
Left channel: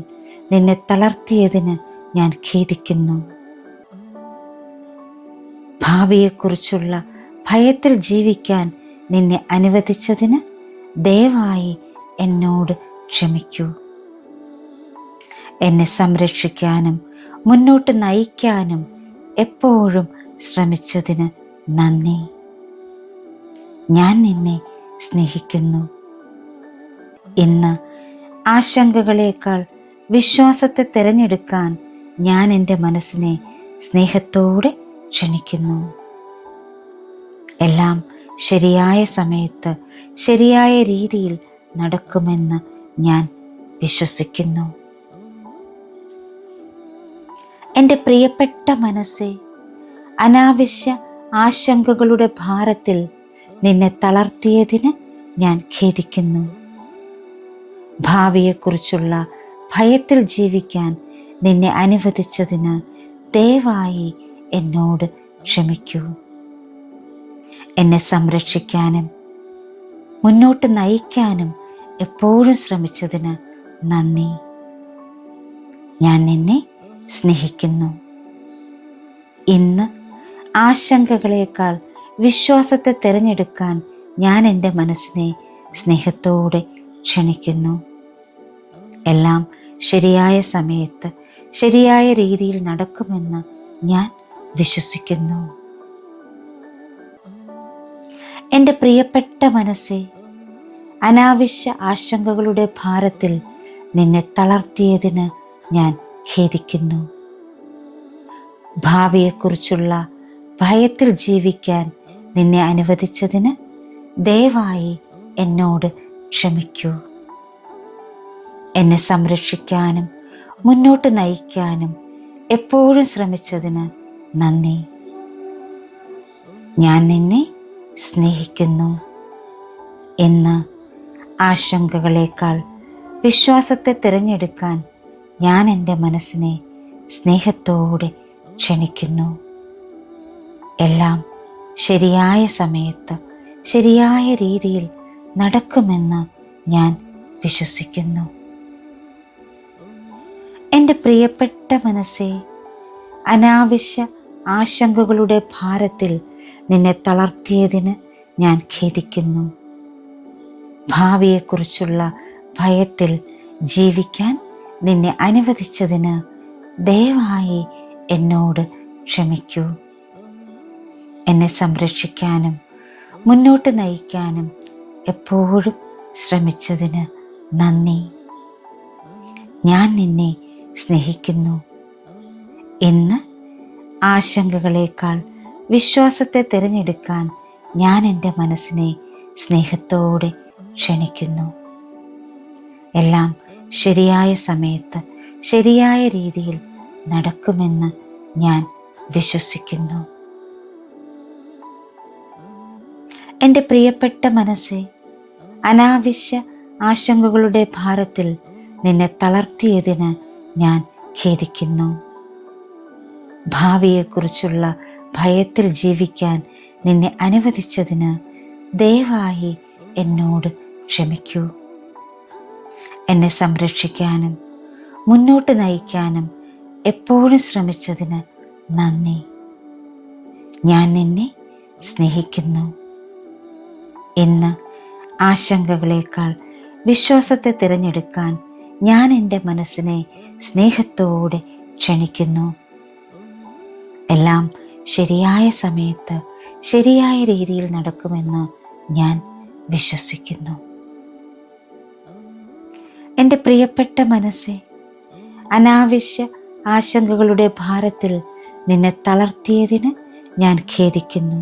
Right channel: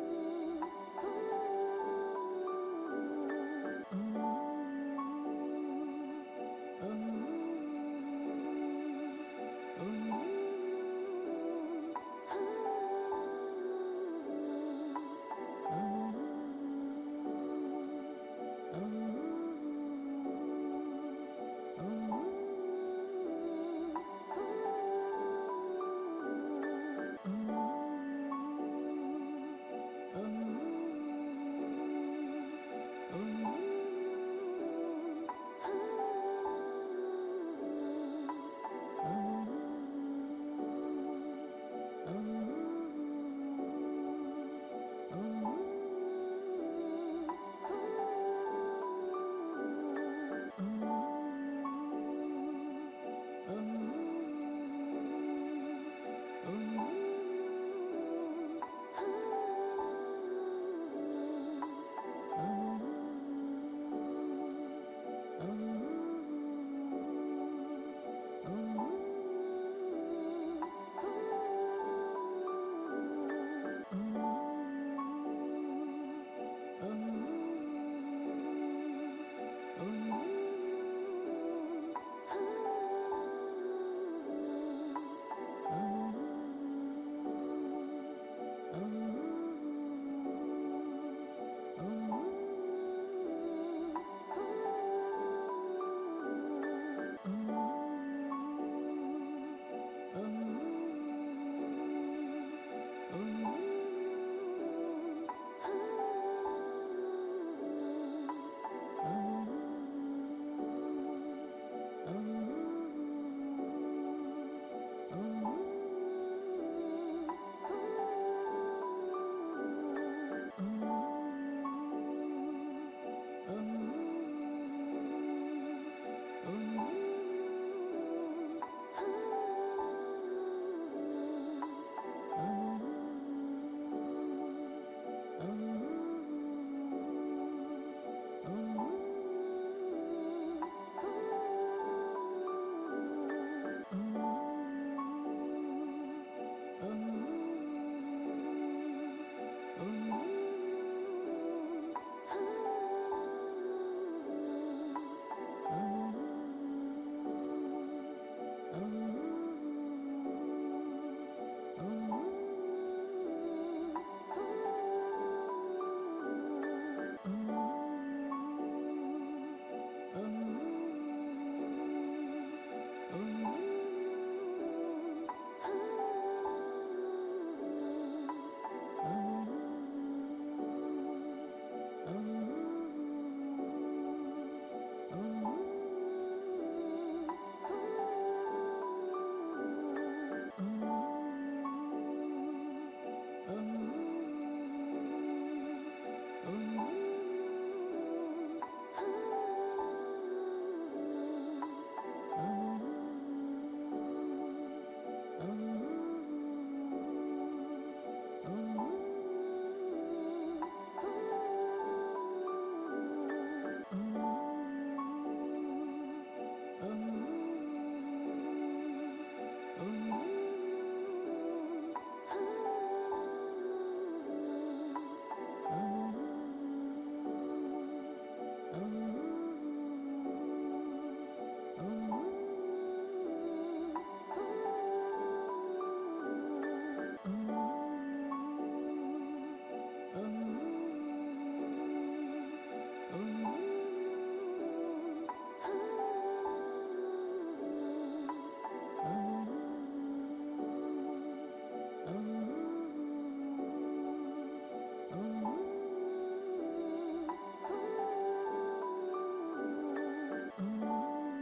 നിന്നെ തളർത്തിയതിന് ഞാൻ ഖേദിക്കുന്നു. ഭാവിയെക്കുറിച്ചുള്ള ഭയത്തിൽ ജീവിക്കാൻ നിന്നെ അനുവദിച്ചതിന് ദയവായി എന്നോട് ക്ഷമിക്കൂ. എന്നെ സംരക്ഷിക്കാനും മുന്നോട്ട് നയിക്കാനും എപ്പോഴും ശ്രമിച്ചതിന് നന്ദി. ഞാൻ നിന്നെ സ്നേഹിക്കുന്നു. ഇന്ന് ആശങ്കകളേക്കാൾ വിശ്വാസത്തെ തിരഞ്ഞെടുക്കാൻ ഞാൻ എൻ്റെ മനസ്സിനെ സ്നേഹത്തോടെ ക്ഷണിക്കുന്നു. എല്ലാം ശരിയായ സമയത്ത് ശരിയായ രീതിയിൽ നടക്കുമെന്ന് ഞാൻ വിശ്വസിക്കുന്നു. എൻ്റെ പ്രിയപ്പെട്ട മനസ്സേ, അനാവശ്യ ആശങ്കകളുടെ ഭാരത്തിൽ നിന്നെ തളർത്തിയതിന് ഞാൻ ഖേദിക്കുന്നു. ഭാവിയെക്കുറിച്ചുള്ള ഭയത്തിൽ ജീവിക്കാൻ നിന്നെ അനുവദിച്ചതിന് ദയവായി എന്നോട് ക്ഷമിക്കൂ. എന്നെ സംരക്ഷിക്കാനും മുന്നോട്ട് നയിക്കാനും എപ്പോഴും ശ്രമിച്ചതിന് നന്ദി. ഞാൻ നിന്നെ സ്നേഹിക്കുന്നു. ഇന്ന് ആശങ്കകളേക്കാൾ വിശ്വാസത്തെ തിരഞ്ഞെടുക്കാൻ ഞാൻ എൻ്റെ മനസ്സിനെ സ്നേഹത്തോടെ ക്ഷണിക്കുന്നു. എല്ലാം ശരിയായ സമയത്ത് ശരിയായ രീതിയിൽ നടക്കുമെന്ന് ഞാൻ വിശ്വസിക്കുന്നു. എൻ്റെ പ്രിയപ്പെട്ട മനസ്സേ, അനാവശ്യ ആശങ്കകളുടെ ഭാരത്തിൽ നിന്നെ തളർത്തിയതിന് ഞാൻ ഖേദിക്കുന്നു. ഭാവിയെക്കുറിച്ചുള്ള ഭയത്തിൽ ജീവിക്കാൻ നിന്നെ അനുവദിച്ചതിന് ദയവായി എന്നോട് ക്ഷമിക്കൂ. എന്നെ സംരക്ഷിക്കാനും മുന്നോട്ട് നയിക്കാനും എപ്പോഴും ശ്രമിച്ചതിന് നന്ദി. ഞാൻ നിന്നെ സ്നേഹിക്കുന്നു. ഇന്ന് ആശങ്കകളേക്കാൾ വിശ്വാസത്തെ തിരഞ്ഞെടുക്കാൻ ഞാൻ എൻ്റെ മനസ്സിനെ സ്നേഹത്തോടെ ക്ഷണിക്കുന്നു. എല്ലാം ശരിയായ സമയത്ത് ശരിയായ രീതിയിൽ നടക്കുമെന്ന് ഞാൻ വിശ്വസിക്കുന്നു. എൻ്റെ പ്രിയപ്പെട്ട മനസ്സേ, അനാവശ്യ ആശങ്കകളുടെ ഭാരത്തിൽ നിന്നെ തളർത്തിയതിന് ഞാൻ ഖേദിക്കുന്നു. ഭാവിയെക്കുറിച്ചുള്ള ഭയത്തിൽ ജീവിക്കാൻ നിന്നെ അനുവദിച്ചതിന് ദയവായി എന്നോട് ക്ഷമിക്കൂ. എന്നെ സംരക്ഷിക്കാനും മുന്നോട്ട് നയിക്കാനും എപ്പോഴും ശ്രമിച്ചതിന് നന്ദി. ഞാൻ നിന്നെ സ്നേഹിക്കുന്നു. ഇന്ന് ആശങ്കകളേക്കാൾ വിശ്വാസത്തെ തിരഞ്ഞെടുക്കാൻ ഞാൻ എൻ്റെ മനസ്സിനെ സ്നേഹത്തോടെ ക്ഷണിക്കുന്നു. എല്ലാം ശരിയായ സമയത്ത് ശരിയായ രീതിയിൽ നടക്കുമെന്ന് ഞാൻ വിശ്വസിക്കുന്നു. എൻ്റെ പ്രിയപ്പെട്ട മനസ്സേ, അനാവശ്യ ആശങ്കകളുടെ ഭാരത്തിൽ നിന്നെ തളർത്തിയതിന് ഞാൻ ഖേദിക്കുന്നു. ഭാവിയെക്കുറിച്ചുള്ള ഭയത്തിൽ ജീവിക്കാൻ നിന്നെ അനുവദിച്ചതിന് ദയവായി എന്നോട് ക്ഷമിക്കൂ. എന്നെ സംരക്ഷിക്കാനും മുന്നോട്ട് നയിക്കാനും എപ്പോഴും ശ്രമിച്ചതിന് നന്ദി. ഞാൻ നിന്നെ സ്നേഹിക്കുന്നു. ഇന്ന് ആശങ്കകളേക്കാൾ വിശ്വാസത്തെ തിരഞ്ഞെടുക്കാൻ ഞാൻ എൻ്റെ മനസ്സിനെ സ്നേഹത്തോടെ ക്ഷണിക്കുന്നു. എല്ലാം ശരിയായ സമയത്ത് ശരിയായ രീതിയിൽ നടക്കുമെന്ന് ഞാൻ വിശ്വസിക്കുന്നു. എൻ്റെ പ്രിയപ്പെട്ട മനസ്സേ, അനാവശ്യ ആശങ്കകളുടെ ഭാരത്തിൽ നിന്നെ തളർത്തിയതിന് ഞാൻ ഖേദിക്കുന്നു.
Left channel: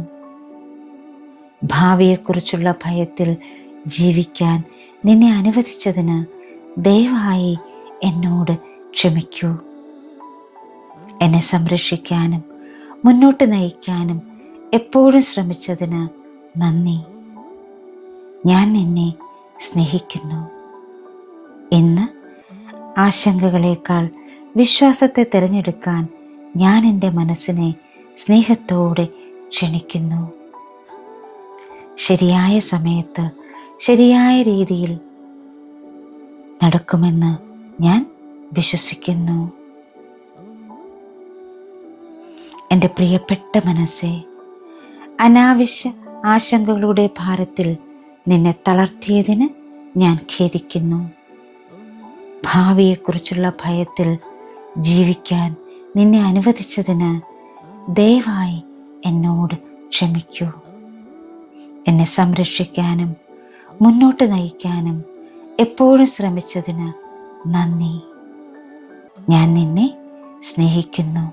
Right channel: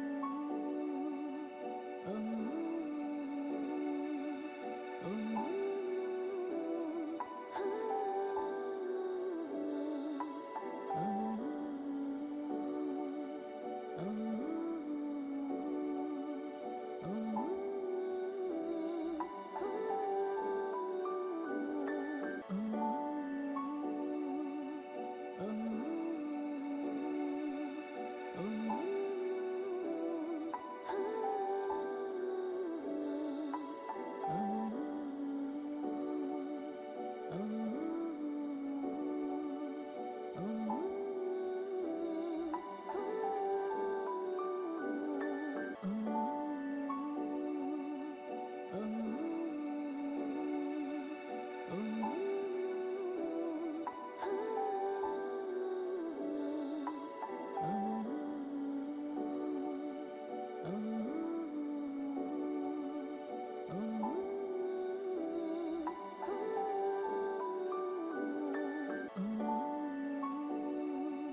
ഭാവിയെക്കുറിച്ചുള്ള ഭയത്തിൽ ജീവിക്കാൻ നിന്നെ അനുവദിച്ചതിന് ദയവായി എന്നോട് ക്ഷമിക്കൂ. എന്നെ സംരക്ഷിക്കാനും മുന്നോട്ട് നയിക്കാനും എപ്പോഴും ശ്രമിച്ചതിന് നന്ദി. ഞാൻ നിന്നെ സ്നേഹിക്കുന്നു. ഇന്ന് ആശങ്കകളേക്കാൾ വിശ്വാസത്തെ തിരഞ്ഞെടുക്കാൻ ഞാൻ എൻ്റെ മനസ്സിനെ സ്നേഹത്തോടെ ക്ഷണിക്കുന്നു. ശരിയായ സമയത്ത് ശരിയായ രീതിയിൽ നടക്കുമെന്ന് ഞാൻ വിശ്വസിക്കുന്നു. എൻ്റെ പ്രിയപ്പെട്ട മനസ്സേ, അനാവശ്യ ആശങ്കകളുടെ ഭാരത്തിൽ നിന്നെ തളർത്തിയതിന് ഞാൻ ഖേദിക്കുന്നു. ഭാവിയെക്കുറിച്ചുള്ള ഭയത്തിൽ ജീവിക്കാൻ നിന്നെ അനുവദിച്ചതിന് ദയവായി എന്നോട് ക്ഷമിക്കൂ. എന്നെ സംരക്ഷിക്കാനും മുന്നോട്ട് നയിക്കാനും എപ്പോഴും ശ്രമിച്ചതിന് നന്ദി. ഞാൻ നിന്നെ സ്നേഹിക്കുന്നു.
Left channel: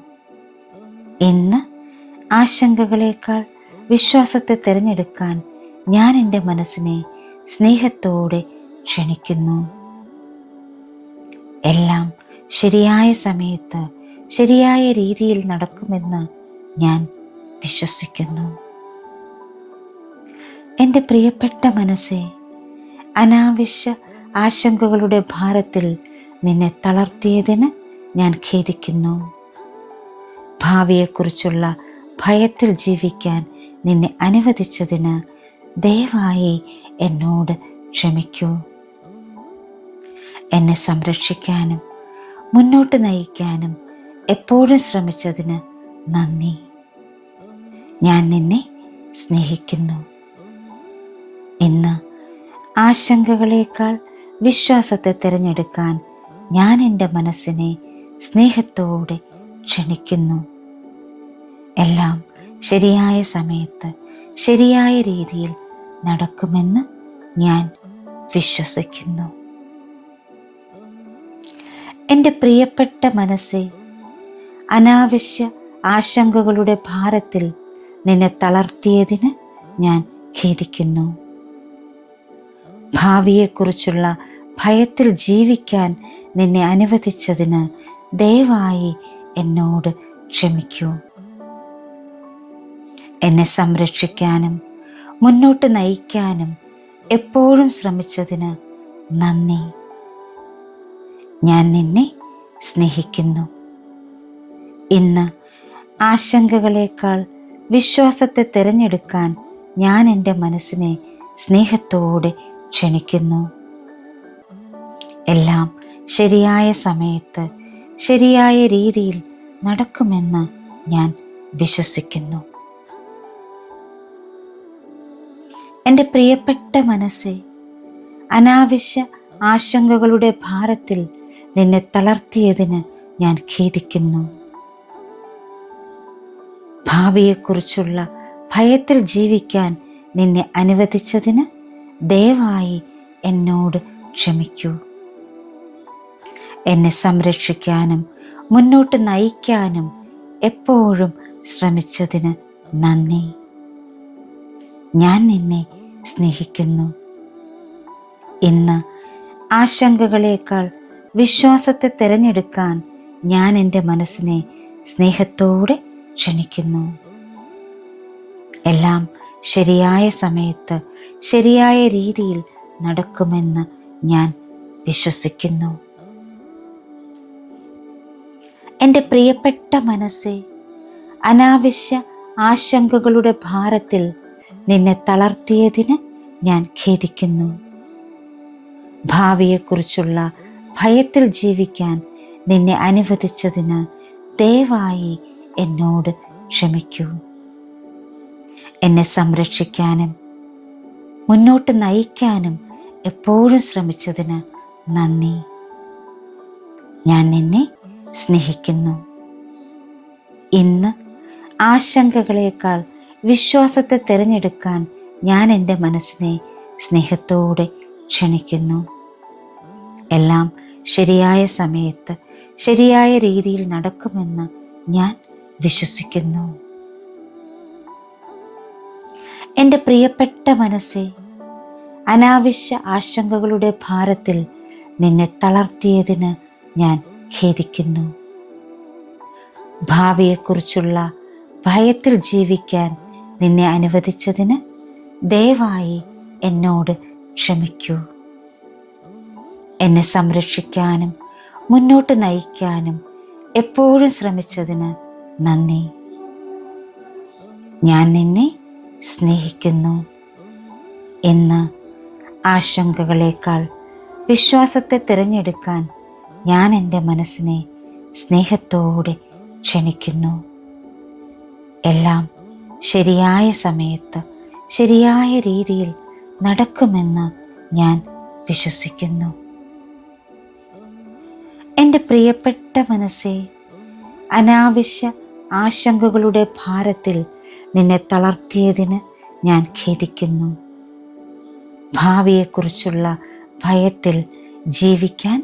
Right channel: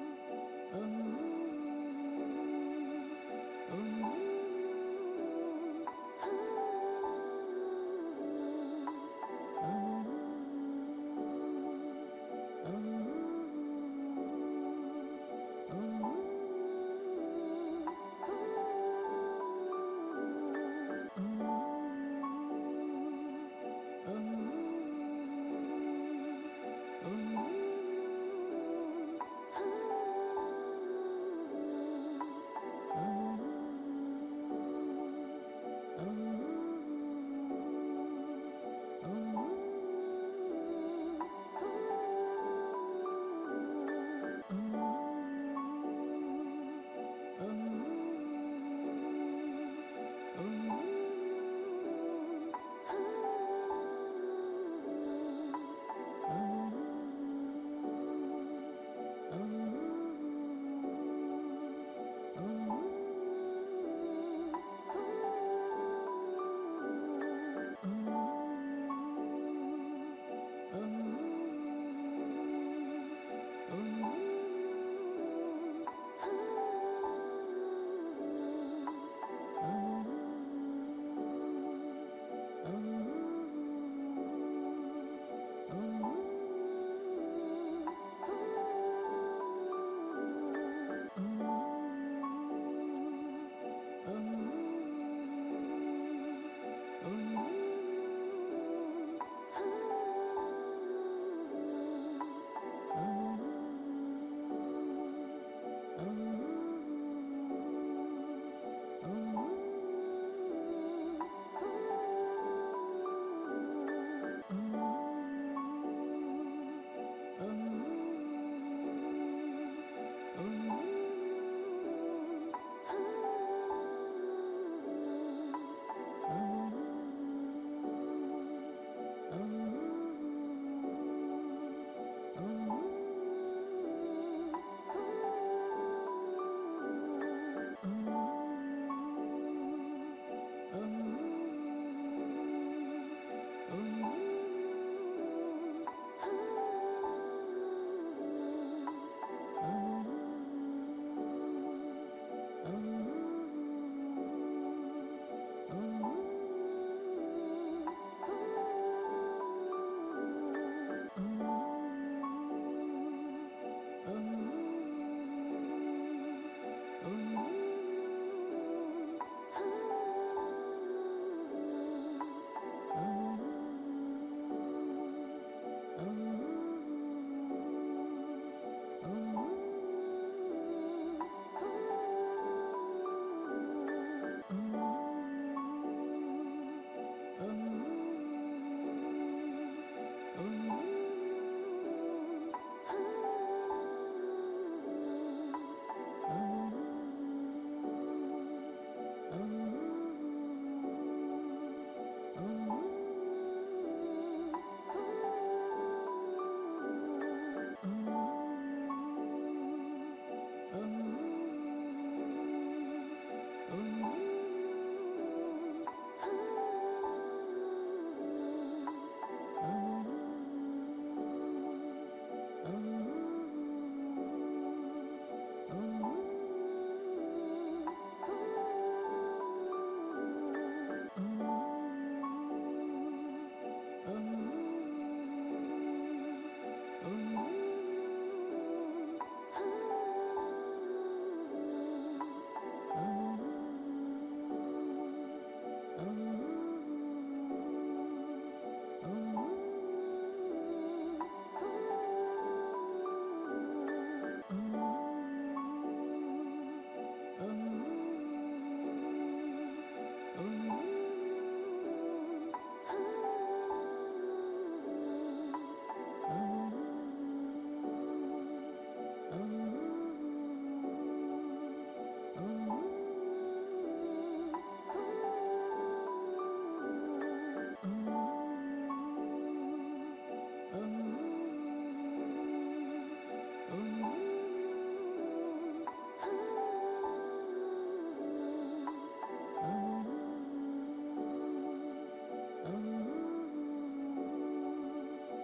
ഇന്ന് ആശങ്കകളേക്കാൾ വിശ്വാസത്തെ തിരഞ്ഞെടുക്കാൻ ഞാൻ എൻ്റെ മനസ്സിനെ സ്നേഹത്തോടെ ക്ഷണിക്കുന്നു. എല്ലാം ശരിയായ സമയത്ത് ശരിയായ രീതിയിൽ നടക്കുമെന്ന് ഞാൻ വിശ്വസിക്കുന്നു. എൻ്റെ പ്രിയപ്പെട്ട മനസ്സേ, അനാവശ്യ ആശങ്കകളുടെ ഭാരത്തിൽ നിന്നെ തളർത്തിയതിന് ഞാൻ ഖേദിക്കുന്നു. ഭാവിയെക്കുറിച്ചുള്ള ഭയത്തിൽ ജീവിക്കാൻ നിന്നെ അനുവദിച്ചതിന് ദയവായി എന്നോട് ക്ഷമിക്കൂ. എന്നെ സംരക്ഷിക്കാനും മുന്നോട്ട് നയിക്കാനും എപ്പോഴും ശ്രമിച്ചതിന് നന്ദി. ഞാൻ നിന്നെ സ്നേഹിക്കുന്നു. ഇന്ന് ആശങ്കകളേക്കാൾ വിശ്വാസത്തെ തിരഞ്ഞെടുക്കാൻ ഞാൻ എൻ്റെ മനസ്സിനെ സ്നേഹത്തോടെ ക്ഷണിക്കുന്നു. എല്ലാം ശരിയായ സമയത്ത് ശരിയായ രീതിയിൽ നടക്കുമെന്ന് ഞാൻ വിശ്വസിക്കുന്നു. എൻ്റെ പ്രിയപ്പെട്ട മനസ്സേ, അനാവശ്യ ആശങ്കകളുടെ ഭാരത്തിൽ നിന്നെ തളർത്തിയതിന് ഞാൻ ഖേദിക്കുന്നു. ഭാവിയെക്കുറിച്ചുള്ള ഭയത്തിൽ ജീവിക്കാൻ നിന്നെ അനുവദിച്ചതിന് ദയവായി എന്നോട് ക്ഷമിക്കൂ. എന്നെ സംരക്ഷിക്കാനും മുന്നോട്ട് നയിക്കാനും എപ്പോഴും ശ്രമിച്ചതിന് നന്ദി. ഞാൻ നിന്നെ സ്നേഹിക്കുന്നു. ഇന്ന് ആശങ്കകളേക്കാൾ വിശ്വാസത്തെ തിരഞ്ഞെടുക്കാൻ ഞാൻ എൻ്റെ മനസ്സിനെ സ്നേഹത്തോടെ ക്ഷണിക്കുന്നു. എല്ലാം ശരിയായ സമയത്ത് ശരിയായ രീതിയിൽ നടക്കുമെന്ന് ഞാൻ വിശ്വസിക്കുന്നു. എൻ്റെ പ്രിയപ്പെട്ട മനസ്സേ, അനാവശ്യ ആശങ്കകളുടെ ഭാരത്തിൽ നിന്നെ തളർത്തിയതിന് ഞാൻ ഖേദിക്കുന്നു. ഭാവിയെക്കുറിച്ചുള്ള ഭയത്തിൽ ജീവിക്കാൻ നിന്നെ അനുവദിച്ചതിന് ദയവായി എന്നോട് ക്ഷമിക്കൂ. എന്നെ സംരക്ഷിക്കാനും മുന്നോട്ട് നയിക്കാനും എപ്പോഴും ശ്രമിച്ചതിന് നന്ദി. ഞാൻ നിന്നെ സ്നേഹിക്കുന്നു. ഇന്ന് ആശങ്കകളേക്കാൾ വിശ്വാസത്തെ തിരഞ്ഞെടുക്കാൻ ഞാൻ എൻ്റെ മനസ്സിനെ സ്നേഹത്തോടെ ക്ഷണിക്കുന്നു. എല്ലാം ശരിയായ സമയത്ത് ശരിയായ രീതിയിൽ നടക്കുമെന്ന് ഞാൻ വിശ്വസിക്കുന്നു. എൻ്റെ പ്രിയപ്പെട്ട മനസ്സേ, അനാവശ്യ ആശങ്കകളുടെ ഭാരത്തിൽ നിന്നെ തളർത്തിയതിന് ഞാൻ ഖേദിക്കുന്നു. ഭാവിയെക്കുറിച്ചുള്ള ഭയത്തിൽ ജീവിക്കാൻ നിന്നെ അനുവദിച്ചതിന് ദയവായി എന്നോട് ക്ഷമിക്കൂ. എന്നെ സംരക്ഷിക്കാനും മുന്നോട്ട് നയിക്കാനും എപ്പോഴും ശ്രമിച്ചതിന് നന്ദി. ഞാൻ നിന്നെ സ്നേഹിക്കുന്നു. ഇന്ന് ആശങ്കകളേക്കാൾ വിശ്വാസത്തെ തിരഞ്ഞെടുക്കാൻ ഞാൻ എൻ്റെ മനസ്സിനെ സ്നേഹത്തോടെ ക്ഷണിക്കുന്നു. എല്ലാം ശരിയായ സമയത്ത് ശരിയായ രീതിയിൽ നടക്കുമെന്ന് ഞാൻ വിശ്വസിക്കുന്നു. എൻ്റെ പ്രിയപ്പെട്ട മനസ്സേ, അനാവശ്യ ആശങ്കകളുടെ ഭാരത്തിൽ നിന്നെ തളർത്തിയതിന് ഞാൻ ഖേദിക്കുന്നു. ഭാവിയെക്കുറിച്ചുള്ള ഭയത്തിൽ ജീവിക്കാൻ നിന്നെ അനുവദിച്ചതിന് ദയവായി എന്നോട് ക്ഷമിക്കൂ. എന്നെ സംരക്ഷിക്കാനും മുന്നോട്ട് നയിക്കാനും എപ്പോഴും ശ്രമിച്ചതിന് നന്ദി. ഞാൻ നിന്നെ സ്നേഹിക്കുന്നു. ഇന്ന് ആശങ്കകളേക്കാൾ വിശ്വാസത്തെ തിരഞ്ഞെടുക്കാൻ ഞാൻ എൻ്റെ മനസ്സിനെ സ്നേഹത്തോടെ ക്ഷണിക്കുന്നു. എല്ലാം ശരിയായ സമയത്ത് ശരിയായ രീതിയിൽ നടക്കുമെന്ന് ഞാൻ വിശ്വസിക്കുന്നു. എൻ്റെ പ്രിയപ്പെട്ട മനസ്സേ, അനാവശ്യ ആശങ്കകളുടെ ഭാരത്തിൽ നിന്നെ തളർത്തിയതിന് ഞാൻ ഖേദിക്കുന്നു. ഭാവിയെക്കുറിച്ചുള്ള ഭയത്തിൽ ജീവിക്കാൻ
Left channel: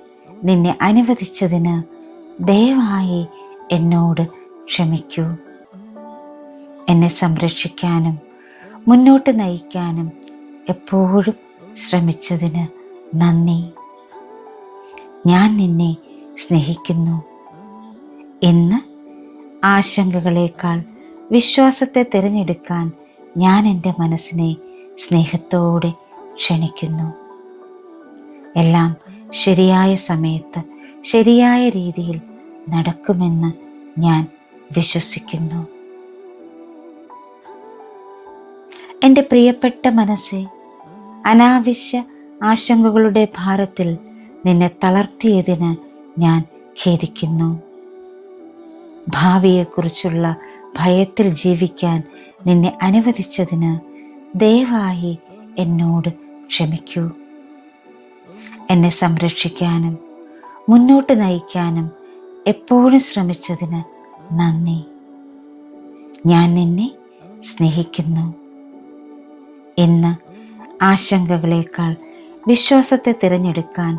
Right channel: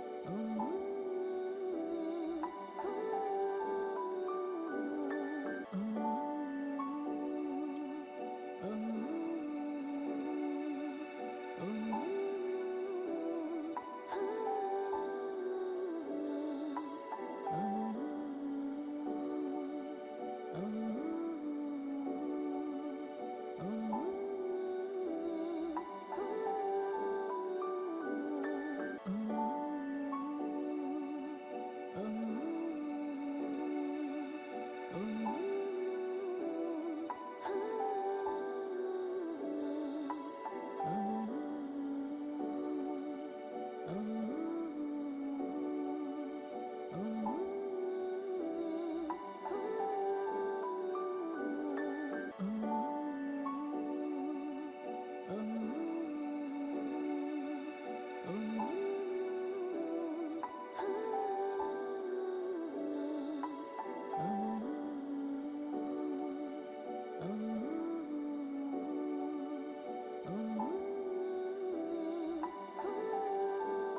നിന്നെ അനുവദിച്ചതിന് ദയവായി എന്നോട് ക്ഷമിക്കൂ. എന്നെ സംരക്ഷിക്കാനും മുന്നോട്ട് നയിക്കാനും എപ്പോഴും ശ്രമിച്ചതിന് നന്ദി. ഞാൻ നിന്നെ സ്നേഹിക്കുന്നു. ഇന്ന് ആശങ്കകളേക്കാൾ വിശ്വാസത്തെ തിരഞ്ഞെടുക്കാൻ ഞാൻ എൻ്റെ മനസ്സിനെ സ്നേഹത്തോടെ ക്ഷണിക്കുന്നു. എല്ലാം ശരിയായ സമയത്ത് ശരിയായ രീതിയിൽ നടക്കുമെന്ന് ഞാൻ വിശ്വസിക്കുന്നു. എൻ്റെ പ്രിയപ്പെട്ട മനസ്സേ, അനാവശ്യ ആശങ്കകളുടെ ഭാരത്തിൽ നിന്നെ തളർത്തിയതിന് ഞാൻ ഖേദിക്കുന്നു. ഭാവിയെക്കുറിച്ചുള്ള ഭയത്തിൽ ജീവിക്കാൻ നിന്നെ അനുവദിച്ചതിന് ദയവായി എന്നോട് ക്ഷമിക്കൂ. എന്നെ സംരക്ഷിക്കാനും മുന്നോട്ട് നയിക്കാനും എപ്പോഴും ശ്രമിച്ചതിന് നന്ദി. ഞാൻ നിന്നെ സ്നേഹിക്കുന്നു. ഇന്ന് ആശങ്കകളേക്കാൾ വിശ്വാസത്തെ തിരഞ്ഞെടുക്കാൻ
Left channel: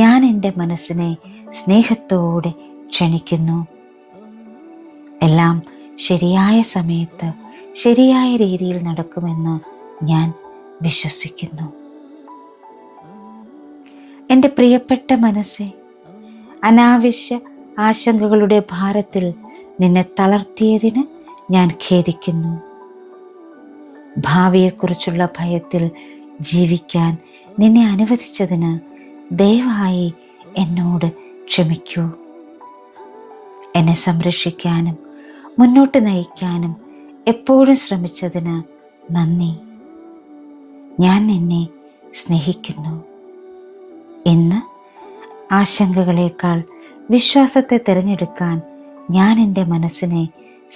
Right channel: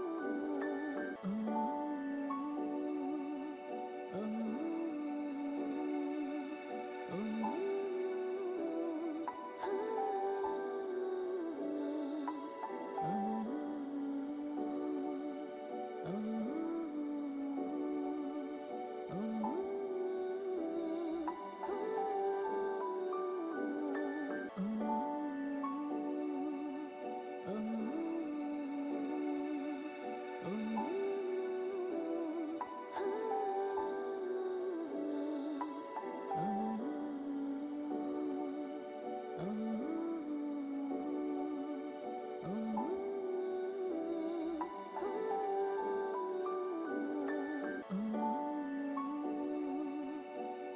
ഞാൻ എൻ്റെ മനസ്സിനെ സ്നേഹത്തോടെ ക്ഷണിക്കുന്നു. എല്ലാം ശരിയായ സമയത്ത് ശരിയായ രീതിയിൽ നടക്കുമെന്ന് ഞാൻ വിശ്വസിക്കുന്നു. എൻ്റെ പ്രിയപ്പെട്ട മനസ്സേ, അനാവശ്യ ആശങ്കകളുടെ ഭാരത്തിൽ നിന്നെ തളർത്തിയതിന് ഞാൻ ഖേദിക്കുന്നു. ഭാവിയെക്കുറിച്ചുള്ള ഭയത്തിൽ ജീവിക്കാൻ നിന്നെ അനുവദിച്ചതിന് ദയവായി എന്നോട് ക്ഷമിക്കൂ. എന്നെ സംരക്ഷിക്കാനും മുന്നോട്ട് നയിക്കാനും എപ്പോഴും ശ്രമിച്ചതിന് നന്ദി. ഞാൻ നിന്നെ സ്നേഹിക്കുന്നു. ഇന്ന് ആശങ്കകളേക്കാൾ വിശ്വാസത്തെ തിരഞ്ഞെടുക്കാൻ ഞാൻ എൻ്റെ മനസ്സിനെ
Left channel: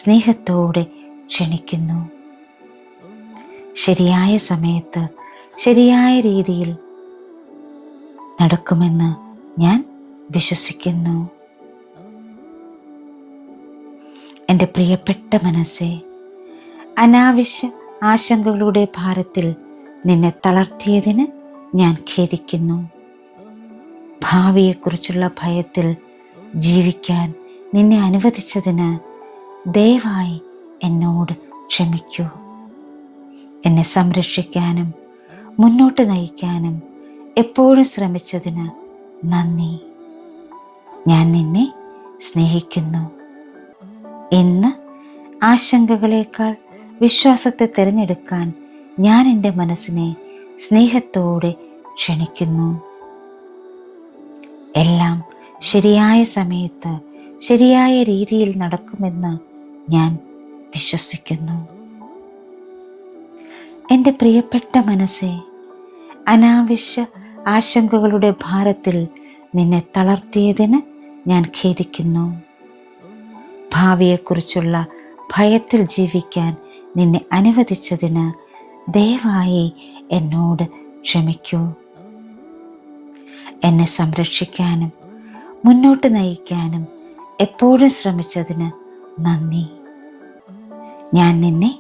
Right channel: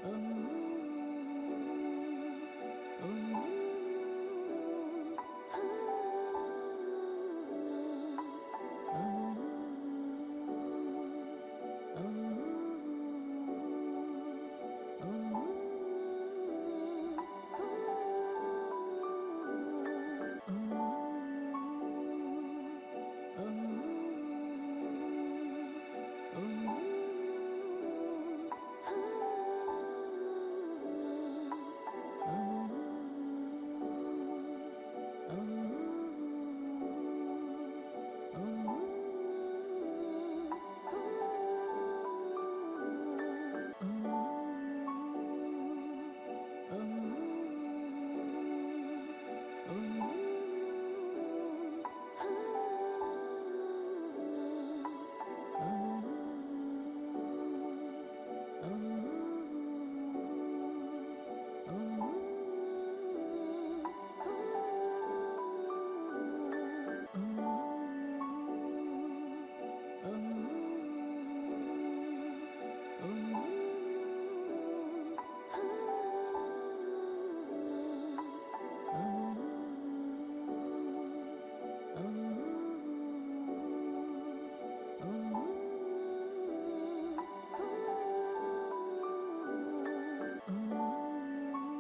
സ്നേഹത്തോടെ ക്ഷണിക്കുന്നു. ശരിയായ സമയത്ത് ശരിയായ രീതിയിൽ നടക്കുമെന്ന് ഞാൻ വിശ്വസിക്കുന്നു. എൻ്റെ പ്രിയപ്പെട്ട മനസ്സേ, അനാവശ്യ ആശങ്കകളുടെ ഭാരത്തിൽ നിന്നെ തളർത്തിയതിന് ഞാൻ ഖേദിക്കുന്നു. ഭാവിയെക്കുറിച്ചുള്ള ഭയത്തിൽ ജീവിക്കാൻ നിന്നെ അനുവദിച്ചതിന് ദയവായി എന്നോട് ക്ഷമിക്കൂ. എന്നെ സംരക്ഷിക്കാനും മുന്നോട്ട് നയിക്കാനും എപ്പോഴും ശ്രമിച്ചതിന് നന്ദി. ഞാൻ നിന്നെ സ്നേഹിക്കുന്നു. ഇന്ന് ആശങ്കകളേക്കാൾ വിശ്വാസത്തെ തിരഞ്ഞെടുക്കാൻ ഞാൻ എൻ്റെ മനസ്സിനെ സ്നേഹത്തോടെ ക്ഷണിക്കുന്നു. എല്ലാം ശരിയായ സമയത്ത് ശരിയായ രീതിയിൽ നടക്കുമെന്ന് ഞാൻ വിശ്വസിക്കുന്നു. എൻ്റെ പ്രിയപ്പെട്ട മനസ്സേ, അനാവശ്യ ആശങ്കകളുടെ ഭാരത്തിൽ നിന്നെ തളർത്തിയതിന് ഞാൻ ഖേദിക്കുന്നു. ഭാവിയെക്കുറിച്ചുള്ള ഭയത്തിൽ ജീവിക്കാൻ നിന്നെ അനുവദിച്ചതിന് ദയവായി എന്നോട് ക്ഷമിക്കൂ. എന്നെ സംരക്ഷിക്കാനും മുന്നോട്ട് നയിക്കാനും എപ്പോഴും ശ്രമിച്ചതിന് നന്ദി. ഞാൻ നിന്നെ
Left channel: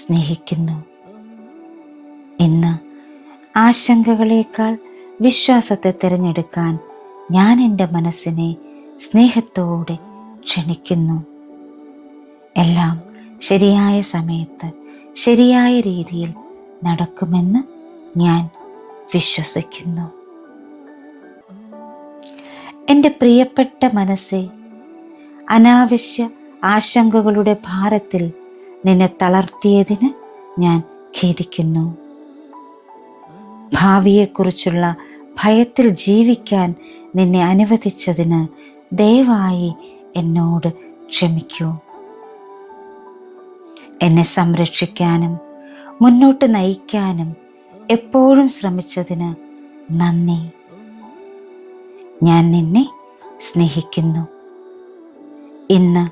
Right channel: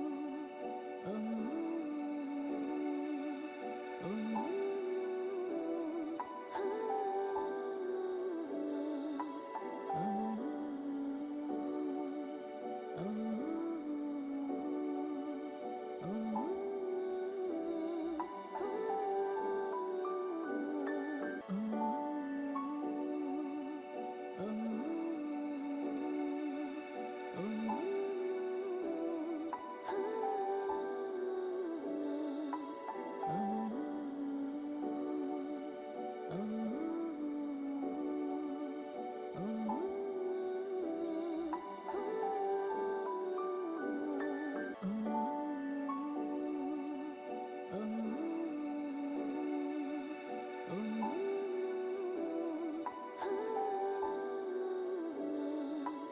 സ്നേഹിക്കുന്നു. ഇന്ന് ആശങ്കകളേക്കാൾ വിശ്വാസത്തെ തിരഞ്ഞെടുക്കാൻ ഞാൻ എൻ്റെ മനസ്സിനെ സ്നേഹത്തോടെ ക്ഷണിക്കുന്നു. എല്ലാം ശരിയായ സമയത്ത് ശരിയായ രീതിയിൽ നടക്കുമെന്ന് ഞാൻ വിശ്വസിക്കുന്നു. എൻ്റെ പ്രിയപ്പെട്ട മനസ്സേ, അനാവശ്യ ആശങ്കകളുടെ ഭാരത്തിൽ നിന്നെ തളർത്തിയതിന് ഞാൻ ഖേദിക്കുന്നു. ഭാവിയെക്കുറിച്ചുള്ള ഭയത്തിൽ ജീവിക്കാൻ നിന്നെ അനുവദിച്ചതിന് ദയവായി എന്നോട് ക്ഷമിക്കൂ. എന്നെ സംരക്ഷിക്കാനും മുന്നോട്ട് നയിക്കാനും എപ്പോഴും ശ്രമിച്ചതിന് നന്ദി. ഞാൻ നിന്നെ സ്നേഹിക്കുന്നു. ഇന്ന്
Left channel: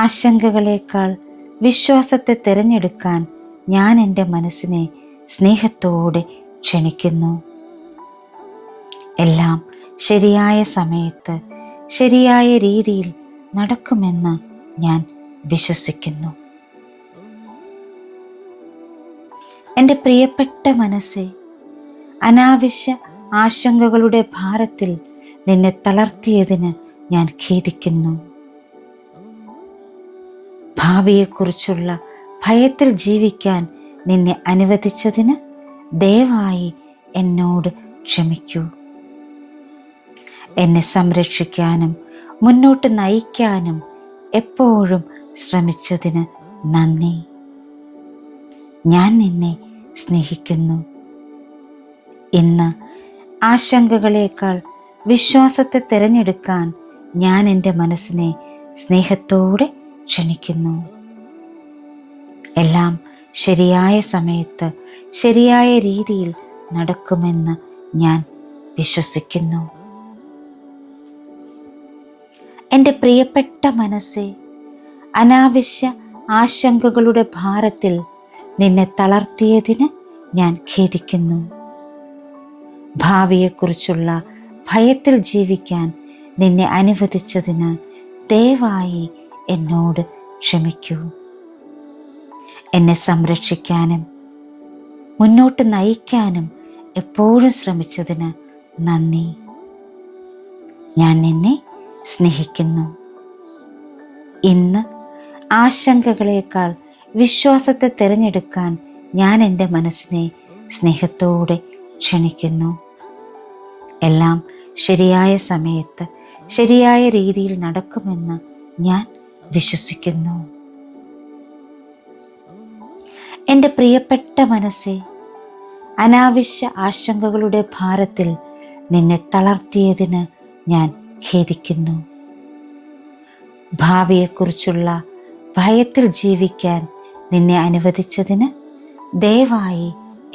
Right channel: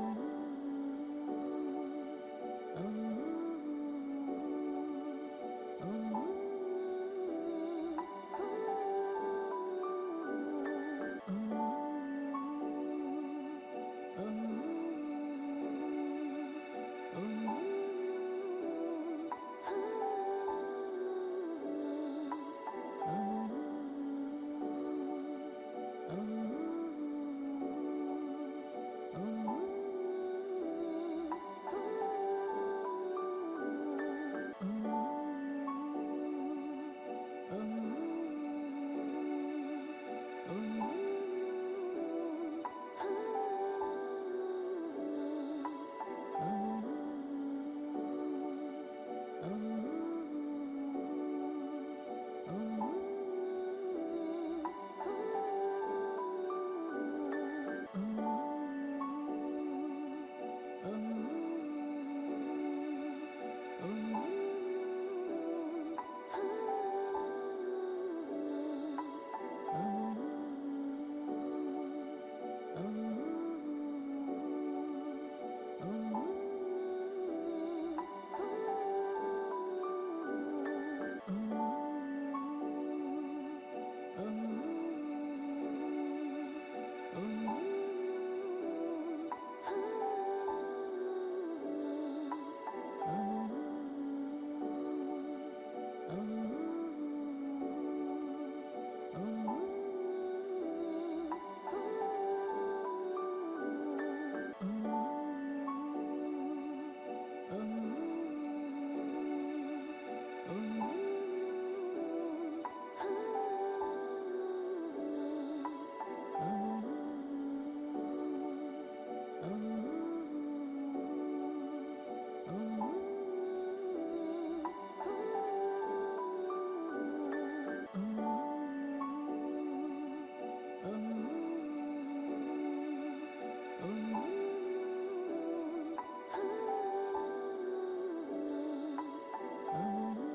ആശങ്കകളേക്കാൾ വിശ്വാസത്തെ തിരഞ്ഞെടുക്കാൻ ഞാൻ എൻ്റെ മനസ്സിനെ സ്നേഹത്തോടെ ക്ഷണിക്കുന്നു. എല്ലാം ശരിയായ സമയത്ത് ശരിയായ രീതിയിൽ നടക്കുമെന്ന് ഞാൻ വിശ്വസിക്കുന്നു. എൻ്റെ പ്രിയപ്പെട്ട മനസ്സേ, അനാവശ്യ ആശങ്കകളുടെ ഭാരത്തിൽ നിന്നെ തളർത്തിയതിന് ഞാൻ ഖേദിക്കുന്നു. ഭാവിയെക്കുറിച്ചുള്ള ഭയത്തിൽ ജീവിക്കാൻ നിന്നെ അനുവദിച്ചതിന് ദയവായി എന്നോട് ക്ഷമിക്കൂ. എന്നെ സംരക്ഷിക്കാനും മുന്നോട്ട് നയിക്കാനും എപ്പോഴും ശ്രമിച്ചതിന് നന്ദി. ഞാൻ നിന്നെ സ്നേഹിക്കുന്നു. ഇന്ന് ആശങ്കകളേക്കാൾ വിശ്വാസത്തെ തിരഞ്ഞെടുക്കാൻ ഞാൻ എൻ്റെ മനസ്സിനെ സ്നേഹത്തോടെ ക്ഷണിക്കുന്നു. എല്ലാം ശരിയായ സമയത്ത് ശരിയായ രീതിയിൽ നടക്കുമെന്ന് ഞാൻ വിശ്വസിക്കുന്നു. എൻ്റെ പ്രിയപ്പെട്ട മനസ്സേ, അനാവശ്യ ആശങ്കകളുടെ ഭാരത്തിൽ നിന്നെ തളർത്തിയതിന് ഞാൻ ഖേദിക്കുന്നു. ഭാവിയെക്കുറിച്ചുള്ള ഭയത്തിൽ ജീവിക്കാൻ നിന്നെ അനുവദിച്ചതിന് ദയവായി എന്നോട് ക്ഷമിക്കൂ. എന്നെ സംരക്ഷിക്കാനും മുന്നോട്ട് നയിക്കാനും എപ്പോഴും ശ്രമിച്ചതിന് നന്ദി. ഞാൻ നിന്നെ സ്നേഹിക്കുന്നു. ഇന്ന് ആശങ്കകളേക്കാൾ വിശ്വാസത്തെ തിരഞ്ഞെടുക്കാൻ ഞാൻ എൻ്റെ മനസ്സിനെ സ്നേഹത്തോടെ ക്ഷണിക്കുന്നു. എല്ലാം ശരിയായ സമയത്ത് ശരിയായ രീതിയിൽ നടക്കുമെന്ന് ഞാൻ വിശ്വസിക്കുന്നു. എൻ്റെ പ്രിയപ്പെട്ട മനസ്സേ, അനാവശ്യ ആശങ്കകളുടെ ഭാരത്തിൽ നിന്നെ തളർത്തിയതിന് ഞാൻ ഖേദിക്കുന്നു. ഭാവിയെക്കുറിച്ചുള്ള ഭയത്തിൽ ജീവിക്കാൻ നിന്നെ അനുവദിച്ചതിന് ദയവായി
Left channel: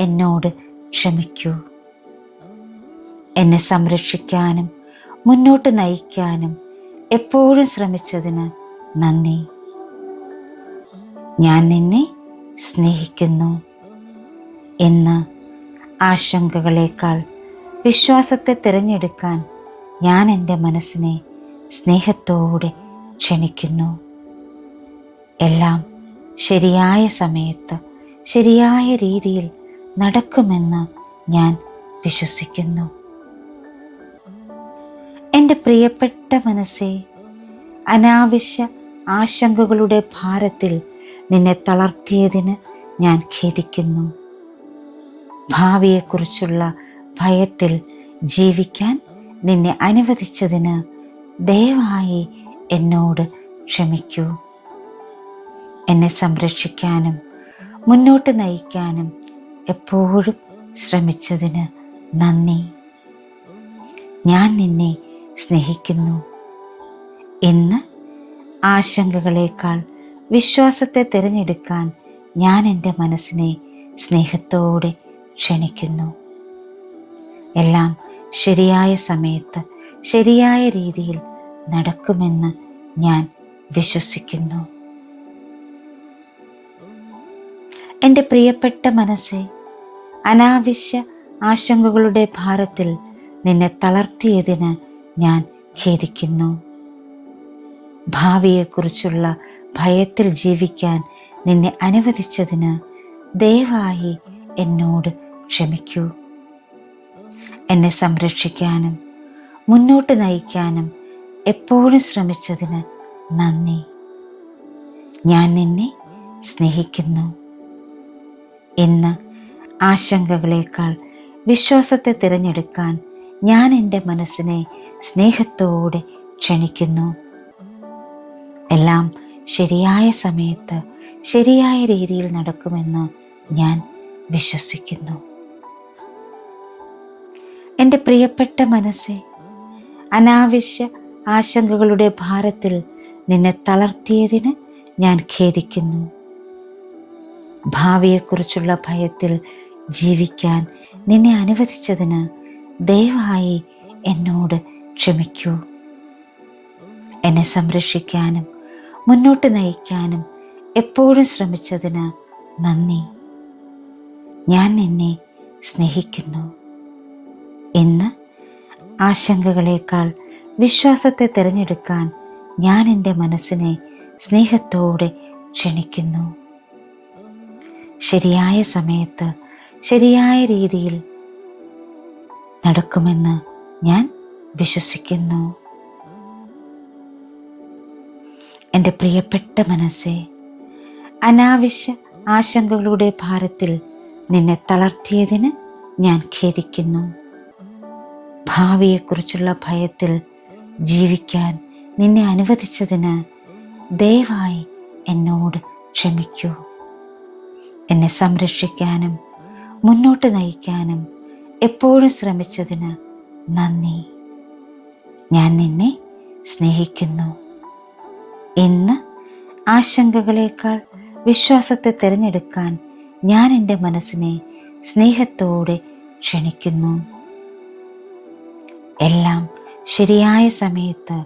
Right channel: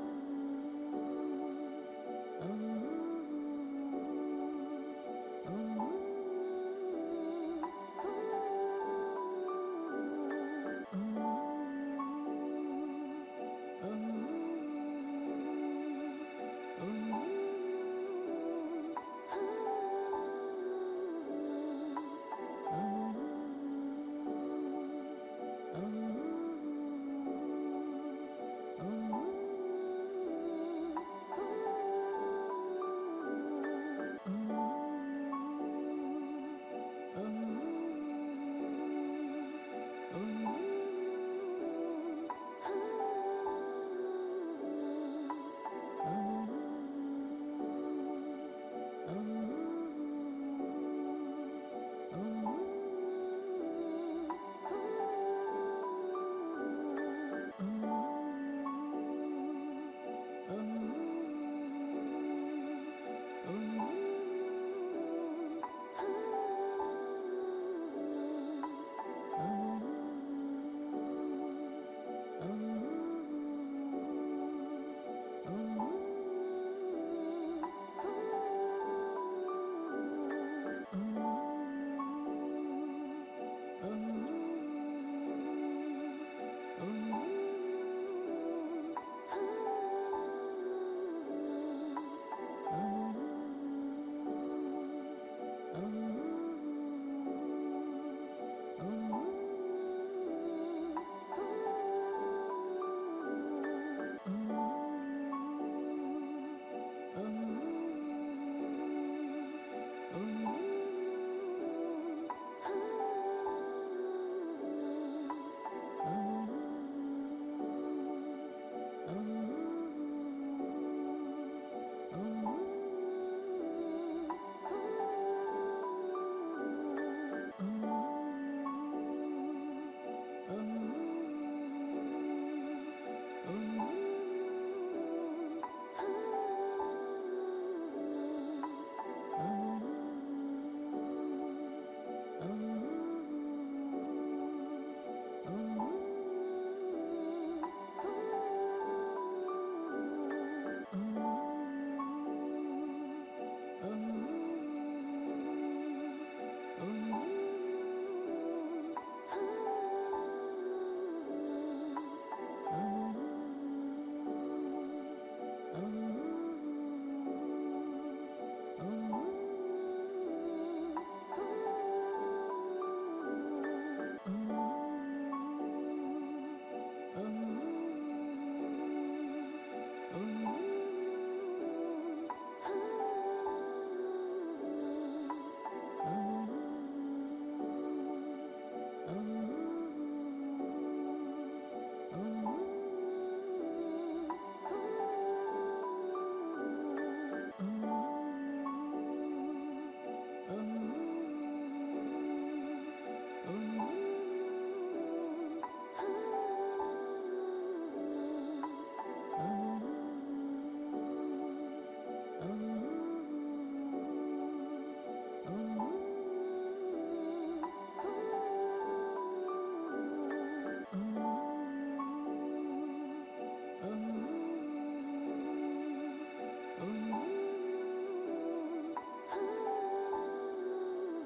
എന്നോട് ക്ഷമിക്കൂ. എന്നെ സംരക്ഷിക്കാനും മുന്നോട്ട് നയിക്കാനും എപ്പോഴും ശ്രമിച്ചതിന് നന്ദി. ഞാൻ നിന്നെ സ്നേഹിക്കുന്നു. ഇന്ന് ആശങ്കകളേക്കാൾ വിശ്വാസത്തെ തിരഞ്ഞെടുക്കാൻ ഞാൻ എൻ്റെ മനസ്സിനെ സ്നേഹത്തോടെ ക്ഷണിക്കുന്നു. എല്ലാം ശരിയായ സമയത്ത് ശരിയായ രീതിയിൽ നടക്കുമെന്ന് ഞാൻ വിശ്വസിക്കുന്നു. എൻ്റെ പ്രിയപ്പെട്ട മനസ്സേ, അനാവശ്യ ആശങ്കകളുടെ ഭാരത്തിൽ നിന്നെ തളർത്തിയതിന് ഞാൻ ഖേദിക്കുന്നു. ഭാവിയെക്കുറിച്ചുള്ള ഭയത്തിൽ ജീവിക്കാൻ നിന്നെ അനുവദിച്ചതിന് ദയവായി എന്നോട് ക്ഷമിക്കൂ. എന്നെ സംരക്ഷിക്കാനും മുന്നോട്ട് നയിക്കാനും എപ്പോഴും ശ്രമിച്ചതിന് നന്ദി. ഞാൻ നിന്നെ സ്നേഹിക്കുന്നു. ഇന്ന് ആശങ്കകളേക്കാൾ വിശ്വാസത്തെ തിരഞ്ഞെടുക്കാൻ ഞാൻ എൻ്റെ മനസ്സിനെ സ്നേഹത്തോടെ ക്ഷണിക്കുന്നു. എല്ലാം ശരിയായ സമയത്ത് ശരിയായ രീതിയിൽ നടക്കുമെന്ന് ഞാൻ വിശ്വസിക്കുന്നു. എൻ്റെ പ്രിയപ്പെട്ട മനസ്സേ, അനാവശ്യ ആശങ്കകളുടെ ഭാരത്തിൽ നിന്നെ തളർത്തിയതിന് ഞാൻ ഖേദിക്കുന്നു. ഭാവിയെക്കുറിച്ചുള്ള ഭയത്തിൽ ജീവിക്കാൻ നിന്നെ അനുവദിച്ചതിന് ദയവായി എന്നോട് ക്ഷമിക്കൂ. എന്നെ സംരക്ഷിക്കാനും മുന്നോട്ട് നയിക്കാനും എപ്പോഴും ശ്രമിച്ചതിന് നന്ദി. ഞാൻ നിന്നെ സ്നേഹിക്കുന്നു. ഇന്ന് ആശങ്കകളേക്കാൾ വിശ്വാസത്തെ തിരഞ്ഞെടുക്കാൻ ഞാൻ എൻ്റെ മനസ്സിനെ സ്നേഹത്തോടെ ക്ഷണിക്കുന്നു. എല്ലാം ശരിയായ സമയത്ത് ശരിയായ രീതിയിൽ നടക്കുമെന്ന് ഞാൻ വിശ്വസിക്കുന്നു. എൻ്റെ പ്രിയപ്പെട്ട മനസ്സേ, അനാവശ്യ ആശങ്കകളുടെ ഭാരത്തിൽ നിന്നെ തളർത്തിയതിന് ഞാൻ ഖേദിക്കുന്നു. ഭാവിയെക്കുറിച്ചുള്ള ഭയത്തിൽ ജീവിക്കാൻ നിന്നെ അനുവദിച്ചതിന് ദയവായി എന്നോട് ക്ഷമിക്കൂ. എന്നെ സംരക്ഷിക്കാനും മുന്നോട്ട് നയിക്കാനും എപ്പോഴും ശ്രമിച്ചതിന് നന്ദി. ഞാൻ നിന്നെ സ്നേഹിക്കുന്നു. ഇന്ന് ആശങ്കകളേക്കാൾ വിശ്വാസത്തെ തിരഞ്ഞെടുക്കാൻ ഞാൻ എൻ്റെ മനസ്സിനെ സ്നേഹത്തോടെ ക്ഷണിക്കുന്നു. ശരിയായ സമയത്ത് ശരിയായ രീതിയിൽ നടക്കുമെന്ന് ഞാൻ വിശ്വസിക്കുന്നു. എൻ്റെ പ്രിയപ്പെട്ട മനസ്സേ, അനാവശ്യ ആശങ്കകളുടെ ഭാരത്തിൽ നിന്നെ തളർത്തിയതിന് ഞാൻ ഖേദിക്കുന്നു. ഭാവിയെക്കുറിച്ചുള്ള ഭയത്തിൽ ജീവിക്കാൻ നിന്നെ അനുവദിച്ചതിന് ദയവായി എന്നോട് ക്ഷമിക്കൂ. എന്നെ സംരക്ഷിക്കാനും മുന്നോട്ട് നയിക്കാനും എപ്പോഴും ശ്രമിച്ചതിന് നന്ദി. ഞാൻ നിന്നെ സ്നേഹിക്കുന്നു. ഇന്ന് ആശങ്കകളേക്കാൾ വിശ്വാസത്തെ തിരഞ്ഞെടുക്കാൻ ഞാൻ എൻ്റെ മനസ്സിനെ സ്നേഹത്തോടെ ക്ഷണിക്കുന്നു. എല്ലാം ശരിയായ സമയത്ത്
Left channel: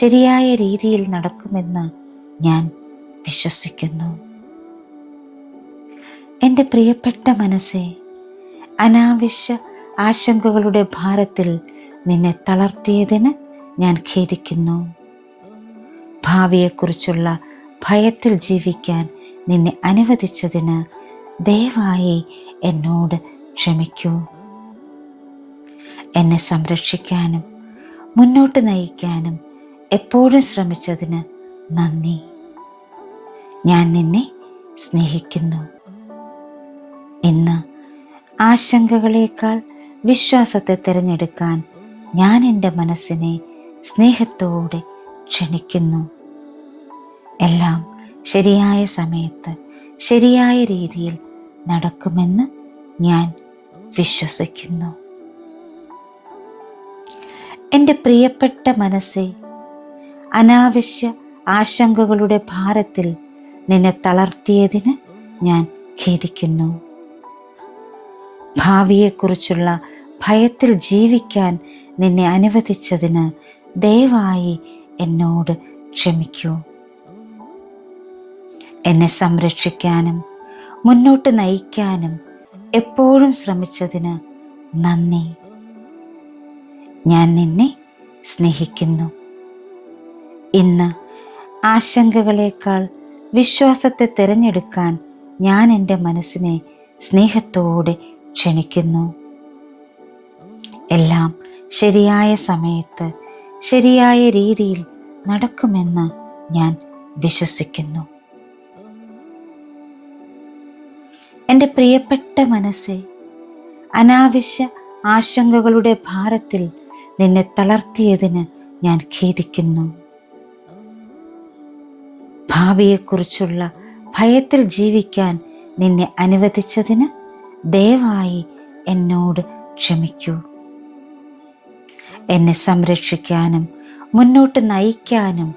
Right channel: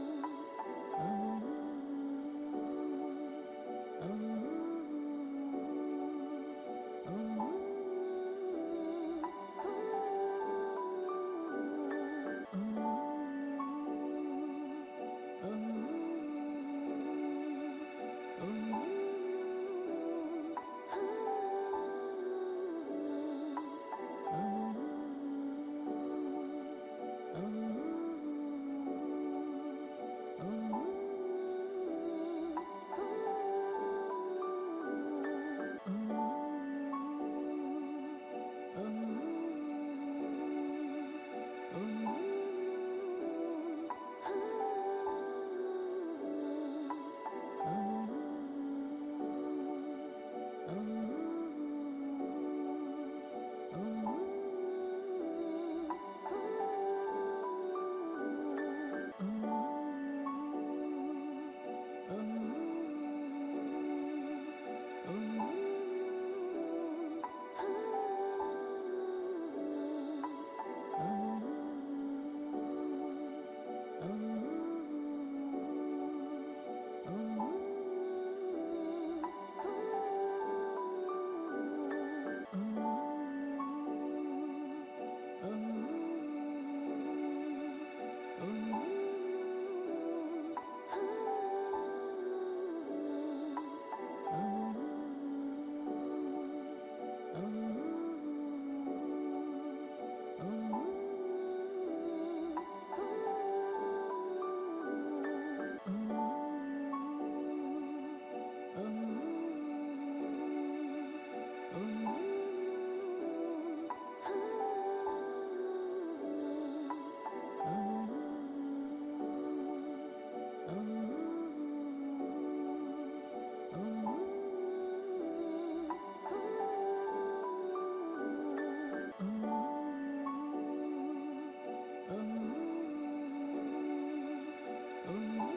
ശരിയായ രീതിയിൽ നടക്കുമെന്ന് ഞാൻ വിശ്വസിക്കുന്നു. എൻ്റെ പ്രിയപ്പെട്ട മനസ്സേ, അനാവശ്യ ആശങ്കകളുടെ ഭാരത്തിൽ നിന്നെ തളർത്തിയതിന് ഞാൻ ഖേദിക്കുന്നു. ഭാവിയെക്കുറിച്ചുള്ള ഭയത്തിൽ ജീവിക്കാൻ നിന്നെ അനുവദിച്ചതിന് ദയവായി എന്നോട് ക്ഷമിക്കൂ. എന്നെ സംരക്ഷിക്കാനും മുന്നോട്ട് നയിക്കാനും എപ്പോഴും ശ്രമിച്ചതിന് നന്ദി. ഞാൻ നിന്നെ സ്നേഹിക്കുന്നു. ഇന്ന് ആശങ്കകളേക്കാൾ വിശ്വാസത്തെ തിരഞ്ഞെടുക്കാൻ ഞാൻ എൻ്റെ മനസ്സിനെ സ്നേഹത്തോടെ ക്ഷണിക്കുന്നു. എല്ലാം ശരിയായ സമയത്ത് ശരിയായ രീതിയിൽ നടക്കുമെന്ന് ഞാൻ വിശ്വസിക്കുന്നു. എൻ്റെ പ്രിയപ്പെട്ട മനസ്സേ, അനാവശ്യ ആശങ്കകളുടെ ഭാരത്തിൽ നിന്നെ തളർത്തിയതിന് ഞാൻ ഖേദിക്കുന്നു. ഭാവിയെക്കുറിച്ചുള്ള ഭയത്തിൽ ജീവിക്കാൻ നിന്നെ അനുവദിച്ചതിന് ദയവായി എന്നോട് ക്ഷമിക്കൂ. എന്നെ സംരക്ഷിക്കാനും മുന്നോട്ട് നയിക്കാനും എപ്പോഴും ശ്രമിച്ചതിന് നന്ദി. ഞാൻ നിന്നെ സ്നേഹിക്കുന്നു. ഇന്ന് ആശങ്കകളേക്കാൾ വിശ്വാസത്തെ തിരഞ്ഞെടുക്കാൻ ഞാൻ എൻ്റെ മനസ്സിനെ സ്നേഹത്തോടെ ക്ഷണിക്കുന്നു. എല്ലാം ശരിയായ സമയത്ത് ശരിയായ രീതിയിൽ നടക്കുമെന്ന് ഞാൻ വിശ്വസിക്കുന്നു. എൻ്റെ പ്രിയപ്പെട്ട മനസ്സേ, അനാവശ്യ ആശങ്കകളുടെ ഭാരത്തിൽ നിന്നെ തളർത്തിയതിന് ഞാൻ ഖേദിക്കുന്നു. ഭാവിയെക്കുറിച്ചുള്ള ഭയത്തിൽ ജീവിക്കാൻ നിന്നെ അനുവദിച്ചതിന് ദയവായി എന്നോട് ക്ഷമിക്കൂ. എന്നെ സംരക്ഷിക്കാനും മുന്നോട്ട് നയിക്കാനും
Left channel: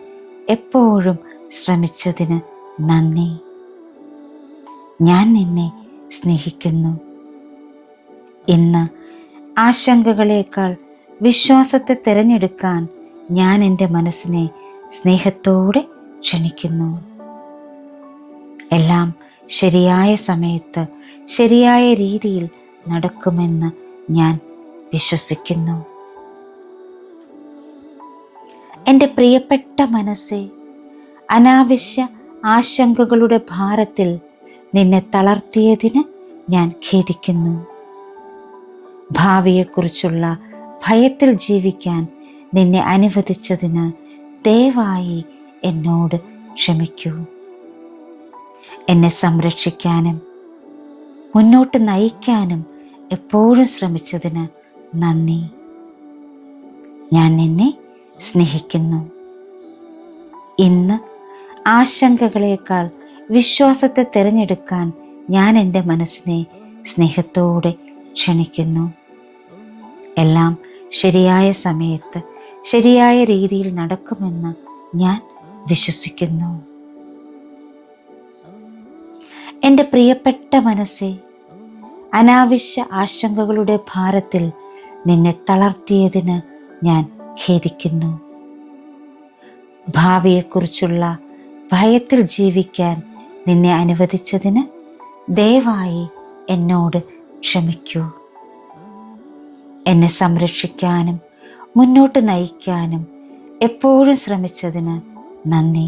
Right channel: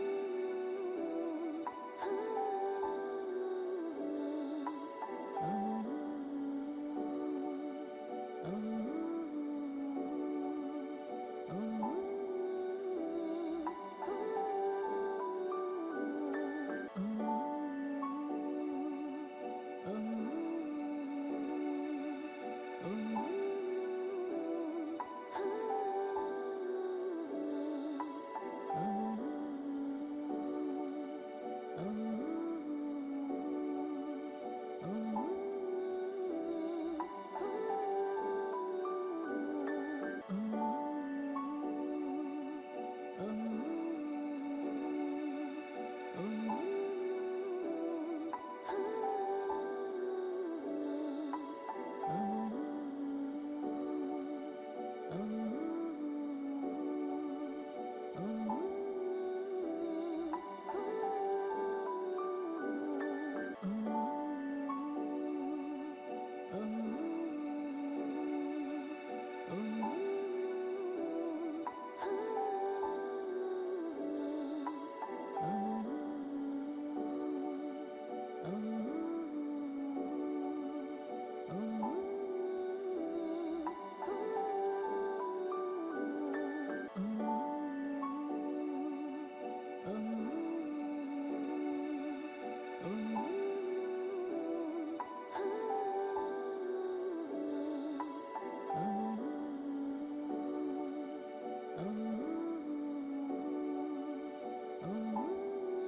എപ്പോഴും ശ്രമിച്ചതിന് നന്ദി. ഞാൻ നിന്നെ സ്നേഹിക്കുന്നു. ഇന്ന് ആശങ്കകളേക്കാൾ വിശ്വാസത്തെ തിരഞ്ഞെടുക്കാൻ ഞാൻ എൻ്റെ മനസ്സിനെ സ്നേഹത്തോടെ ക്ഷണിക്കുന്നു. എല്ലാം ശരിയായ സമയത്ത് ശരിയായ രീതിയിൽ നടക്കുമെന്ന് ഞാൻ വിശ്വസിക്കുന്നു. എൻ്റെ പ്രിയപ്പെട്ട മനസ്സേ, അനാവശ്യ ആശങ്കകളുടെ ഭാരത്തിൽ നിന്നെ തളർത്തിയതിന് ഞാൻ ഖേദിക്കുന്നു. ഭാവിയെക്കുറിച്ചുള്ള ഭയത്തിൽ ജീവിക്കാൻ നിന്നെ അനുവദിച്ചതിന് ദയവായി എന്നോട് ക്ഷമിക്കൂ. എന്നെ സംരക്ഷിക്കാനും മുന്നോട്ട് നയിക്കാനും എപ്പോഴും ശ്രമിച്ചതിന് നന്ദി. ഞാൻ നിന്നെ സ്നേഹിക്കുന്നു. ഇന്ന് ആശങ്കകളേക്കാൾ വിശ്വാസത്തെ തിരഞ്ഞെടുക്കാൻ ഞാൻ എൻ്റെ മനസ്സിനെ സ്നേഹത്തോടെ ക്ഷണിക്കുന്നു. എല്ലാം ശരിയായ സമയത്ത് ശരിയായ രീതിയിൽ നടക്കുമെന്ന് ഞാൻ വിശ്വസിക്കുന്നു. എൻ്റെ പ്രിയപ്പെട്ട മനസ്സേ, അനാവശ്യ ആശങ്കകളുടെ ഭാരത്തിൽ നിന്നെ തളർത്തിയതിന് ഞാൻ ഖേദിക്കുന്നു. ഭാവിയെക്കുറിച്ചുള്ള ഭയത്തിൽ ജീവിക്കാൻ നിന്നെ അനുവദിച്ചതിന് ദയവായി എന്നോട് ക്ഷമിക്കൂ. എന്നെ സംരക്ഷിക്കാനും മുന്നോട്ട് നയിക്കാനും എപ്പോഴും ശ്രമിച്ചതിന് നന്ദി.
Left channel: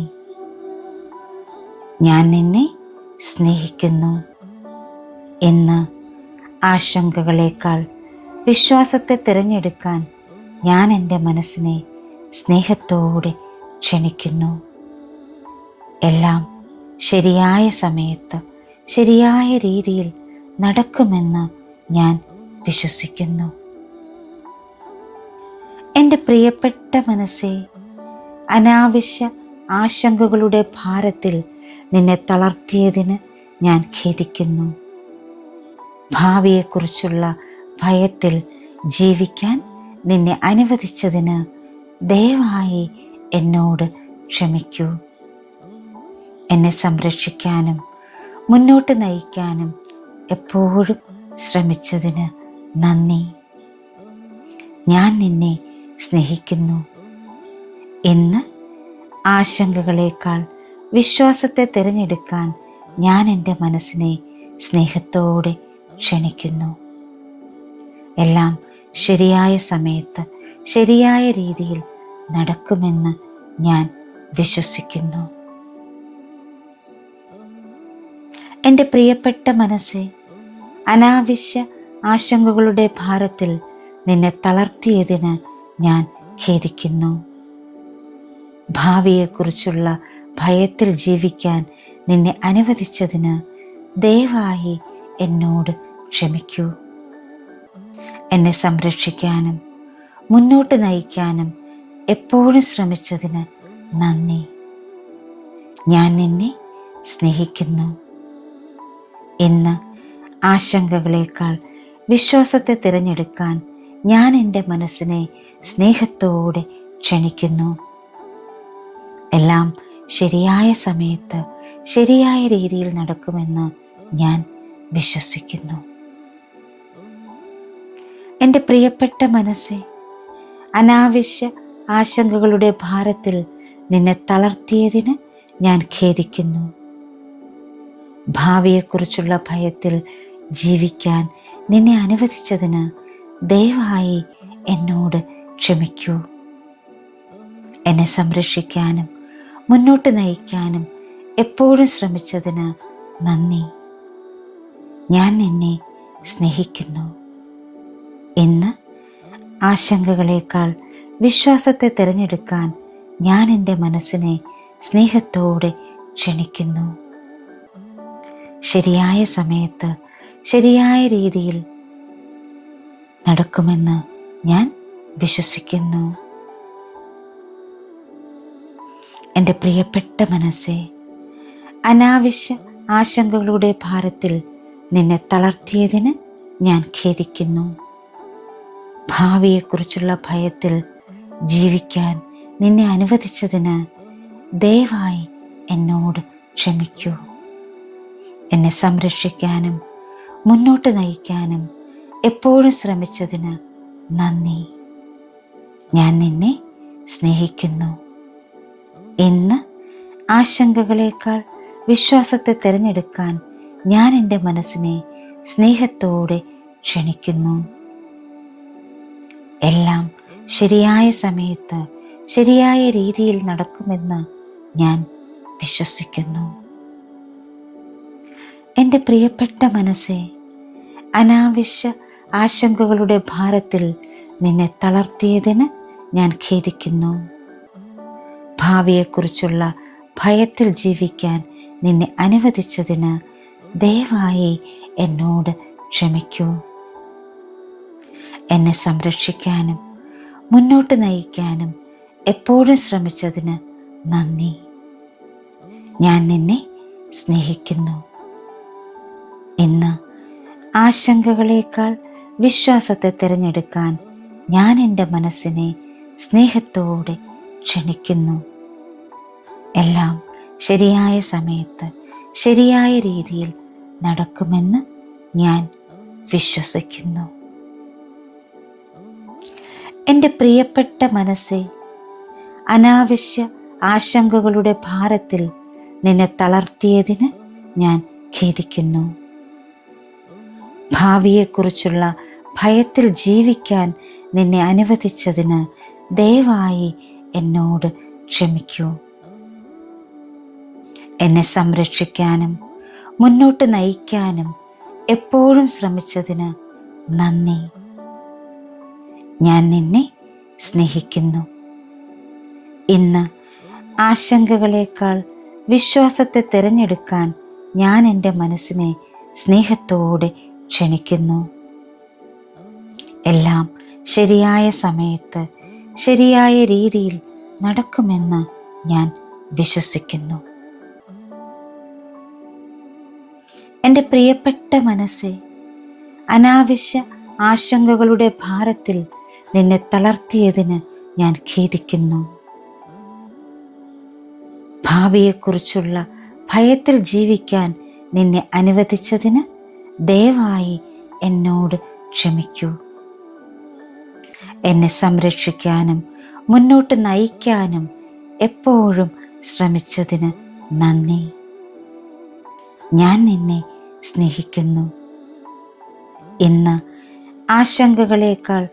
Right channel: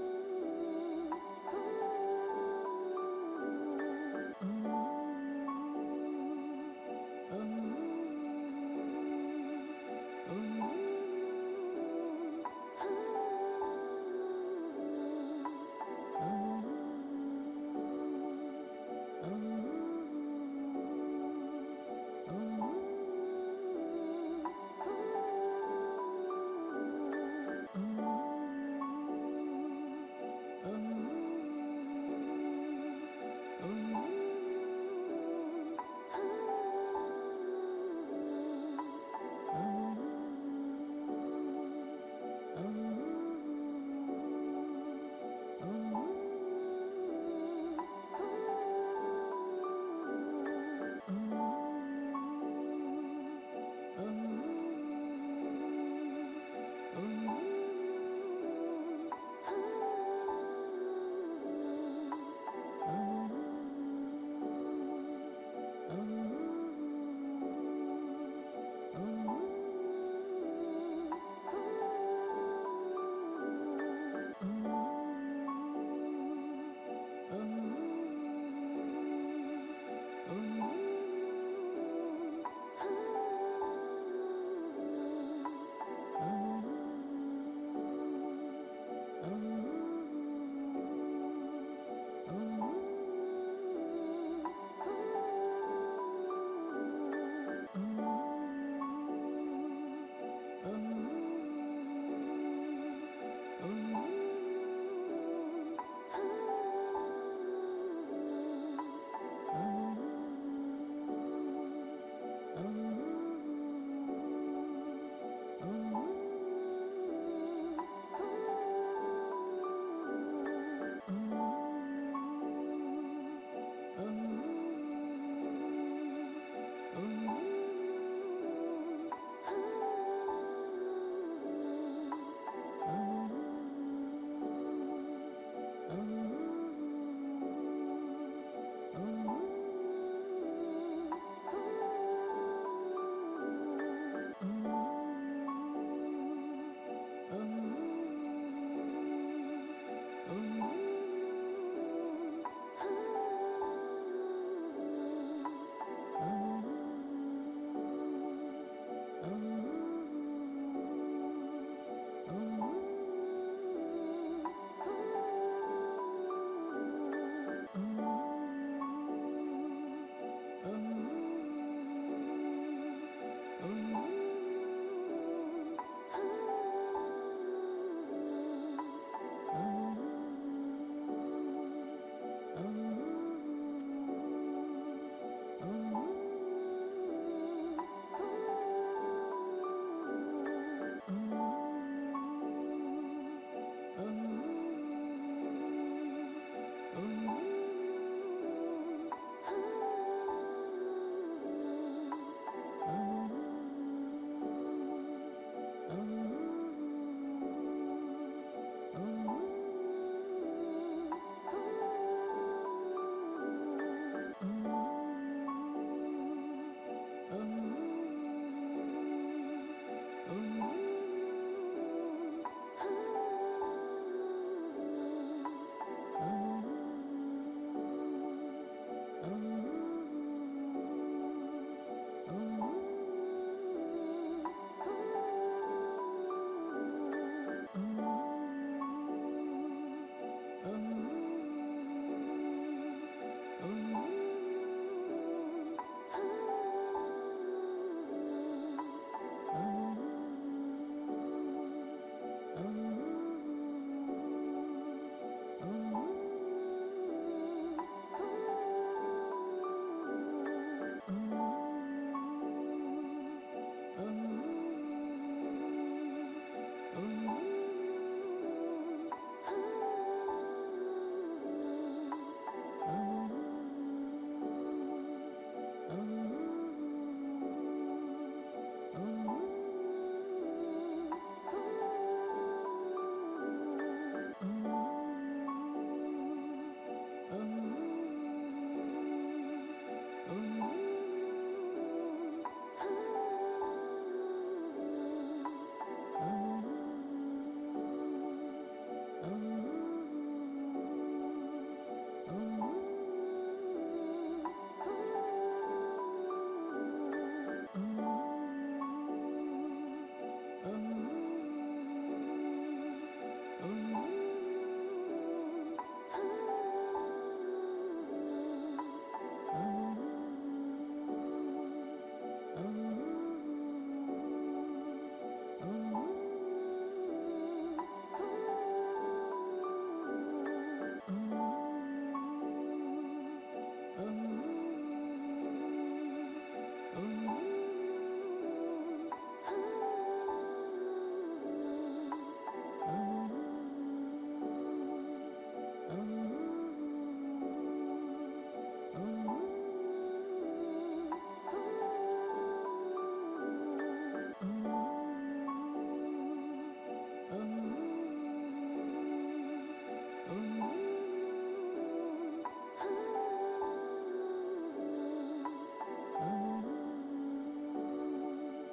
ഞാൻ നിന്നെ സ്നേഹിക്കുന്നു. ഇന്ന് ആശങ്കകളേക്കാൾ വിശ്വാസത്തെ തിരഞ്ഞെടുക്കാൻ ഞാൻ എൻ്റെ മനസ്സിനെ സ്നേഹത്തോടെ ക്ഷണിക്കുന്നു. എല്ലാം ശരിയായ സമയത്ത് ശരിയായ രീതിയിൽ നടക്കുമെന്ന് ഞാൻ വിശ്വസിക്കുന്നു. എൻ്റെ പ്രിയപ്പെട്ട മനസ്സേ, അനാവശ്യ ആശങ്കകളുടെ ഭാരത്തിൽ നിന്നെ തളർത്തിയതിന് ഞാൻ ഖേദിക്കുന്നു. ഭാവിയെക്കുറിച്ചുള്ള ഭയത്തിൽ ജീവിക്കാൻ നിന്നെ അനുവദിച്ചതിന് ദയവായി എന്നോട് ക്ഷമിക്കൂ. എന്നെ സംരക്ഷിക്കാനും മുന്നോട്ട് നയിക്കാനും എപ്പോഴും ശ്രമിച്ചതിന് നന്ദി. ഞാൻ നിന്നെ സ്നേഹിക്കുന്നു. ഇന്ന് ആശങ്കകളേക്കാൾ വിശ്വാസത്തെ തിരഞ്ഞെടുക്കാൻ ഞാൻ എൻ്റെ മനസ്സിനെ സ്നേഹത്തോടെ ക്ഷണിക്കുന്നു. എല്ലാം ശരിയായ സമയത്ത് ശരിയായ രീതിയിൽ നടക്കുമെന്ന് ഞാൻ വിശ്വസിക്കുന്നു. എൻ്റെ പ്രിയപ്പെട്ട മനസ്സേ, അനാവശ്യ ആശങ്കകളുടെ ഭാരത്തിൽ നിന്നെ തളർത്തിയതിന് ഞാൻ ഖേദിക്കുന്നു. ഭാവിയെക്കുറിച്ചുള്ള ഭയത്തിൽ ജീവിക്കാൻ നിന്നെ അനുവദിച്ചതിന് ദയവായി എന്നോട് ക്ഷമിക്കൂ. എന്നെ സംരക്ഷിക്കാനും മുന്നോട്ട് നയിക്കാനും എപ്പോഴും ശ്രമിച്ചതിന് നന്ദി. ഞാൻ നിന്നെ സ്നേഹിക്കുന്നു. ഇന്ന് ആശങ്കകളേക്കാൾ വിശ്വാസത്തെ തിരഞ്ഞെടുക്കാൻ ഞാൻ എൻ്റെ മനസ്സിനെ സ്നേഹത്തോടെ ക്ഷണിക്കുന്നു. എല്ലാം ശരിയായ സമയത്ത് ശരിയായ രീതിയിൽ നടക്കുമെന്ന് ഞാൻ വിശ്വസിക്കുന്നു. എൻ്റെ പ്രിയപ്പെട്ട മനസ്സേ, അനാവശ്യ ആശങ്കകളുടെ ഭാരത്തിൽ നിന്നെ തളർത്തിയതിന് ഞാൻ ഖേദിക്കുന്നു. ഭാവിയെക്കുറിച്ചുള്ള ഭയത്തിൽ ജീവിക്കാൻ നിന്നെ അനുവദിച്ചതിന് ദയവായി എന്നോട് ക്ഷമിക്കൂ. എന്നെ സംരക്ഷിക്കാനും മുന്നോട്ട് നയിക്കാനും എപ്പോഴും ശ്രമിച്ചതിന് നന്ദി. ഞാൻ നിന്നെ സ്നേഹിക്കുന്നു. ഇന്ന് ആശങ്കകളേക്കാൾ വിശ്വാസത്തെ തിരഞ്ഞെടുക്കാൻ ഞാൻ എൻ്റെ മനസ്സിനെ സ്നേഹത്തോടെ ക്ഷണിക്കുന്നു. ശരിയായ സമയത്ത് ശരിയായ രീതിയിൽ നടക്കുമെന്ന് ഞാൻ വിശ്വസിക്കുന്നു. എൻ്റെ പ്രിയപ്പെട്ട മനസ്സേ, അനാവശ്യ ആശങ്കകളുടെ ഭാരത്തിൽ നിന്നെ തളർത്തിയതിന് ഞാൻ ഖേദിക്കുന്നു. ഭാവിയെക്കുറിച്ചുള്ള ഭയത്തിൽ ജീവിക്കാൻ നിന്നെ അനുവദിച്ചതിന് ദയവായി എന്നോട് ക്ഷമിക്കൂ. എന്നെ സംരക്ഷിക്കാനും മുന്നോട്ട് നയിക്കാനും എപ്പോഴും ശ്രമിച്ചതിന് നന്ദി. ഞാൻ നിന്നെ സ്നേഹിക്കുന്നു. ഇന്ന് ആശങ്കകളേക്കാൾ വിശ്വാസത്തെ തിരഞ്ഞെടുക്കാൻ ഞാൻ എൻ്റെ മനസ്സിനെ സ്നേഹത്തോടെ ക്ഷണിക്കുന്നു. എല്ലാം ശരിയായ സമയത്ത് ശരിയായ രീതിയിൽ നടക്കുമെന്ന് ഞാൻ വിശ്വസിക്കുന്നു. എൻ്റെ പ്രിയപ്പെട്ട മനസ്സേ, അനാവശ്യ ആശങ്കകളുടെ ഭാരത്തിൽ നിന്നെ തളർത്തിയതിന് ഞാൻ ഖേദിക്കുന്നു. ഭാവിയെക്കുറിച്ചുള്ള ഭയത്തിൽ ജീവിക്കാൻ നിന്നെ അനുവദിച്ചതിന് ദയവായി എന്നോട് ക്ഷമിക്കൂ. എന്നെ സംരക്ഷിക്കാനും മുന്നോട്ട് നയിക്കാനും എപ്പോഴും ശ്രമിച്ചതിന് നന്ദി. ഞാൻ നിന്നെ സ്നേഹിക്കുന്നു. ഇന്ന് ആശങ്കകളേക്കാൾ വിശ്വാസത്തെ തിരഞ്ഞെടുക്കാൻ ഞാൻ എൻ്റെ മനസ്സിനെ സ്നേഹത്തോടെ ക്ഷണിക്കുന്നു. എല്ലാം ശരിയായ സമയത്ത് ശരിയായ രീതിയിൽ നടക്കുമെന്ന് ഞാൻ വിശ്വസിക്കുന്നു. എൻ്റെ പ്രിയപ്പെട്ട മനസ്സേ, അനാവശ്യ ആശങ്കകളുടെ ഭാരത്തിൽ നിന്നെ തളർത്തിയതിന് ഞാൻ ഖേദിക്കുന്നു. ഭാവിയെക്കുറിച്ചുള്ള ഭയത്തിൽ ജീവിക്കാൻ നിന്നെ അനുവദിച്ചതിന് ദയവായി എന്നോട് ക്ഷമിക്കൂ. എന്നെ സംരക്ഷിക്കാനും മുന്നോട്ട് നയിക്കാനും എപ്പോഴും ശ്രമിച്ചതിന് നന്ദി. ഞാൻ നിന്നെ സ്നേഹിക്കുന്നു. ഇന്ന് ആശങ്കകളേക്കാൾ വിശ്വാസത്തെ തിരഞ്ഞെടുക്കാൻ ഞാൻ എൻ്റെ മനസ്സിനെ സ്നേഹത്തോടെ ക്ഷണിക്കുന്നു. എല്ലാം ശരിയായ സമയത്ത് ശരിയായ രീതിയിൽ നടക്കുമെന്ന് ഞാൻ വിശ്വസിക്കുന്നു. എൻ്റെ പ്രിയപ്പെട്ട മനസ്സെ, അനാവശ്യ ആശങ്കകളുടെ ഭാരത്തിൽ നിന്നെ തളർത്തിയതിന് ഞാൻ ഖേദിക്കുന്നു. ഭാവിയെക്കുറിച്ചുള്ള ഭയത്തിൽ ജീവിക്കാൻ നിന്നെ അനുവദിച്ചതിന് ദയവായി എന്നോട് ക്ഷമിക്കൂ. എന്നെ സംരക്ഷിക്കാനും മുന്നോട്ട് നയിക്കാനും എപ്പോഴും ശ്രമിച്ചതിന് നന്ദി. ഞാൻ നിന്നെ സ്നേഹിക്കുന്നു. ഇന്ന് ആശങ്കകളേക്കാൾ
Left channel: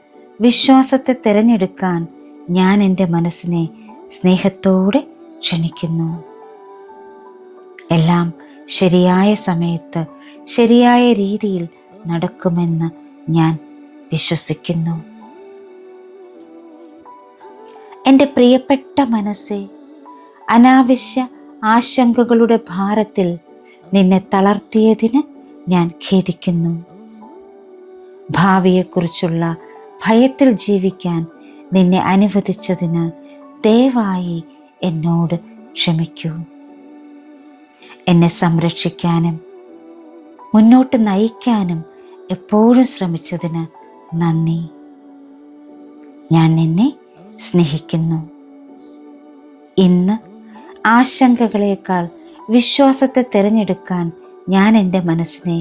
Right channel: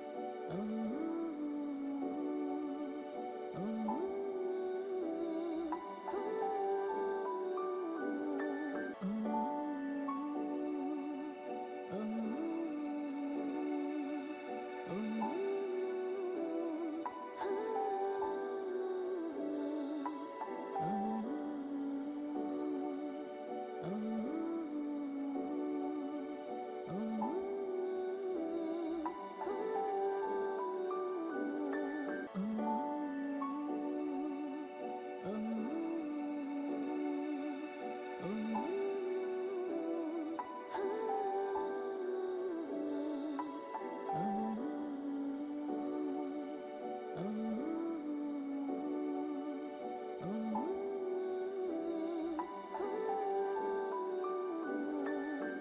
വിശ്വാസത്തെ തിരഞ്ഞെടുക്കാൻ ഞാൻ എൻ്റെ മനസ്സിനെ സ്നേഹത്തോടെ ക്ഷണിക്കുന്നു. എല്ലാം ശരിയായ സമയത്ത് ശരിയായ രീതിയിൽ നടക്കുമെന്ന് ഞാൻ വിശ്വസിക്കുന്നു. എൻ്റെ പ്രിയപ്പെട്ട മനസ്സെ, അനാവശ്യ ആശങ്കകളുടെ ഭാരത്തിൽ നിന്നെ തളർത്തിയതിന് ഞാൻ ഖേദിക്കുന്നു. ഭാവിയെക്കുറിച്ചുള്ള ഭയത്തിൽ ജീവിക്കാൻ നിന്നെ അനുവദിച്ചതിന് ദയവായി എന്നോട് ക്ഷമിക്കൂ. എന്നെ സംരക്ഷിക്കാനും മുന്നോട്ട് നയിക്കാനും എപ്പോഴും ശ്രമിച്ചതിന് നന്ദി. ഞാൻ നിന്നെ സ്നേഹിക്കുന്നു. ഇന്ന് ആശങ്കകളേക്കാൾ വിശ്വാസത്തെ തിരഞ്ഞെടുക്കാൻ ഞാൻ എൻ്റെ മനസ്സിനെ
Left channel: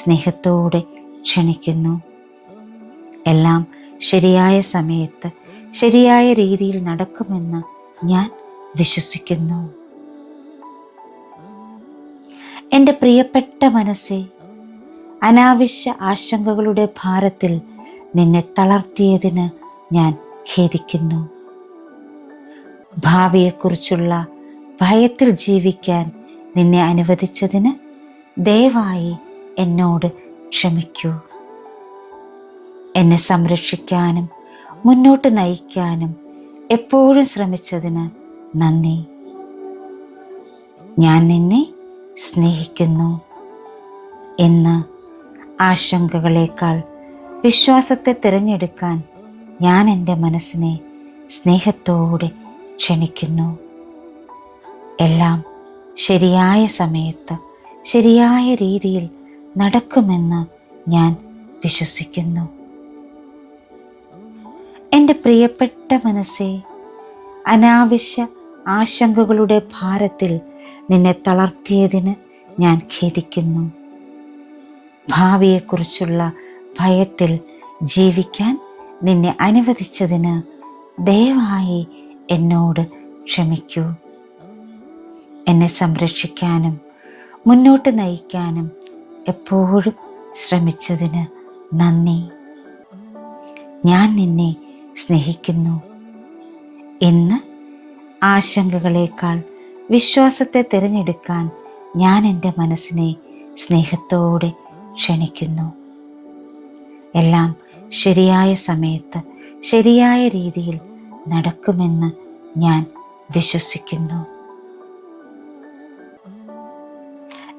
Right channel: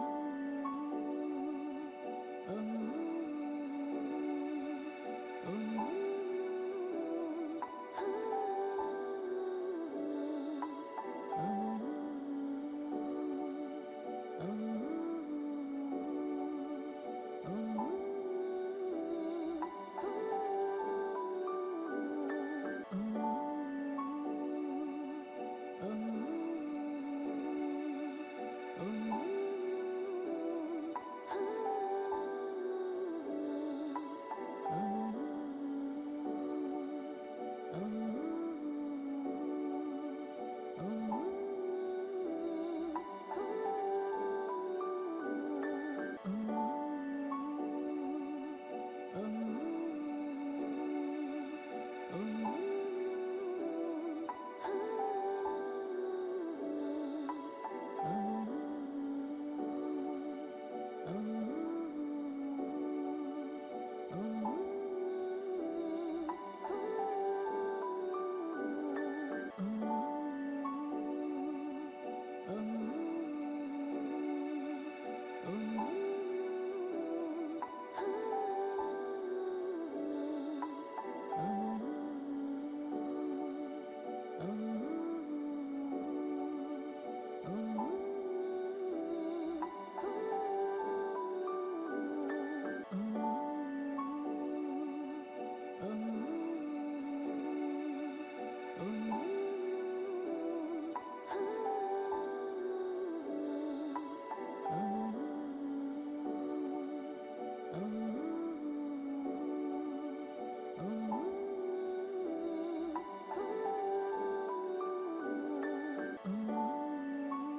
സ്നേഹത്തോടെ ക്ഷണിക്കുന്നു. എല്ലാം ശരിയായ സമയത്ത് ശരിയായ രീതിയിൽ നടക്കുമെന്ന് ഞാൻ വിശ്വസിക്കുന്നു. എൻ്റെ പ്രിയപ്പെട്ട മനസ്സെ, അനാവശ്യ ആശങ്കകളുടെ ഭാരത്തിൽ നിന്നെ തളർത്തിയതിന് ഞാൻ ഖേദിക്കുന്നു. ഭാവിയെക്കുറിച്ചുള്ള ഭയത്തിൽ ജീവിക്കാൻ നിന്നെ അനുവദിച്ചതിന് ദയവായി എന്നോട് ക്ഷമിക്കൂ. എന്നെ സംരക്ഷിക്കാനും മുന്നോട്ട് നയിക്കാനും എപ്പോഴും ശ്രമിച്ചതിന് നന്ദി. ഞാൻ നിന്നെ സ്നേഹിക്കുന്നു. ഇന്ന് ആശങ്കകളേക്കാൾ വിശ്വാസത്തെ തിരഞ്ഞെടുക്കാൻ ഞാൻ എൻ്റെ മനസ്സിനെ സ്നേഹത്തോടെ ക്ഷണിക്കുന്നു. എല്ലാം ശരിയായ സമയത്ത് ശരിയായ രീതിയിൽ നടക്കുമെന്ന് ഞാൻ വിശ്വസിക്കുന്നു. എൻ്റെ പ്രിയപ്പെട്ട മനസ്സെ, അനാവശ്യ ആശങ്കകളുടെ ഭാരത്തിൽ നിന്നെ തളർത്തിയതിന് ഞാൻ ഖേദിക്കുന്നു. ഭാവിയെക്കുറിച്ചുള്ള ഭയത്തിൽ ജീവിക്കാൻ നിന്നെ അനുവദിച്ചതിന് ദയവായി എന്നോട് ക്ഷമിക്കൂ. എന്നെ സംരക്ഷിക്കാനും മുന്നോട്ട് നയിക്കാനും എപ്പോഴും ശ്രമിച്ചതിന് നന്ദി. ഞാൻ നിന്നെ സ്നേഹിക്കുന്നു. ഇന്ന് ആശങ്കകളേക്കാൾ വിശ്വാസത്തെ തിരഞ്ഞെടുക്കാൻ ഞാൻ എൻ്റെ മനസ്സിനെ സ്നേഹത്തോടെ ക്ഷണിക്കുന്നു. എല്ലാം ശരിയായ സമയത്ത് ശരിയായ രീതിയിൽ നടക്കുമെന്ന് ഞാൻ വിശ്വസിക്കുന്നു.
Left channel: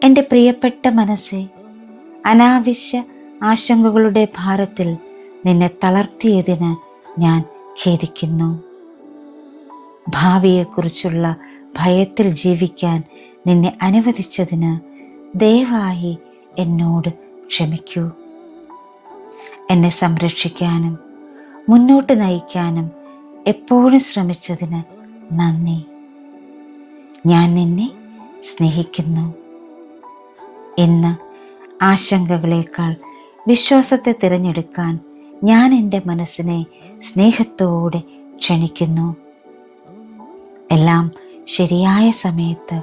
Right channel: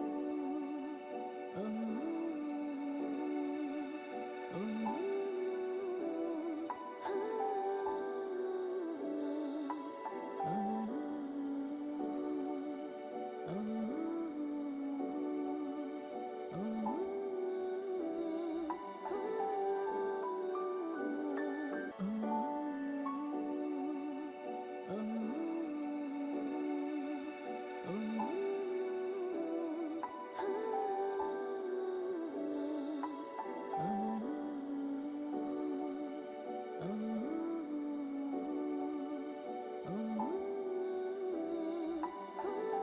എൻ്റെ പ്രിയപ്പെട്ട മനസ്സെ, അനാവശ്യ ആശങ്കകളുടെ ഭാരത്തിൽ നിന്നെ തളർത്തിയതിന് ഞാൻ ഖേദിക്കുന്നു. ഭാവിയെക്കുറിച്ചുള്ള ഭയത്തിൽ ജീവിക്കാൻ നിന്നെ അനുവദിച്ചതിന് ദയവായി എന്നോട് ക്ഷമിക്കൂ. എന്നെ സംരക്ഷിക്കാനും മുന്നോട്ട് നയിക്കാനും എപ്പോഴും ശ്രമിച്ചതിന് നന്ദി. ഞാൻ നിന്നെ സ്നേഹിക്കുന്നു. ഇന്ന് ആശങ്കകളേക്കാൾ വിശ്വാസത്തെ തിരഞ്ഞെടുക്കാൻ ഞാൻ എൻ്റെ മനസ്സിനെ സ്നേഹത്തോടെ ക്ഷണിക്കുന്നു. എല്ലാം ശരിയായ സമയത്ത്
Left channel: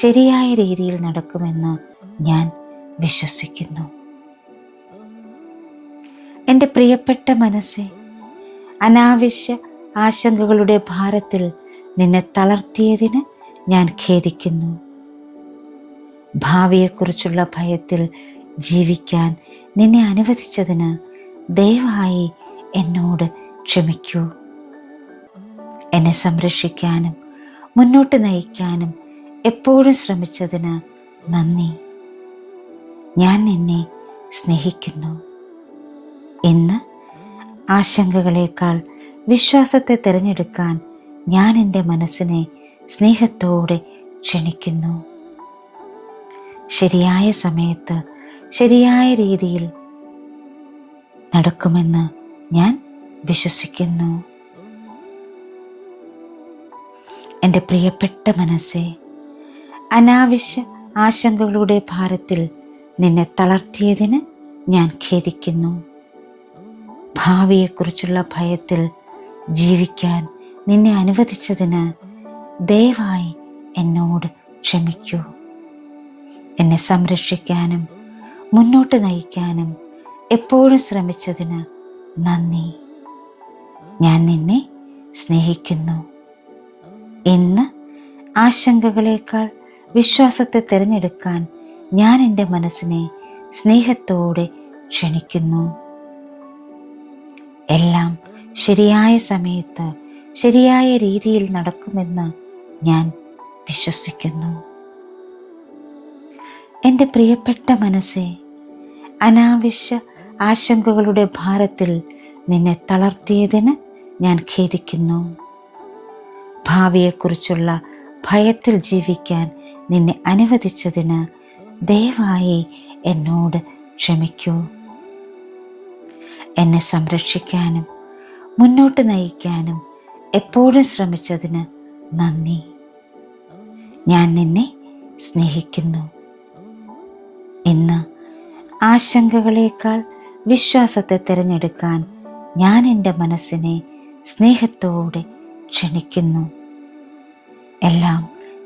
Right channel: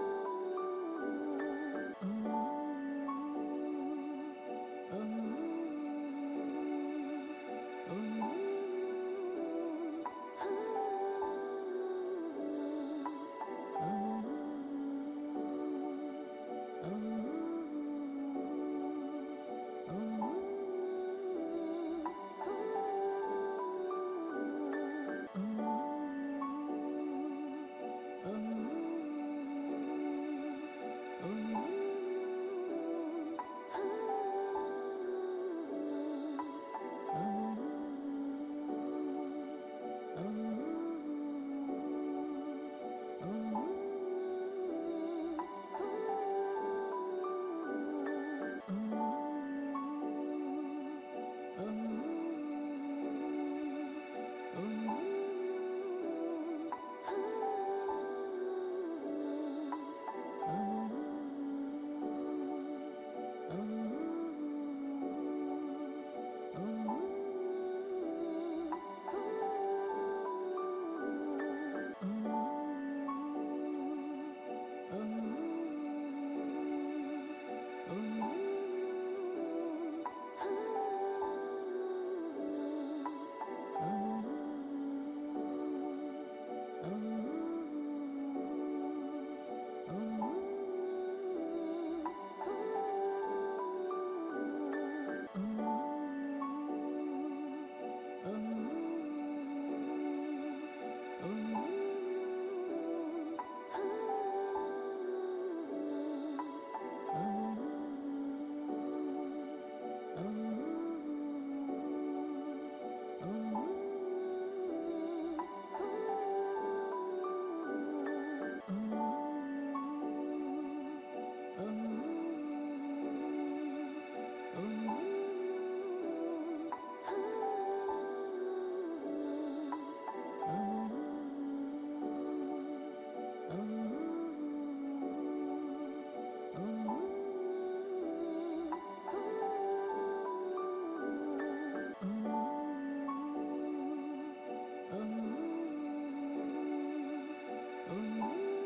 ശരിയായ രീതിയിൽ നടക്കുമെന്ന് ഞാൻ വിശ്വസിക്കുന്നു. എൻ്റെ പ്രിയപ്പെട്ട മനസ്സെ, അനാവശ്യ ആശങ്കകളുടെ ഭാരത്തിൽ നിന്നെ തളർത്തിയതിന് ഞാൻ ഖേദിക്കുന്നു. ഭാവിയെക്കുറിച്ചുള്ള ഭയത്തിൽ ജീവിക്കാൻ നിന്നെ അനുവദിച്ചതിന് ദയവായി എന്നോട് ക്ഷമിക്കൂ. എന്നെ സംരക്ഷിക്കാനും മുന്നോട്ട് നയിക്കാനും എപ്പോഴും ശ്രമിച്ചതിന് നന്ദി. ഞാൻ നിന്നെ സ്നേഹിക്കുന്നു. ഇന്ന് ആശങ്കകളേക്കാൾ വിശ്വാസത്തെ തിരഞ്ഞെടുക്കാൻ ഞാൻ എൻ്റെ മനസ്സിനെ സ്നേഹത്തോടെ ക്ഷണിക്കുന്നു. ശരിയായ സമയത്ത് ശരിയായ രീതിയിൽ നടക്കുമെന്ന് ഞാൻ വിശ്വസിക്കുന്നു. എൻ്റെ പ്രിയപ്പെട്ട മനസ്സേ, അനാവശ്യ ആശങ്കകളുടെ ഭാരത്തിൽ നിന്നെ തളർത്തിയതിന് ഞാൻ ഖേദിക്കുന്നു. ഭാവിയെക്കുറിച്ചുള്ള ഭയത്തിൽ ജീവിക്കാൻ നിന്നെ അനുവദിച്ചതിന് ദയവായി എന്നോട് ക്ഷമിക്കൂ. എന്നെ സംരക്ഷിക്കാനും മുന്നോട്ട് നയിക്കാനും എപ്പോഴും ശ്രമിച്ചതിന് നന്ദി. ഞാൻ നിന്നെ സ്നേഹിക്കുന്നു. ഇന്ന് ആശങ്കകളേക്കാൾ വിശ്വാസത്തെ തിരഞ്ഞെടുക്കാൻ ഞാൻ എൻ്റെ മനസ്സിനെ സ്നേഹത്തോടെ ക്ഷണിക്കുന്നു. എല്ലാം ശരിയായ സമയത്ത് ശരിയായ രീതിയിൽ നടക്കുമെന്ന് ഞാൻ വിശ്വസിക്കുന്നു. എൻ്റെ പ്രിയപ്പെട്ട മനസ്സേ, അനാവശ്യ ആശങ്കകളുടെ ഭാരത്തിൽ നിന്നെ തളർത്തിയതിന് ഞാൻ ഖേദിക്കുന്നു. ഭാവിയെക്കുറിച്ചുള്ള ഭയത്തിൽ ജീവിക്കാൻ നിന്നെ അനുവദിച്ചതിന് ദയവായി എന്നോട് ക്ഷമിക്കൂ. എന്നെ സംരക്ഷിക്കാനും മുന്നോട്ട് നയിക്കാനും എപ്പോഴും ശ്രമിച്ചതിന് നന്ദി. ഞാൻ നിന്നെ സ്നേഹിക്കുന്നു. ഇന്ന് ആശങ്കകളേക്കാൾ വിശ്വാസത്തെ തിരഞ്ഞെടുക്കാൻ ഞാൻ എൻ്റെ മനസ്സിനെ സ്നേഹത്തോടെ ക്ഷണിക്കുന്നു. എല്ലാം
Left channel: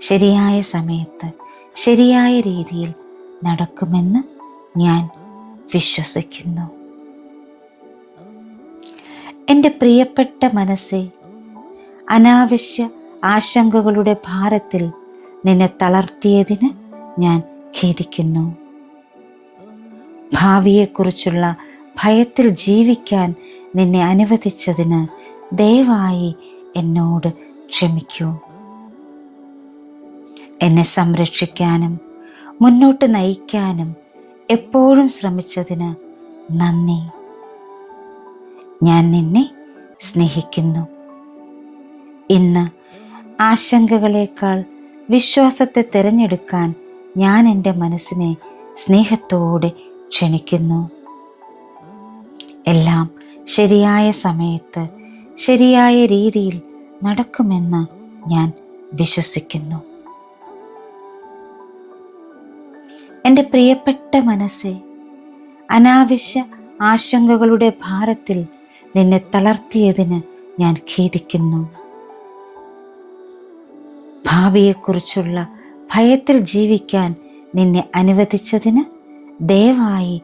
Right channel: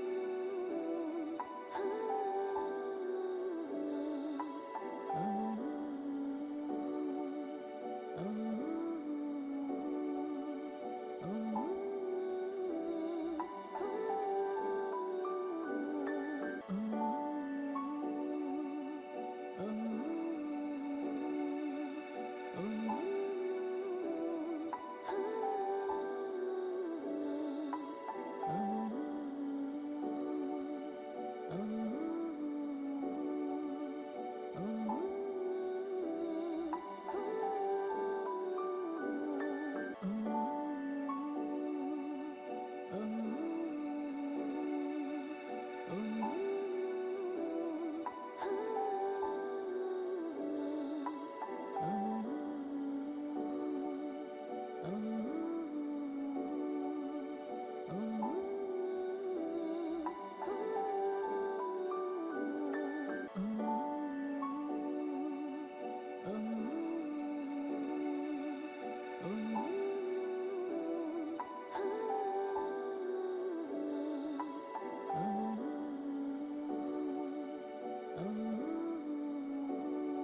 ശരിയായ സമയത്ത് ശരിയായ രീതിയിൽ നടക്കുമെന്ന് ഞാൻ വിശ്വസിക്കുന്നു. എൻ്റെ പ്രിയപ്പെട്ട മനസ്സേ, അനാവശ്യ ആശങ്കകളുടെ ഭാരത്തിൽ നിന്നെ തളർത്തിയതിന് ഞാൻ ഖേദിക്കുന്നു. ഭാവിയെക്കുറിച്ചുള്ള ഭയത്തിൽ ജീവിക്കാൻ നിന്നെ അനുവദിച്ചതിന് ദയവായി എന്നോട് ക്ഷമിക്കൂ. എന്നെ സംരക്ഷിക്കാനും മുന്നോട്ട് നയിക്കാനും എപ്പോഴും ശ്രമിച്ചതിന് നന്ദി. ഞാൻ നിന്നെ സ്നേഹിക്കുന്നു. ഇന്ന് ആശങ്കകളേക്കാൾ വിശ്വാസത്തെ തിരഞ്ഞെടുക്കാൻ ഞാൻ എൻ്റെ മനസ്സിനെ സ്നേഹത്തോടെ ക്ഷണിക്കുന്നു. എല്ലാം ശരിയായ സമയത്ത് ശരിയായ രീതിയിൽ നടക്കുമെന്ന് ഞാൻ വിശ്വസിക്കുന്നു. എൻ്റെ പ്രിയപ്പെട്ട മനസ്സേ, അനാവശ്യ ആശങ്കകളുടെ ഭാരത്തിൽ നിന്നെ തളർത്തിയതിന് ഞാൻ ഖേദിക്കുന്നു. ഭാവിയെക്കുറിച്ചുള്ള ഭയത്തിൽ ജീവിക്കാൻ നിന്നെ അനുവദിച്ചതിന് ദയവായി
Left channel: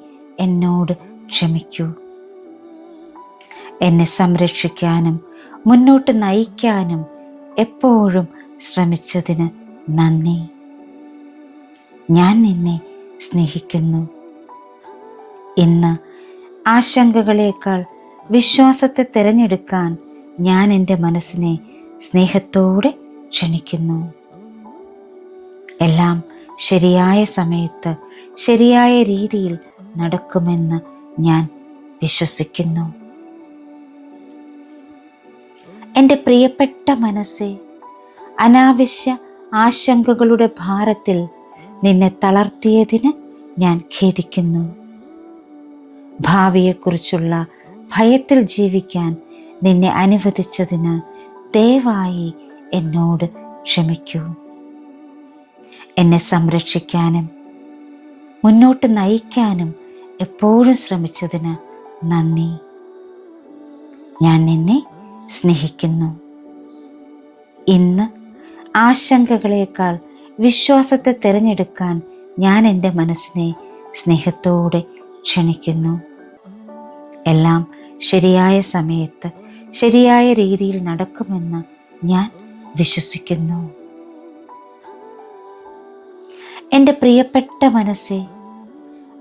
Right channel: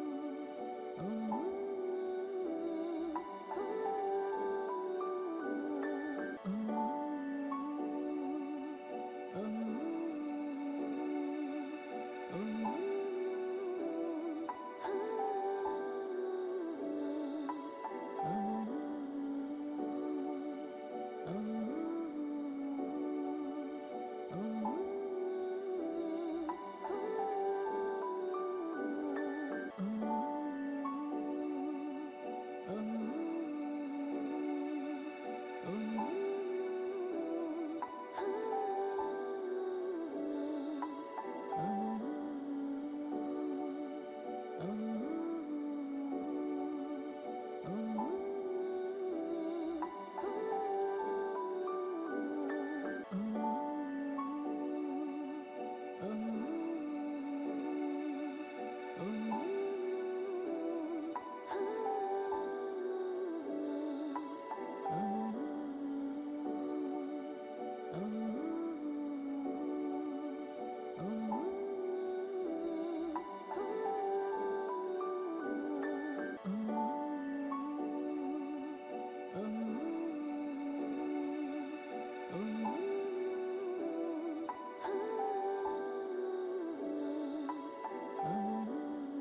എന്നോട് ക്ഷമിക്കൂ. എന്നെ സംരക്ഷിക്കാനും മുന്നോട്ട് നയിക്കാനും എപ്പോഴും ശ്രമിച്ചതിന് നന്ദി. ഞാൻ നിന്നെ സ്നേഹിക്കുന്നു. ഇന്ന് ആശങ്കകളേക്കാൾ വിശ്വാസത്തെ തിരഞ്ഞെടുക്കാൻ ഞാൻ എൻ്റെ മനസ്സിനെ സ്നേഹത്തോടെ ക്ഷണിക്കുന്നു. എല്ലാം ശരിയായ സമയത്ത് ശരിയായ രീതിയിൽ നടക്കുമെന്ന് ഞാൻ വിശ്വസിക്കുന്നു. എൻ്റെ പ്രിയപ്പെട്ട മനസ്സേ, അനാവശ്യ ആശങ്കകളുടെ ഭാരത്തിൽ നിന്നെ തളർത്തിയതിന് ഞാൻ ഖേദിക്കുന്നു. ഭാവിയെക്കുറിച്ചുള്ള ഭയത്തിൽ ജീവിക്കാൻ നിന്നെ അനുവദിച്ചതിന് ദയവായി എന്നോട് ക്ഷമിക്കൂ. എന്നെ സംരക്ഷിക്കാനും മുന്നോട്ട് നയിക്കാനും എപ്പോഴും ശ്രമിച്ചതിന് നന്ദി. ഞാൻ നിന്നെ സ്നേഹിക്കുന്നു. ഇന്ന് ആശങ്കകളേക്കാൾ വിശ്വാസത്തെ തിരഞ്ഞെടുക്കാൻ ഞാൻ എൻ്റെ മനസ്സിനെ സ്നേഹത്തോടെ ക്ഷണിക്കുന്നു. എല്ലാം ശരിയായ സമയത്ത് ശരിയായ രീതിയിൽ നടക്കുമെന്ന് ഞാൻ വിശ്വസിക്കുന്നു. എൻ്റെ പ്രിയപ്പെട്ട മനസ്സേ,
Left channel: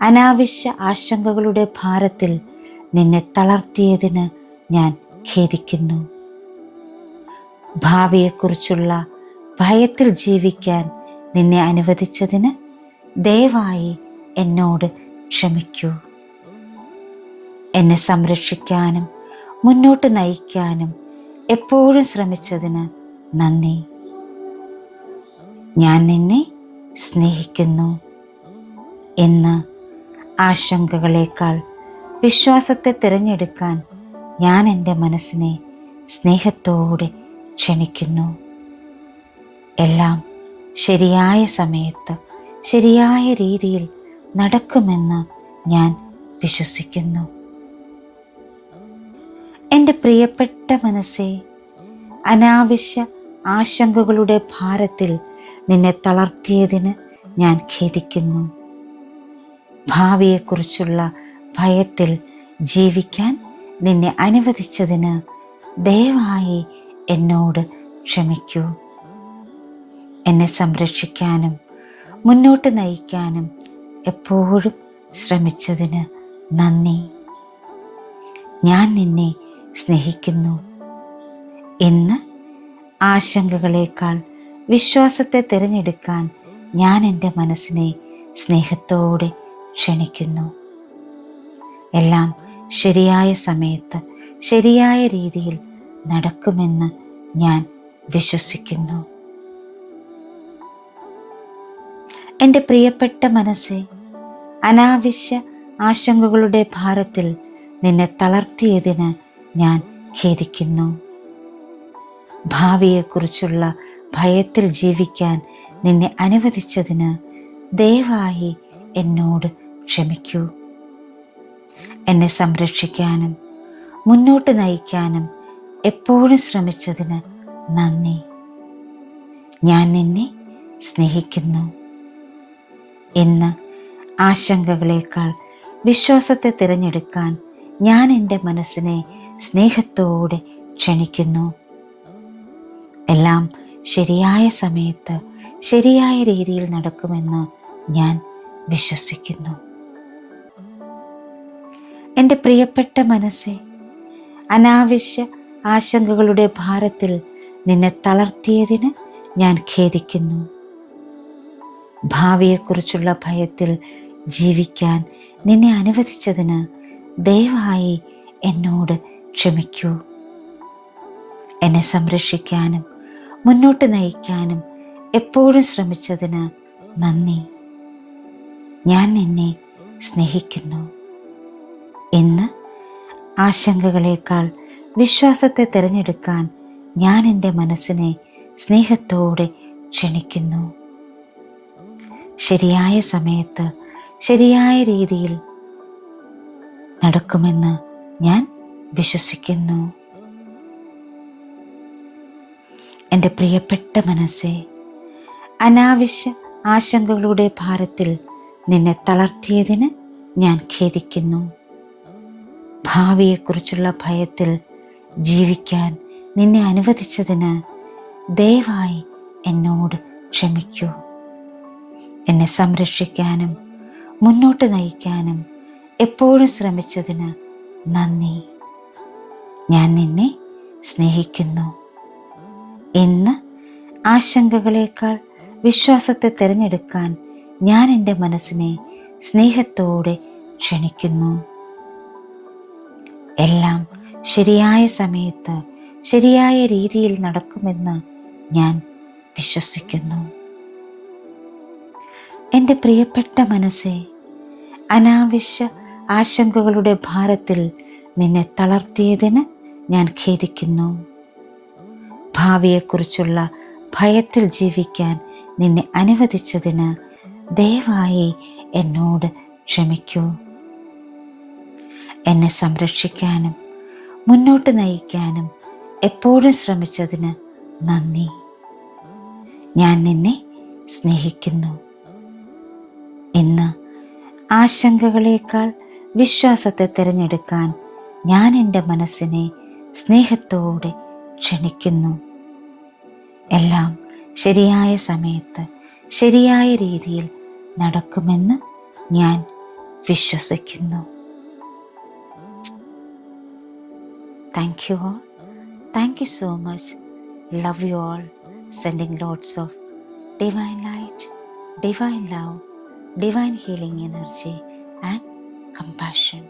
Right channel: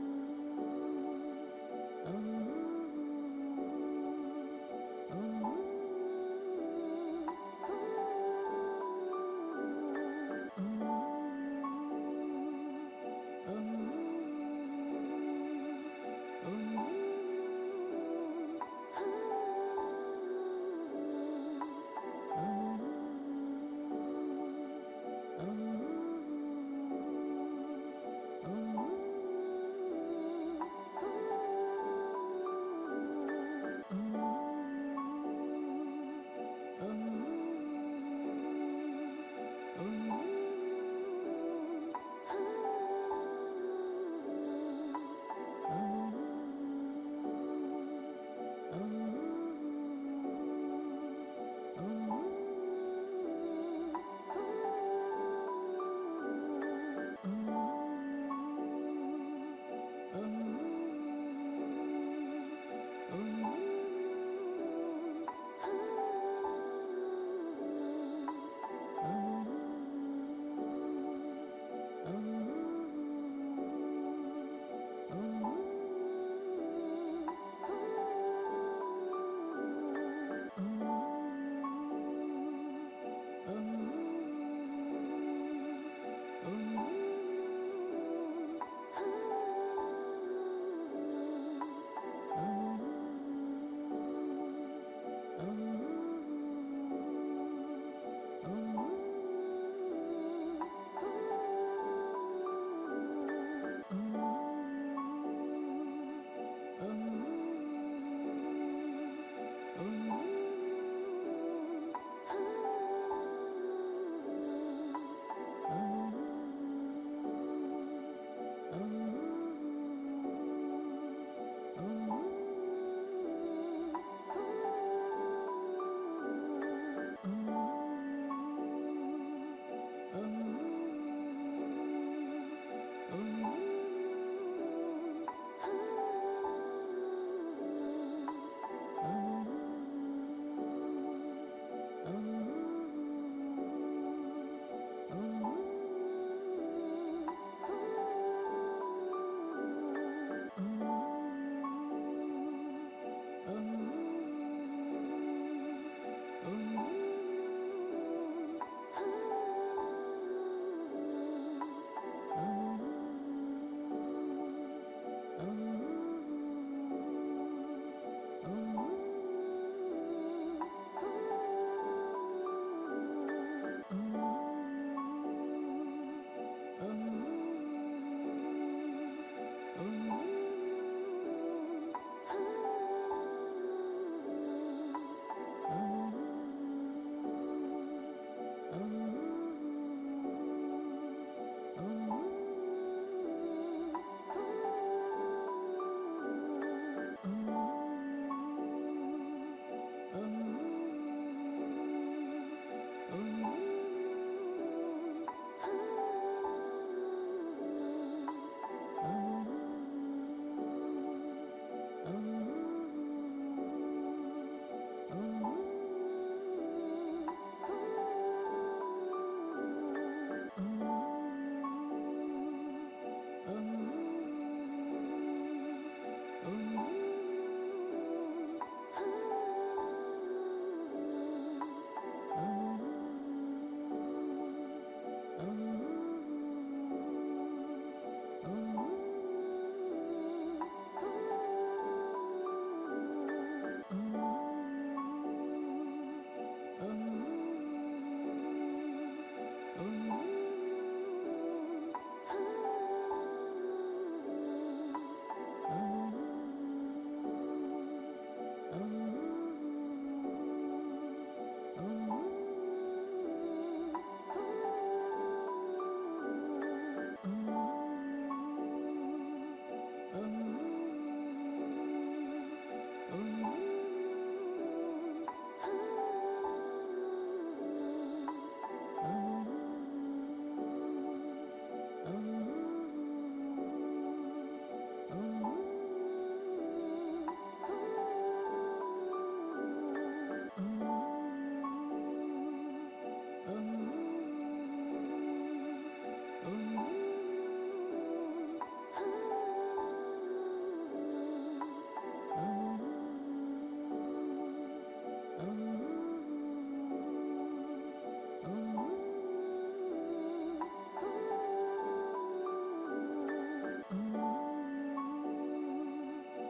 അനാവശ്യ ആശങ്കകളുടെ ഭാരത്തിൽ നിന്നെ തളർത്തിയതിന് ഞാൻ ഖേദിക്കുന്നു. ഭാവിയെക്കുറിച്ചുള്ള ഭയത്തിൽ ജീവിക്കാൻ നിന്നെ അനുവദിച്ചതിന് ദയവായി എന്നോട് ക്ഷമിക്കൂ. എന്നെ സംരക്ഷിക്കാനും മുന്നോട്ട് നയിക്കാനും എപ്പോഴും ശ്രമിച്ചതിന് നന്ദി. ഞാൻ നിന്നെ സ്നേഹിക്കുന്നു. ഇന്ന് ആശങ്കകളേക്കാൾ വിശ്വാസത്തെ തിരഞ്ഞെടുക്കാൻ ഞാൻ എൻ്റെ മനസ്സിനെ സ്നേഹത്തോടെ ക്ഷണിക്കുന്നു. എല്ലാം ശരിയായ സമയത്ത് ശരിയായ രീതിയിൽ നടക്കുമെന്ന് ഞാൻ വിശ്വസിക്കുന്നു. എൻ്റെ പ്രിയപ്പെട്ട മനസ്സേ, അനാവശ്യ ആശങ്കകളുടെ ഭാരത്തിൽ നിന്നെ തളർത്തിയതിന് ഞാൻ ഖേദിക്കുന്നു. ഭാവിയെക്കുറിച്ചുള്ള ഭയത്തിൽ ജീവിക്കാൻ നിന്നെ അനുവദിച്ചതിന് ദയവായി എന്നോട് ക്ഷമിക്കൂ. എന്നെ സംരക്ഷിക്കാനും മുന്നോട്ട് നയിക്കാനും എപ്പോഴും ശ്രമിച്ചതിന് നന്ദി. ഞാൻ നിന്നെ സ്നേഹിക്കുന്നു. ഇന്ന് ആശങ്കകളേക്കാൾ വിശ്വാസത്തെ തിരഞ്ഞെടുക്കാൻ ഞാൻ എൻ്റെ മനസ്സിനെ സ്നേഹത്തോടെ ക്ഷണിക്കുന്നു. എല്ലാം ശരിയായ സമയത്ത് ശരിയായ രീതിയിൽ നടക്കുമെന്ന് ഞാൻ വിശ്വസിക്കുന്നു. എൻ്റെ പ്രിയപ്പെട്ട മനസ്സേ, അനാവശ്യ ആശങ്കകളുടെ ഭാരത്തിൽ നിന്നെ തളർത്തിയതിന് ഞാൻ ഖേദിക്കുന്നു. ഭാവിയെക്കുറിച്ചുള്ള ഭയത്തിൽ ജീവിക്കാൻ നിന്നെ അനുവദിച്ചതിന് ദയവായി എന്നോട് ക്ഷമിക്കൂ. എന്നെ സംരക്ഷിക്കാനും മുന്നോട്ട് നയിക്കാനും എപ്പോഴും ശ്രമിച്ചതിന് നന്ദി. ഞാൻ നിന്നെ സ്നേഹിക്കുന്നു. ഇന്ന് ആശങ്കകളേക്കാൾ വിശ്വാസത്തെ തിരഞ്ഞെടുക്കാൻ ഞാൻ എൻ്റെ മനസ്സിനെ സ്നേഹത്തോടെ ക്ഷണിക്കുന്നു. എല്ലാം ശരിയായ സമയത്ത് ശരിയായ രീതിയിൽ നടക്കുമെന്ന് ഞാൻ വിശ്വസിക്കുന്നു. എൻ്റെ പ്രിയപ്പെട്ട മനസ്സേ, അനാവശ്യ ആശങ്കകളുടെ ഭാരത്തിൽ നിന്നെ തളർത്തിയതിന് ഞാൻ ഖേദിക്കുന്നു. ഭാവിയെക്കുറിച്ചുള്ള ഭയത്തിൽ ജീവിക്കാൻ നിന്നെ അനുവദിച്ചതിന് ദയവായി എന്നോട് ക്ഷമിക്കൂ. എന്നെ സംരക്ഷിക്കാനും മുന്നോട്ട് നയിക്കാനും എപ്പോഴും ശ്രമിച്ചതിന് നന്ദി. ഞാൻ നിന്നെ സ്നേഹിക്കുന്നു. ഇന്ന് ആശങ്കകളേക്കാൾ വിശ്വാസത്തെ തിരഞ്ഞെടുക്കാൻ ഞാൻ എൻ്റെ മനസ്സിനെ സ്നേഹത്തോടെ ക്ഷണിക്കുന്നു. ശരിയായ സമയത്ത് ശരിയായ രീതിയിൽ നടക്കുമെന്ന് ഞാൻ വിശ്വസിക്കുന്നു. എൻ്റെ പ്രിയപ്പെട്ട മനസ്സേ, അനാവശ്യ ആശങ്കകളുടെ ഭാരത്തിൽ നിന്നെ തളർത്തിയതിന് ഞാൻ ഖേദിക്കുന്നു. ഭാവിയെക്കുറിച്ചുള്ള ഭയത്തിൽ ജീവിക്കാൻ നിന്നെ അനുവദിച്ചതിന് ദയവായി എന്നോട് ക്ഷമിക്കൂ. എന്നെ സംരക്ഷിക്കാനും മുന്നോട്ട് നയിക്കാനും എപ്പോഴും ശ്രമിച്ചതിന് നന്ദി. ഞാൻ നിന്നെ സ്നേഹിക്കുന്നു. ഇന്ന് ആശങ്കകളേക്കാൾ വിശ്വാസത്തെ തിരഞ്ഞെടുക്കാൻ ഞാൻ എൻ്റെ മനസ്സിനെ സ്നേഹത്തോടെ ക്ഷണിക്കുന്നു. എല്ലാം ശരിയായ സമയത്ത് ശരിയായ രീതിയിൽ നടക്കുമെന്ന് ഞാൻ വിശ്വസിക്കുന്നു. എൻ്റെ പ്രിയപ്പെട്ട മനസ്സേ, അനാവശ്യ ആശങ്കകളുടെ ഭാരത്തിൽ നിന്നെ തളർത്തിയതിന് ഞാൻ ഖേദിക്കുന്നു. ഭാവിയെക്കുറിച്ചുള്ള ഭയത്തിൽ ജീവിക്കാൻ നിന്നെ അനുവദിച്ചതിന് ദയവായി എന്നോട് ക്ഷമിക്കൂ. എന്നെ സംരക്ഷിക്കാനും മുന്നോട്ട് നയിക്കാനും എപ്പോഴും ശ്രമിച്ചതിന് നന്ദി. ഞാൻ നിന്നെ സ്നേഹിക്കുന്നു. ഇന്ന് ആശങ്കകളേക്കാൾ വിശ്വാസത്തെ തിരഞ്ഞെടുക്കാൻ ഞാൻ എൻ്റെ മനസ്സിനെ സ്നേഹത്തോടെ ക്ഷണിക്കുന്നു. എല്ലാം ശരിയായ സമയത്ത് ശരിയായ രീതിയിൽ നടക്കുമെന്ന് ഞാൻ വിശ്വസിക്കുന്നു. Thank you all. Thank you so much. Love you all. Sending lots of divine light, divine love, divine healing energy, and compassion.